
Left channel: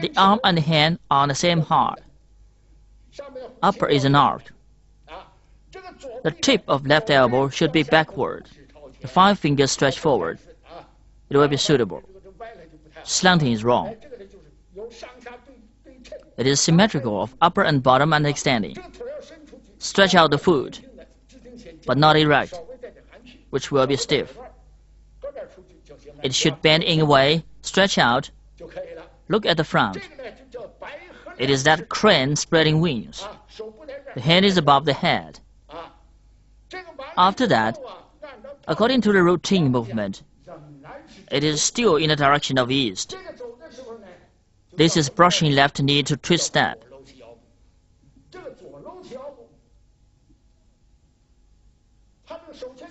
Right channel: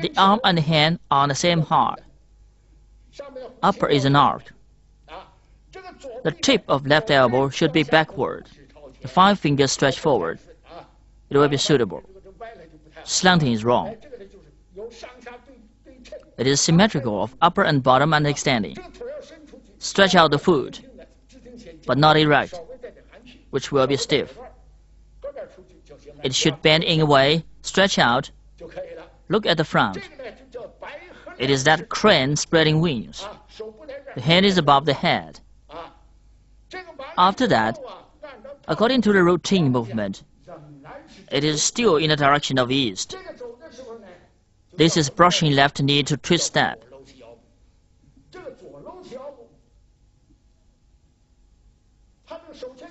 The arm and the hand are on the same height. Upper is an arc. The tip of left elbow should be backward. The 5 fingers stretch forward. It will be suitable. Slanting is wrong. It is symmetrical of upper and bottom and extending. Stretch out the foot, but not erect, which will be stiff. It should bend in a way, stretch out. Look at the front. It is that crane spreading wings. The hand is above the head. After that, according to the routine movement, it is still in the direction of east. This is brushing left knee to twist step.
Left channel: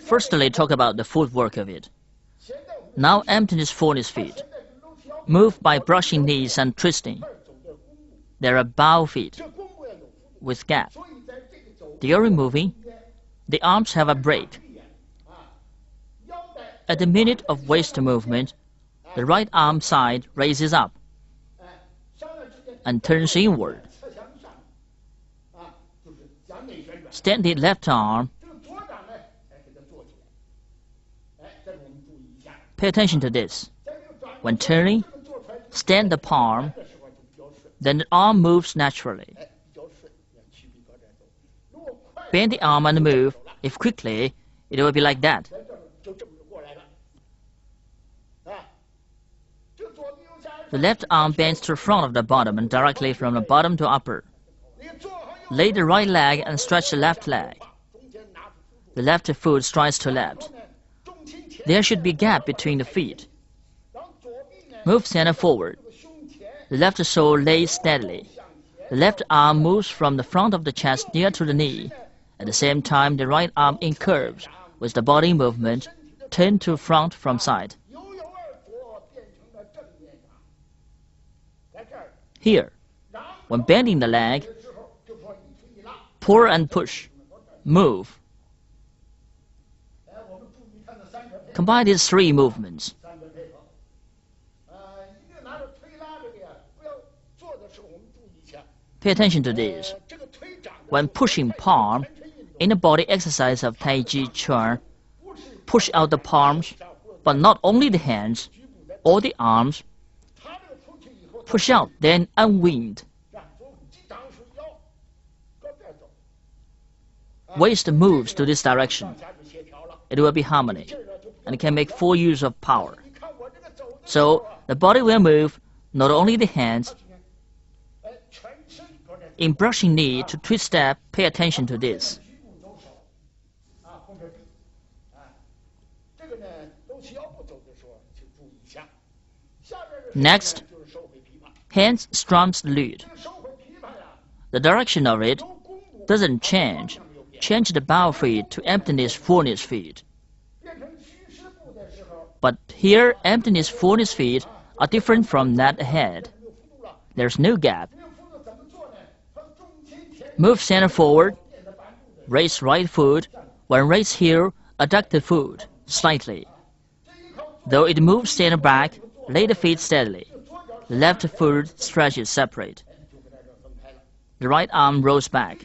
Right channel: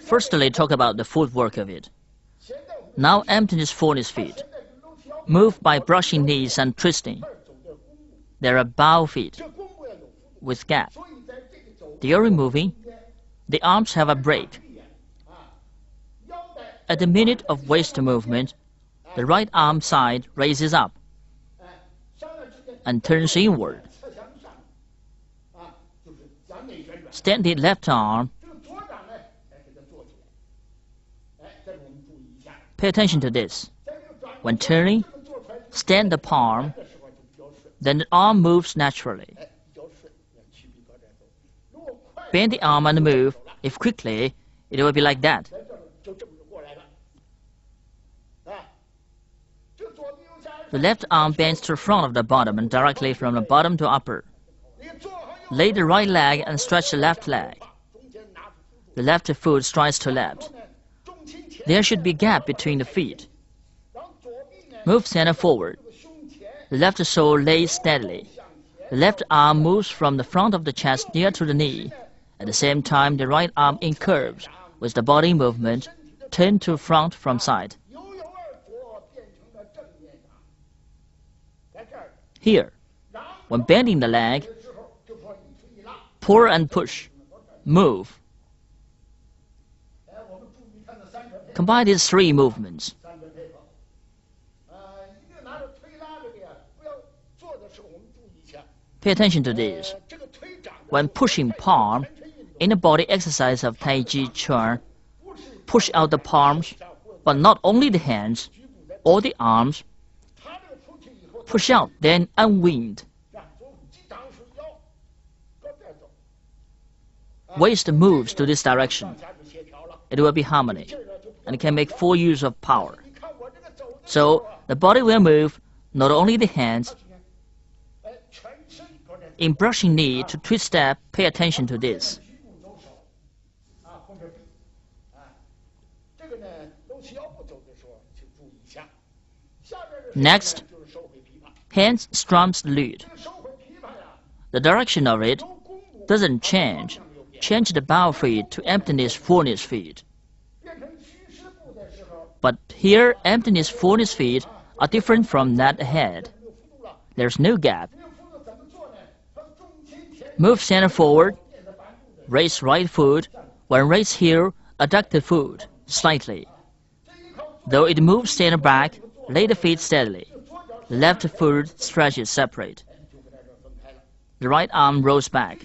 Firstly, talk about the footwork of it. Now emptiness fullness feet. Move by brushing knees and twisting. There are bow feet with gap. During moving, the arms have a break. At the minute of waist movement, the right arm side raises up and turns inward. Stand the left arm. Pay attention to this. When turning, stand the palm, then the arm moves naturally. Bend the arm and move. If quickly, it will be like that. The left arm bends to the front of the bottom and directly from the bottom to upper. Lay the right leg and stretch the left leg. The left foot strides to left. There should be a gap between the feet. Move center forward. The left sole lays steadily. The left arm moves from the front of the chest near to the knee. At the same time, the right arm incurves with the body movement, turn to front from side. Here, when bending the leg, pull and push, move. Combine these 3 movements. Pay attention to these. When pushing palm, in the body exercise of Tai Chi Chuan, push out the palms, but not only the hands or the arms. Push out, then unwind. waist moves to this direction, it will be harmony and can make full use of power. So the body will move, not only the hands. In brushing knee to twist step, pay attention to this. Next, hands strums the lute. The direction of it doesn't change. Change the bow feet to emptiness, fullness feet. But here, emptiness, fullness feet are different from that ahead. There's no gap. Move center forward. Raise right foot. When raised here, adduct the foot slightly. Though it moves center back, lay the feet steadily. The left foot stretches separate. The right arm rolls back.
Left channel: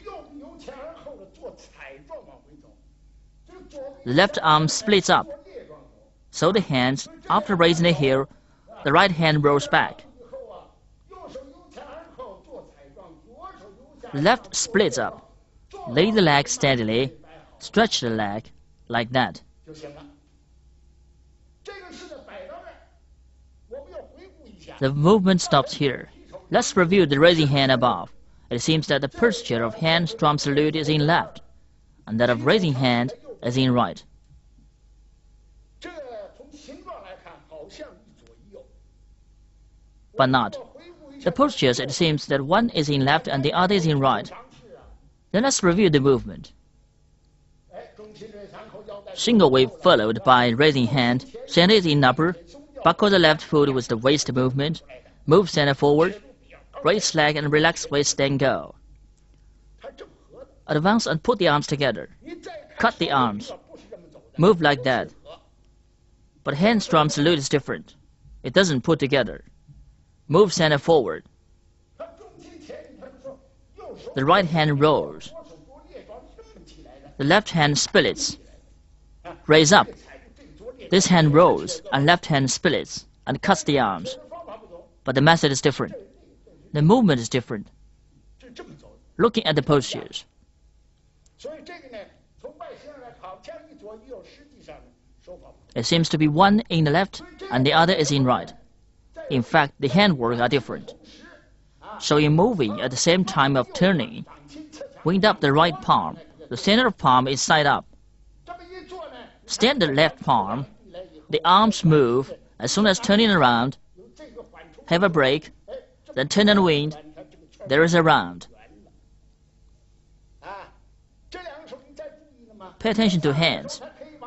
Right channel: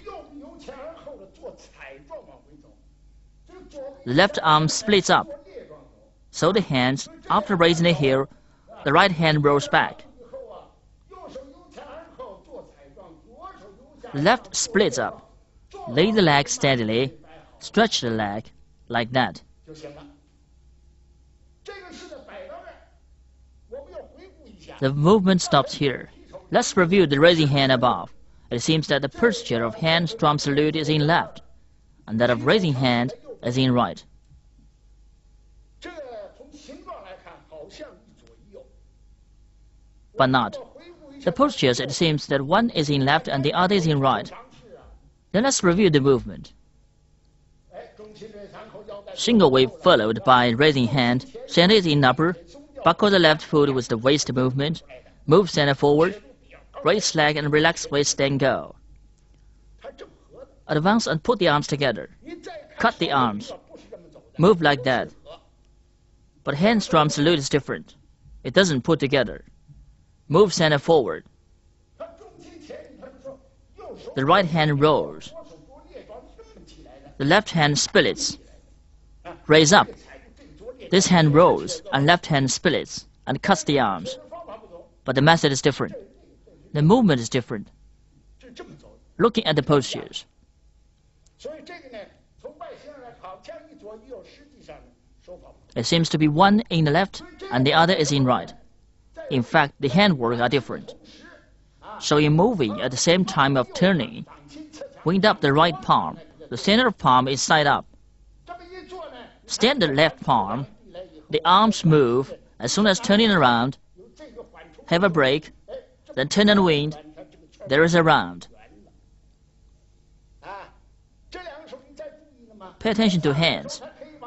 The left arm splits up. So the hands, after raising it here, the right hand rolls back. The left splits up. Lay the leg steadily. Stretch the leg like that. The movement stops here. Let's review the raising hand above. It seems that the posture of hand strums the lute is in left, and that of raising hand is in right. But not. The postures, it seems that one is in left and the other is in right. Then let's review the movement. Single wave followed by raising hand. Center is in upper. Buckle the left foot with the waist movement. Move center forward. Raise leg and relax waist, then go. Advance and put the arms together. Cut the arms. Move like that. But hand strums the lute is different. It doesn't put together. Move center forward. The right hand rolls. The left hand splits. Raise up. This hand rolls and left hand splits and cuts the arms. But the method is different. The movement is different. Looking at the postures. It seems to be one in the left and the other is in right. In fact, the handwork are different. So in moving at the same time of turning, wind up the right palm. The center palm is side up. Stand the left palm. The arms move as soon as turning around. Have a break. Then turn and wind. There is a round. Pay attention to hands.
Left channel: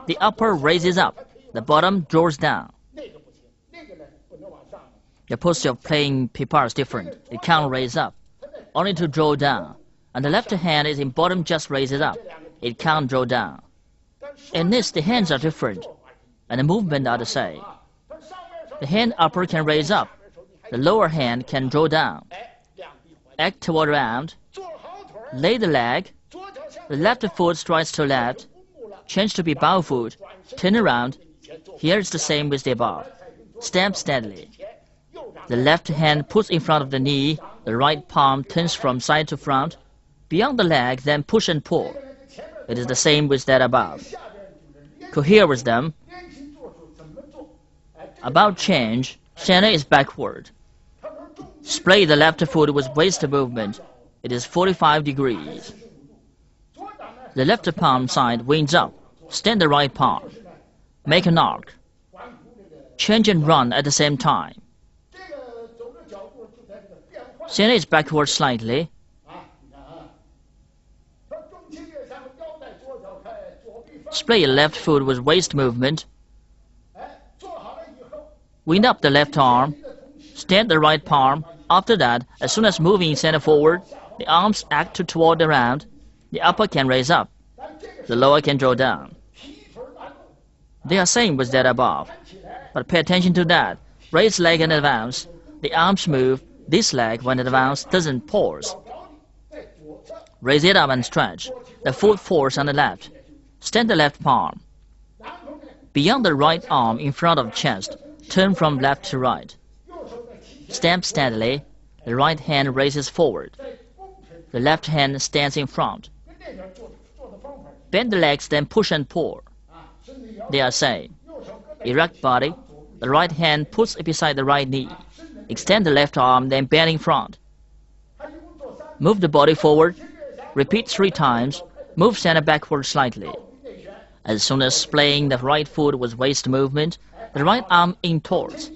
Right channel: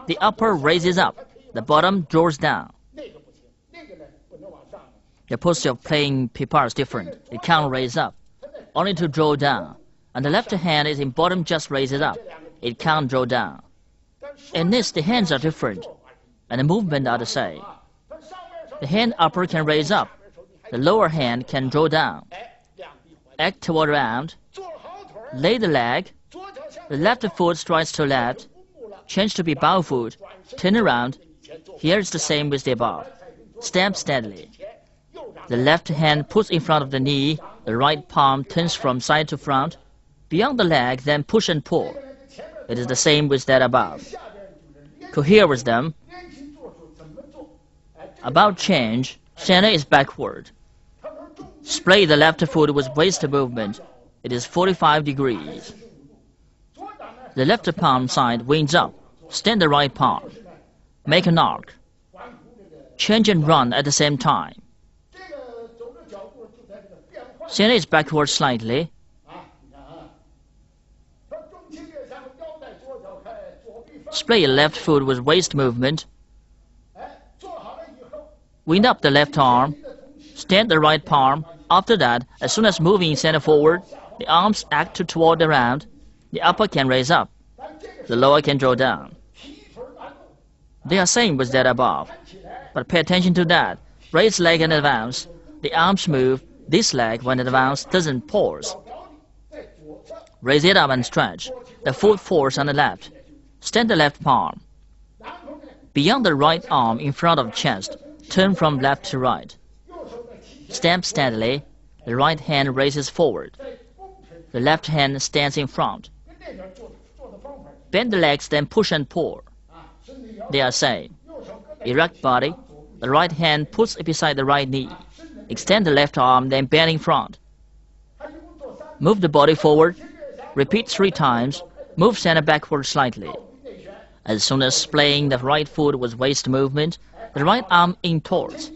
The upper raises up. The bottom draws down. The posture of playing pipa is different. It can't raise up, only to draw down. And the left hand is in bottom, just raises up. It can't draw down. In this, the hands are different, and the movement are the same. The hand upper can raise up. The lower hand can draw down. Act toward round. Lay the leg. The left foot strides to left. Change to be bow foot. Turn around. Here is the same with the above. Stamp steadily. The left hand puts in front of the knee. The right palm turns from side to front. Beyond the leg, then push and pull. It is the same with that above. Cohere with them. About change, center is backward. Splay the left foot with waist movement. It is 45 degrees. The left palm side winds up. Stand the right palm. Make an arc. Change and run at the same time. Center is backward slightly. Splay left foot with waist movement. Wind up the left arm. Stand the right palm. After that, as soon as moving center forward, the arms act toward the round. The upper can raise up. The lower can draw down. They are same with that above. But pay attention to that. Raise leg and advance. The arms move. This leg, when advanced, doesn't pause. Raise it up and stretch. The foot falls on the left. Stand the left palm. Beyond the right arm in front of chest, turn from left to right. Stamp steadily. The right hand raises forward. The left hand stands in front. Bend the legs, then push and pull. They are same. Erect body. The right hand puts beside the right knee. Extend the left arm, then bend in front. Move the body forward. Repeat 3 times. Move center backward slightly. As soon as splaying the right foot with waist movement, the right arm in towards.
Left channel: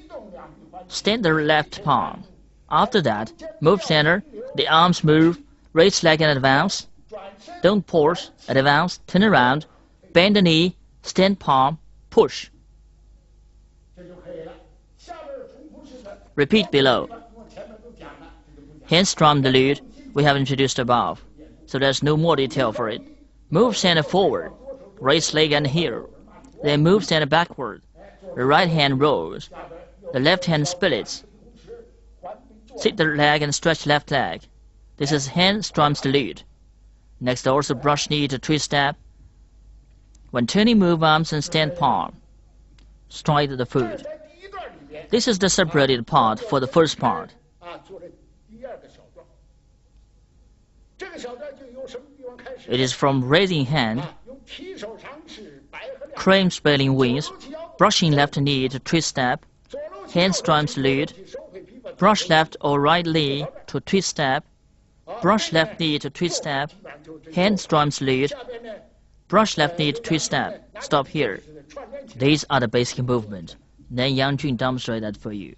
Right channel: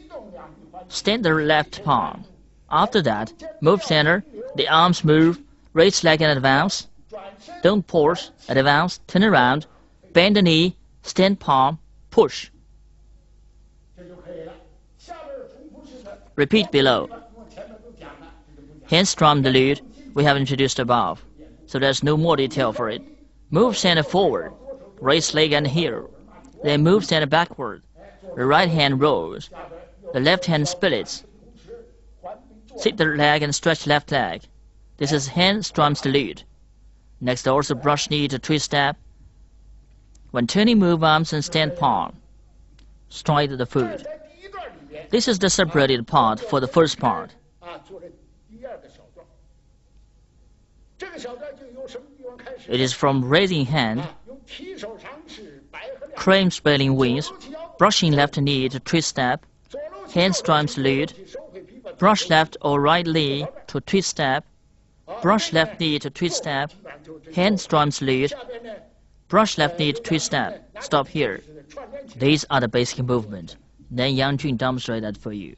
Stand the left palm. After that, move center. The arms move. Raise leg and advance. Don't pause. Advance. Turn around. Bend the knee. Stand palm. Push. Repeat below. Hands strum the lead. We have introduced above, so there's no more detail for it. Move center forward. Raise leg and heel. Then move center backward. The right hand rolls. The left hand splits. Sit the leg and stretch left leg. This is hand strums the lead. Next, also brush knee to twist step. When turning, move arms and stand palm. Stride the foot. This is the separated part for the first part. It is from raising hand, crane spelling wings, brushing left knee to twist step, hand strums lead, brush left or right knee to twist step, brush left knee to twist step, hand strums lead, brush left knee to twist step. Stop here. These are the basic movements. Then Yang Jun demonstrate that for you.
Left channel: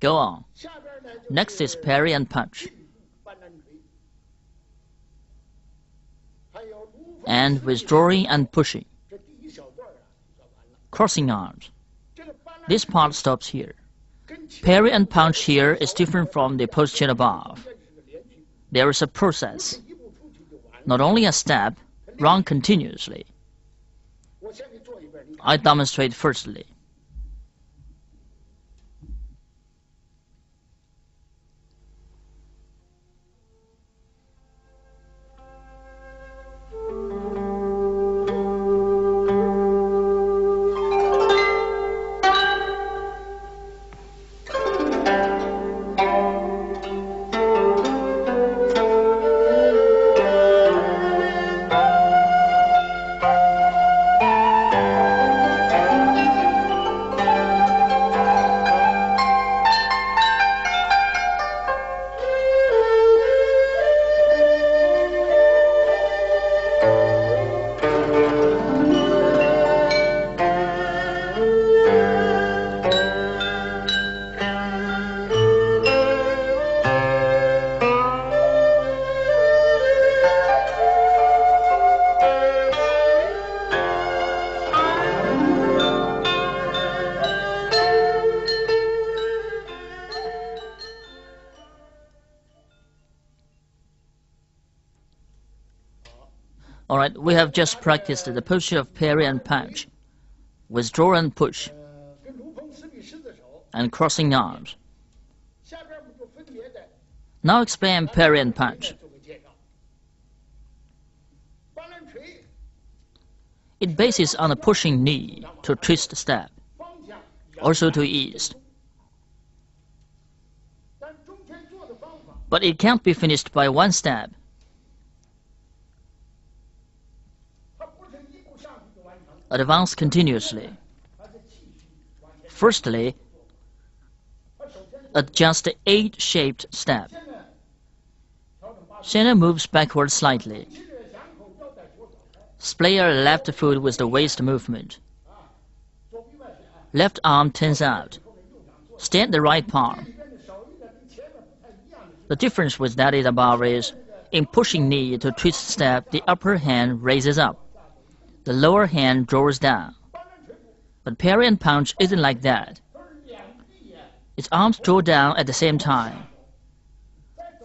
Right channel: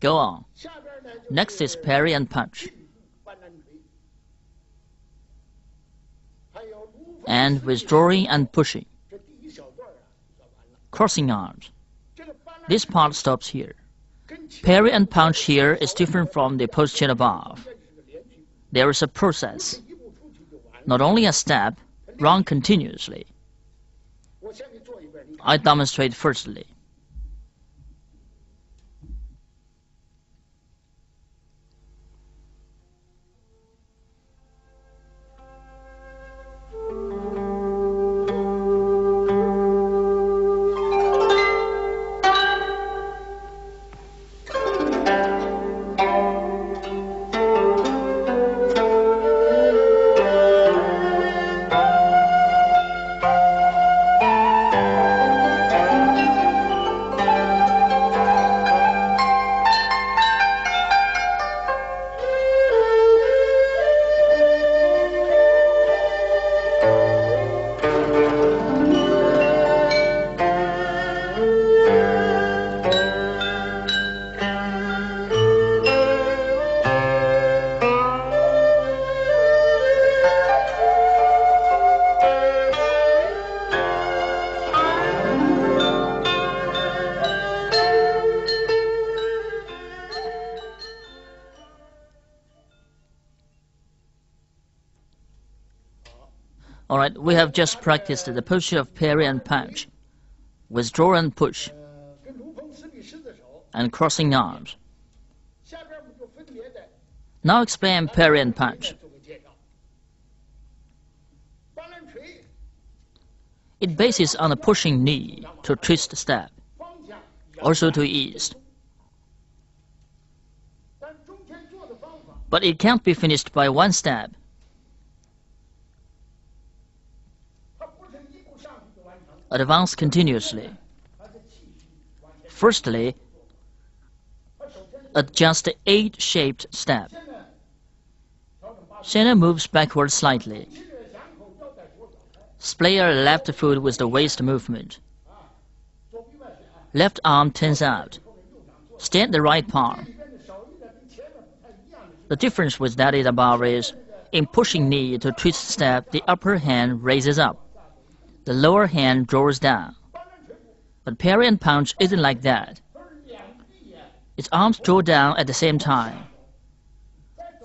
Go on. Next is parry and punch. And withdrawing and pushing. Crossing arms. This part stops here. Parry and punch here is different from the posture above. There is a process. Not only a step, run continuously. I demonstrate firstly. Alright, we have just practiced the posture of parry and punch, withdraw and push, and crossing arms. Now explain parry and punch. It bases on a pushing knee to twist step, also to ease. But it can't be finished by one step. Advance continuously. Firstly, adjust the A-shaped step. Center moves backward slightly. Splayer left foot with the waist movement. Left arm turns out. Stand the right palm. The difference with that is above is, in pushing knee to twist step, the upper hand raises up. The lower hand draws down. But parry and punch isn't like that. Its arms draw down at the same time.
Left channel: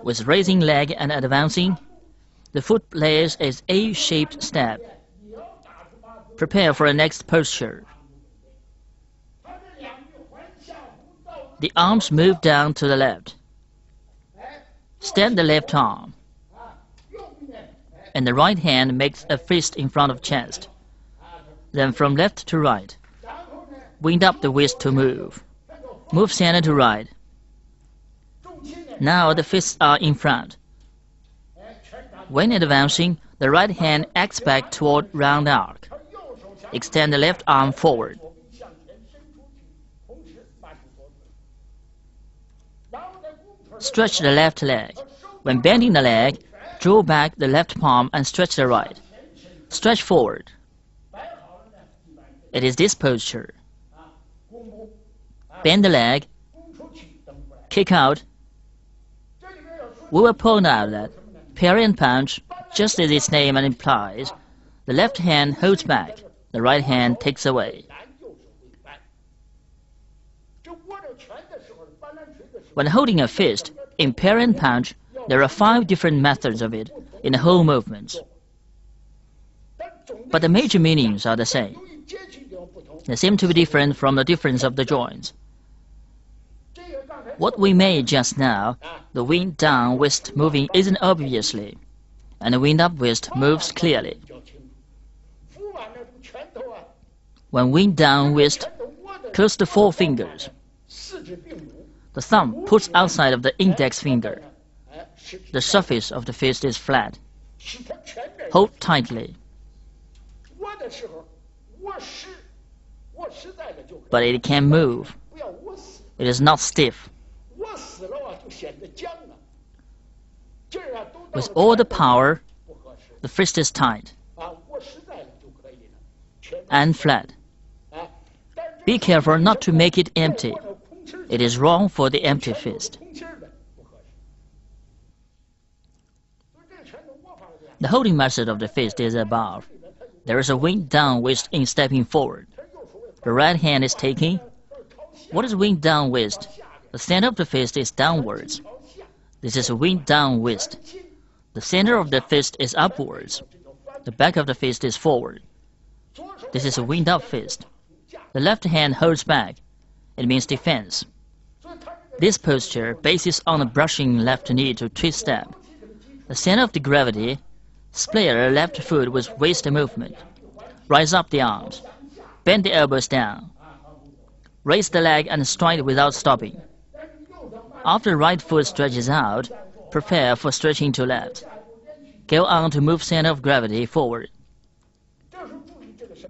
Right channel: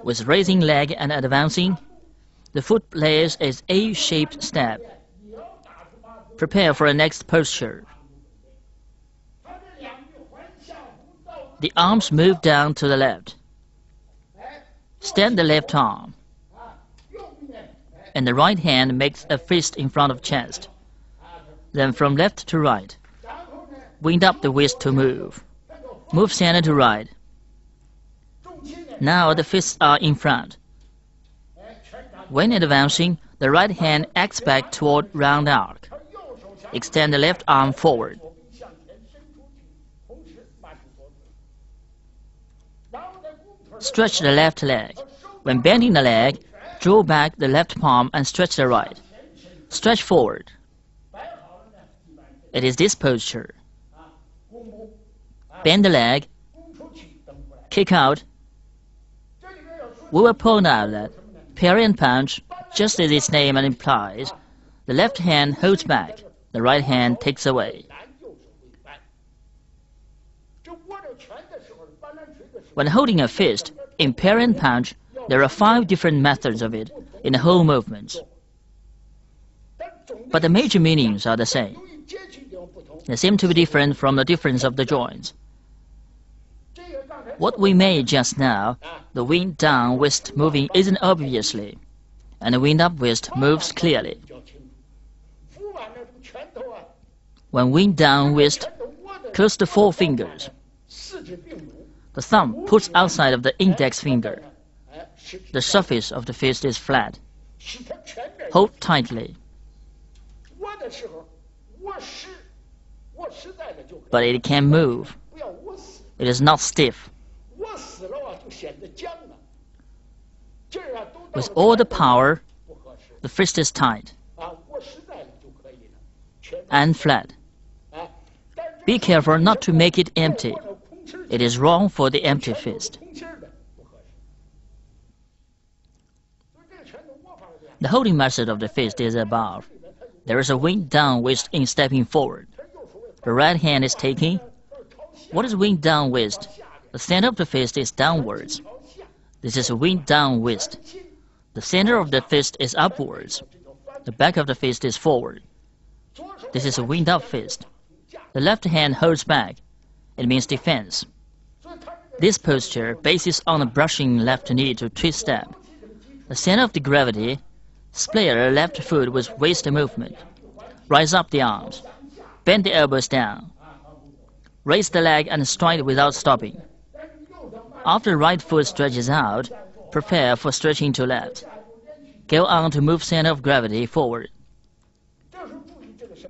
With raising leg and advancing, the foot plays its A-shaped step. Prepare for the next posture. The arms move down to the left. Stand the left arm. And the right hand makes a fist in front of chest. Then from left to right. Wind up the wrist to move. Move center to right. Now the fists are in front. When advancing, the right hand acts back toward round arc. Extend the left arm forward. Stretch the left leg. When bending the leg, draw back the left palm and stretch the right. Stretch forward. It is this posture. Bend the leg. Kick out. We will point out that parry and punch, just as its name implies, the left hand holds back, the right hand takes away. When holding a fist, in parry and punch, there are 5 different methods of it in the whole movement. But the major meanings are the same. They seem to be different from the difference of the joints. What we made just now, the wind down wrist moving isn't obviously, and the wind up wrist moves clearly. When wind down wrist, close the 4 fingers. The thumb puts outside of the index finger. The surface of the fist is flat. Hold tightly. But it can move. It is not stiff. With all the power, the fist is tight and flat. Be careful not to make it empty. It is wrong for the empty fist. The holding method of the fist is above. There is a wind down wrist in stepping forward. The right hand is taking. What is wind down wrist? The center of the fist is downwards. This is a wind down wrist. The center of the fist is upwards. The back of the fist is forward. This is a wind up fist. The left hand holds back. It means defense. This posture bases on a brushing left knee to twist step. The center of the gravity, splayer left foot with waist movement. Rise up the arms. Bend the elbows down. Raise the leg and stride without stopping. After right foot stretches out, prepare for stretching to left. Go on to move center of gravity forward.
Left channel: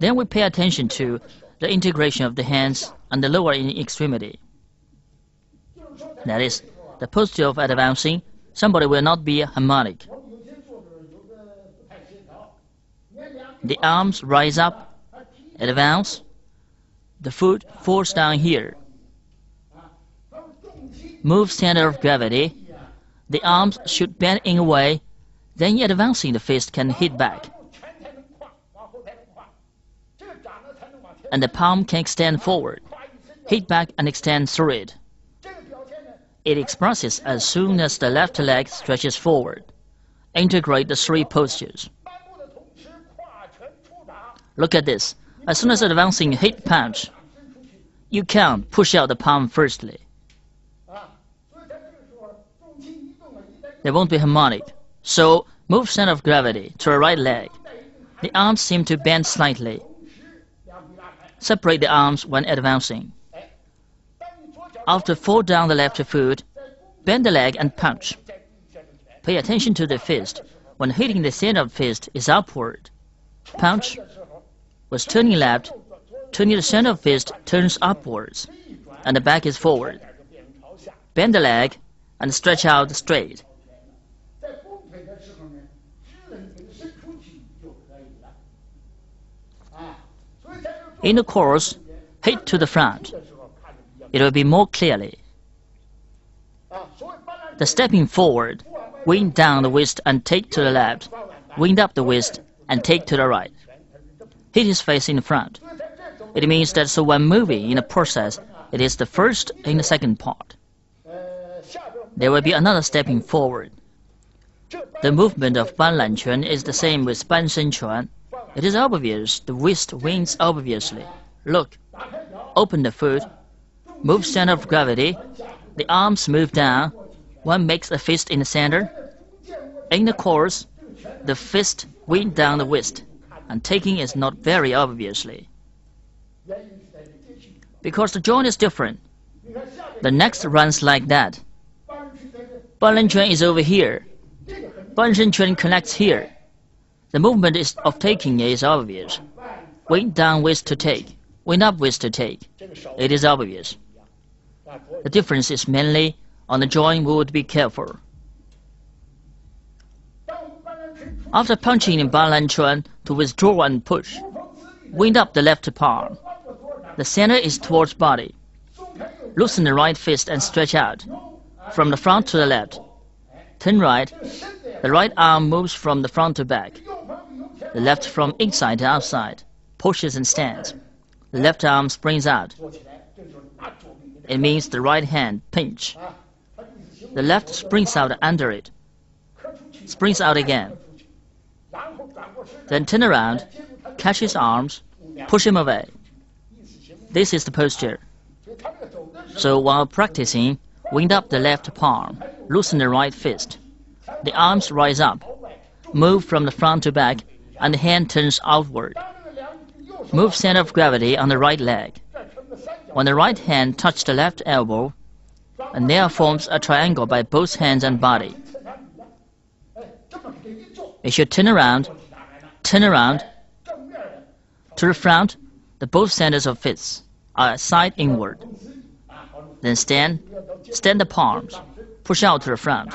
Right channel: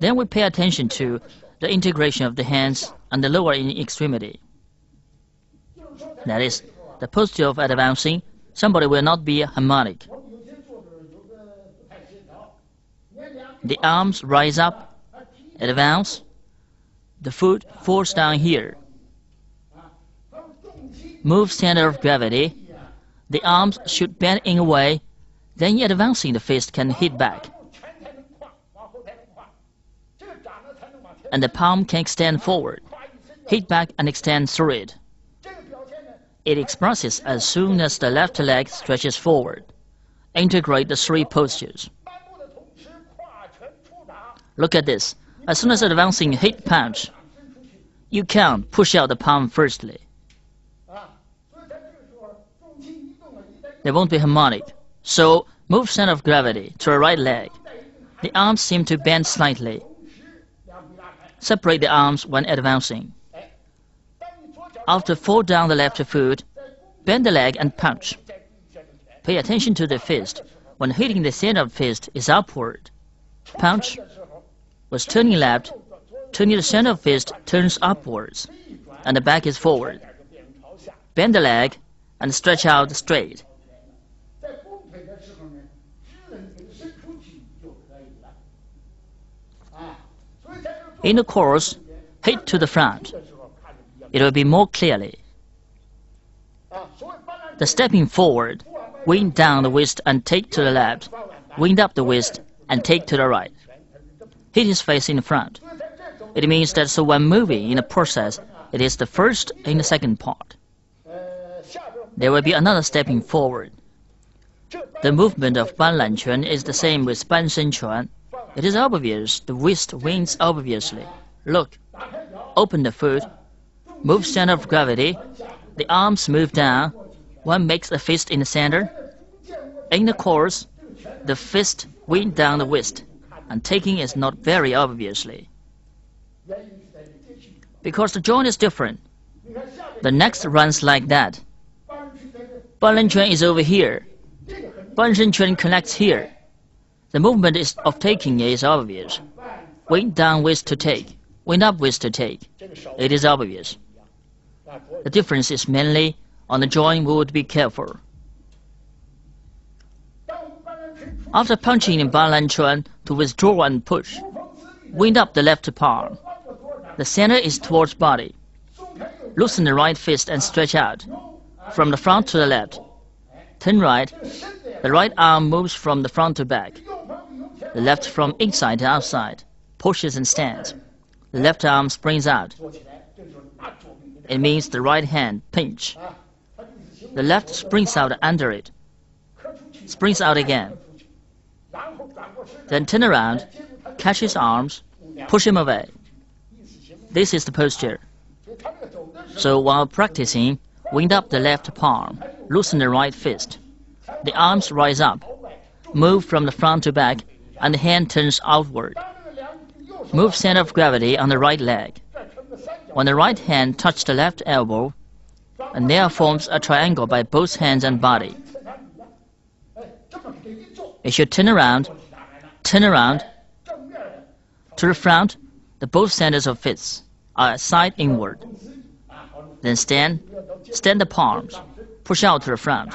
Then we pay attention to the integration of the hands and the lower extremity. That is, the posture of advancing, somebody will not be harmonic. The arms rise up, advance, the foot falls down here. Move center of gravity, the arms should bend in a way, then advancing the fist can hit back. And the palm can extend forward, hit back and extend through it. It expresses as soon as the left leg stretches forward. Integrate the 3 postures. Look at this. As soon as advancing hit punch, you can push out the palm firstly. There won't be harmonic. So move center of gravity to the right leg. The arms seem to bend slightly. Separate the arms when advancing. After fall down the left foot, bend the leg and punch. Pay attention to the fist. When hitting the center of fist is upward. Punch. With turning left, turning the center of fist turns upwards, and the back is forward. Bend the leg and stretch out straight. In the course, hit to the front. It will be more clearly. The stepping forward, wind down the waist and take to the left, wind up the waist and take to the right. Hit his face in front. It means that so when moving in the process, it is the first and the second part. There will be another stepping forward. The movement of Ban Lan Quan is the same with Ban Shen Chuan. It is obvious the waist winds obviously. Look, open the foot, move center of gravity, the arms move down, one makes a fist in the center. In the course, the fist wind down the waist, and taking is not very obviously. Because the joint is different. The next runs like that. Ban Lan Quan is over here. Ban Shen Chuan connects here. The movement of taking is obvious. Wind down waist to take, wind up waist to take. It is obvious. The difference is mainly on the joint would be careful. After punching in Ban Lan Quan to withdraw and push, wind up the left palm. The center is towards body. Loosen the right fist and stretch out, from the front to the left. Turn right. The right arm moves from the front to back. The left from inside to outside, pushes and stands. The left arm springs out. It means the right hand pinch. The left springs out under it. Springs out again. Then turn around, catch his arms, push him away. This is the posture. So while practicing, wind up the left palm, loosen the right fist. The arms rise up, move from the front to back, and the hand turns outward. Move center of gravity on the right leg. When the right hand touches the left elbow, and there forms a triangle by both hands and body. It should turn around, to the front. The both centers of fists are side inward. Then stand the palms, push out to the front,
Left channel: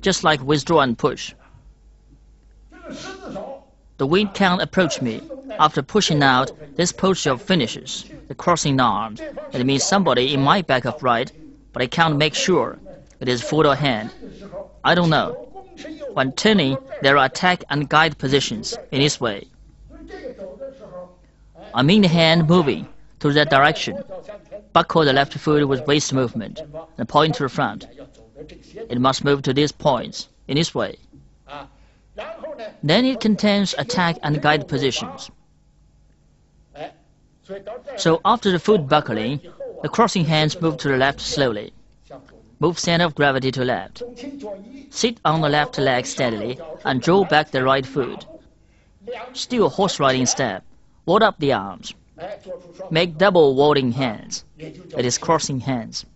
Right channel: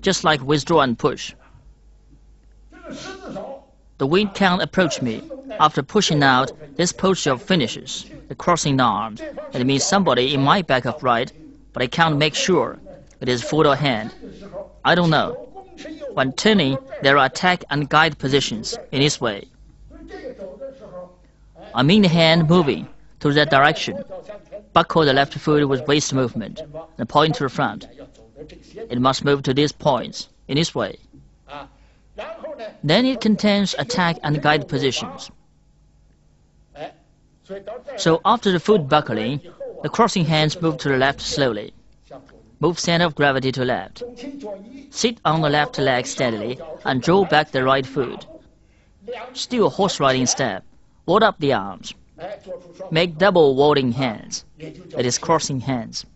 just like withdraw and push. The wind can approach me. After pushing out, this posture finishes. The crossing arms. It means somebody in my back upright, but I can't make sure it is foot or hand. I don't know. When turning, there are attack and guide positions in this way. I mean the hand moving to that direction. Buckle the left foot with waist movement, and point to the front. It must move to these points in this way. Then it contains attack and guide positions. So after the foot buckling, the crossing hands move to the left slowly. Move center of gravity to left. Sit on the left leg steadily and draw back the right foot. Still horse riding step. Ward up the arms. Make double warding hands. It is crossing hands.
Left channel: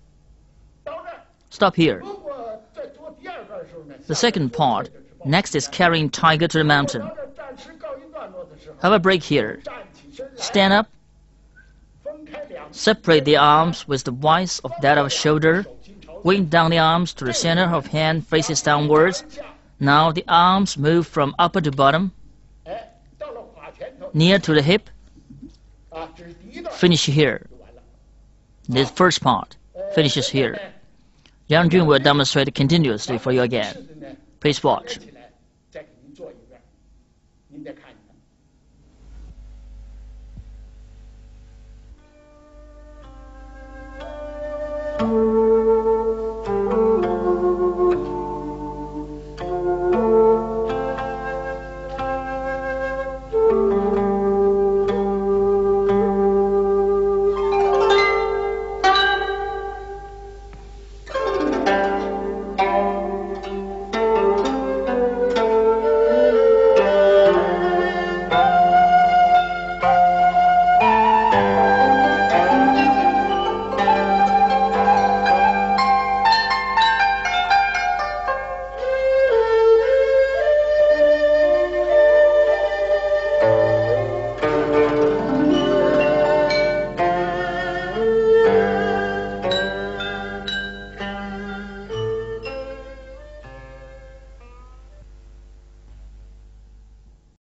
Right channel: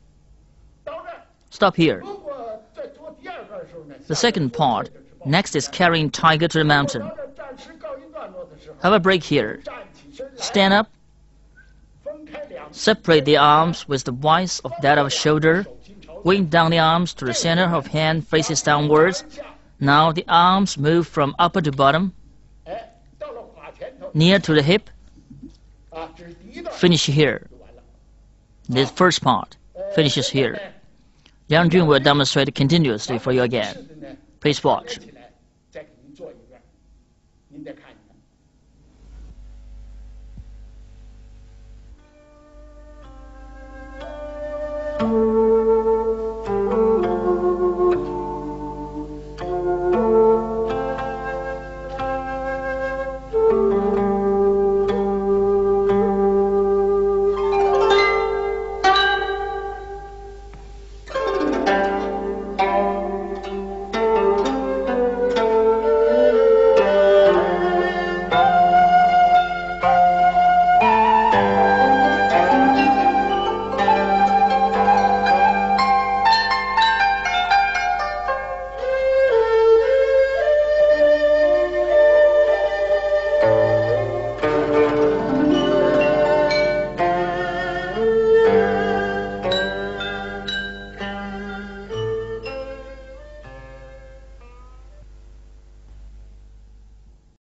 Stop here. The second part. Next is carrying tiger to the mountain. Have a break here. Stand up. Separate the arms with the width of that of shoulder. Wind down the arms to the center of hand faces downwards. Now the arms move from upper to bottom. Near to the hip. Finish here. This first part finishes here. Yang Jun will demonstrate continuously for you again. Please watch.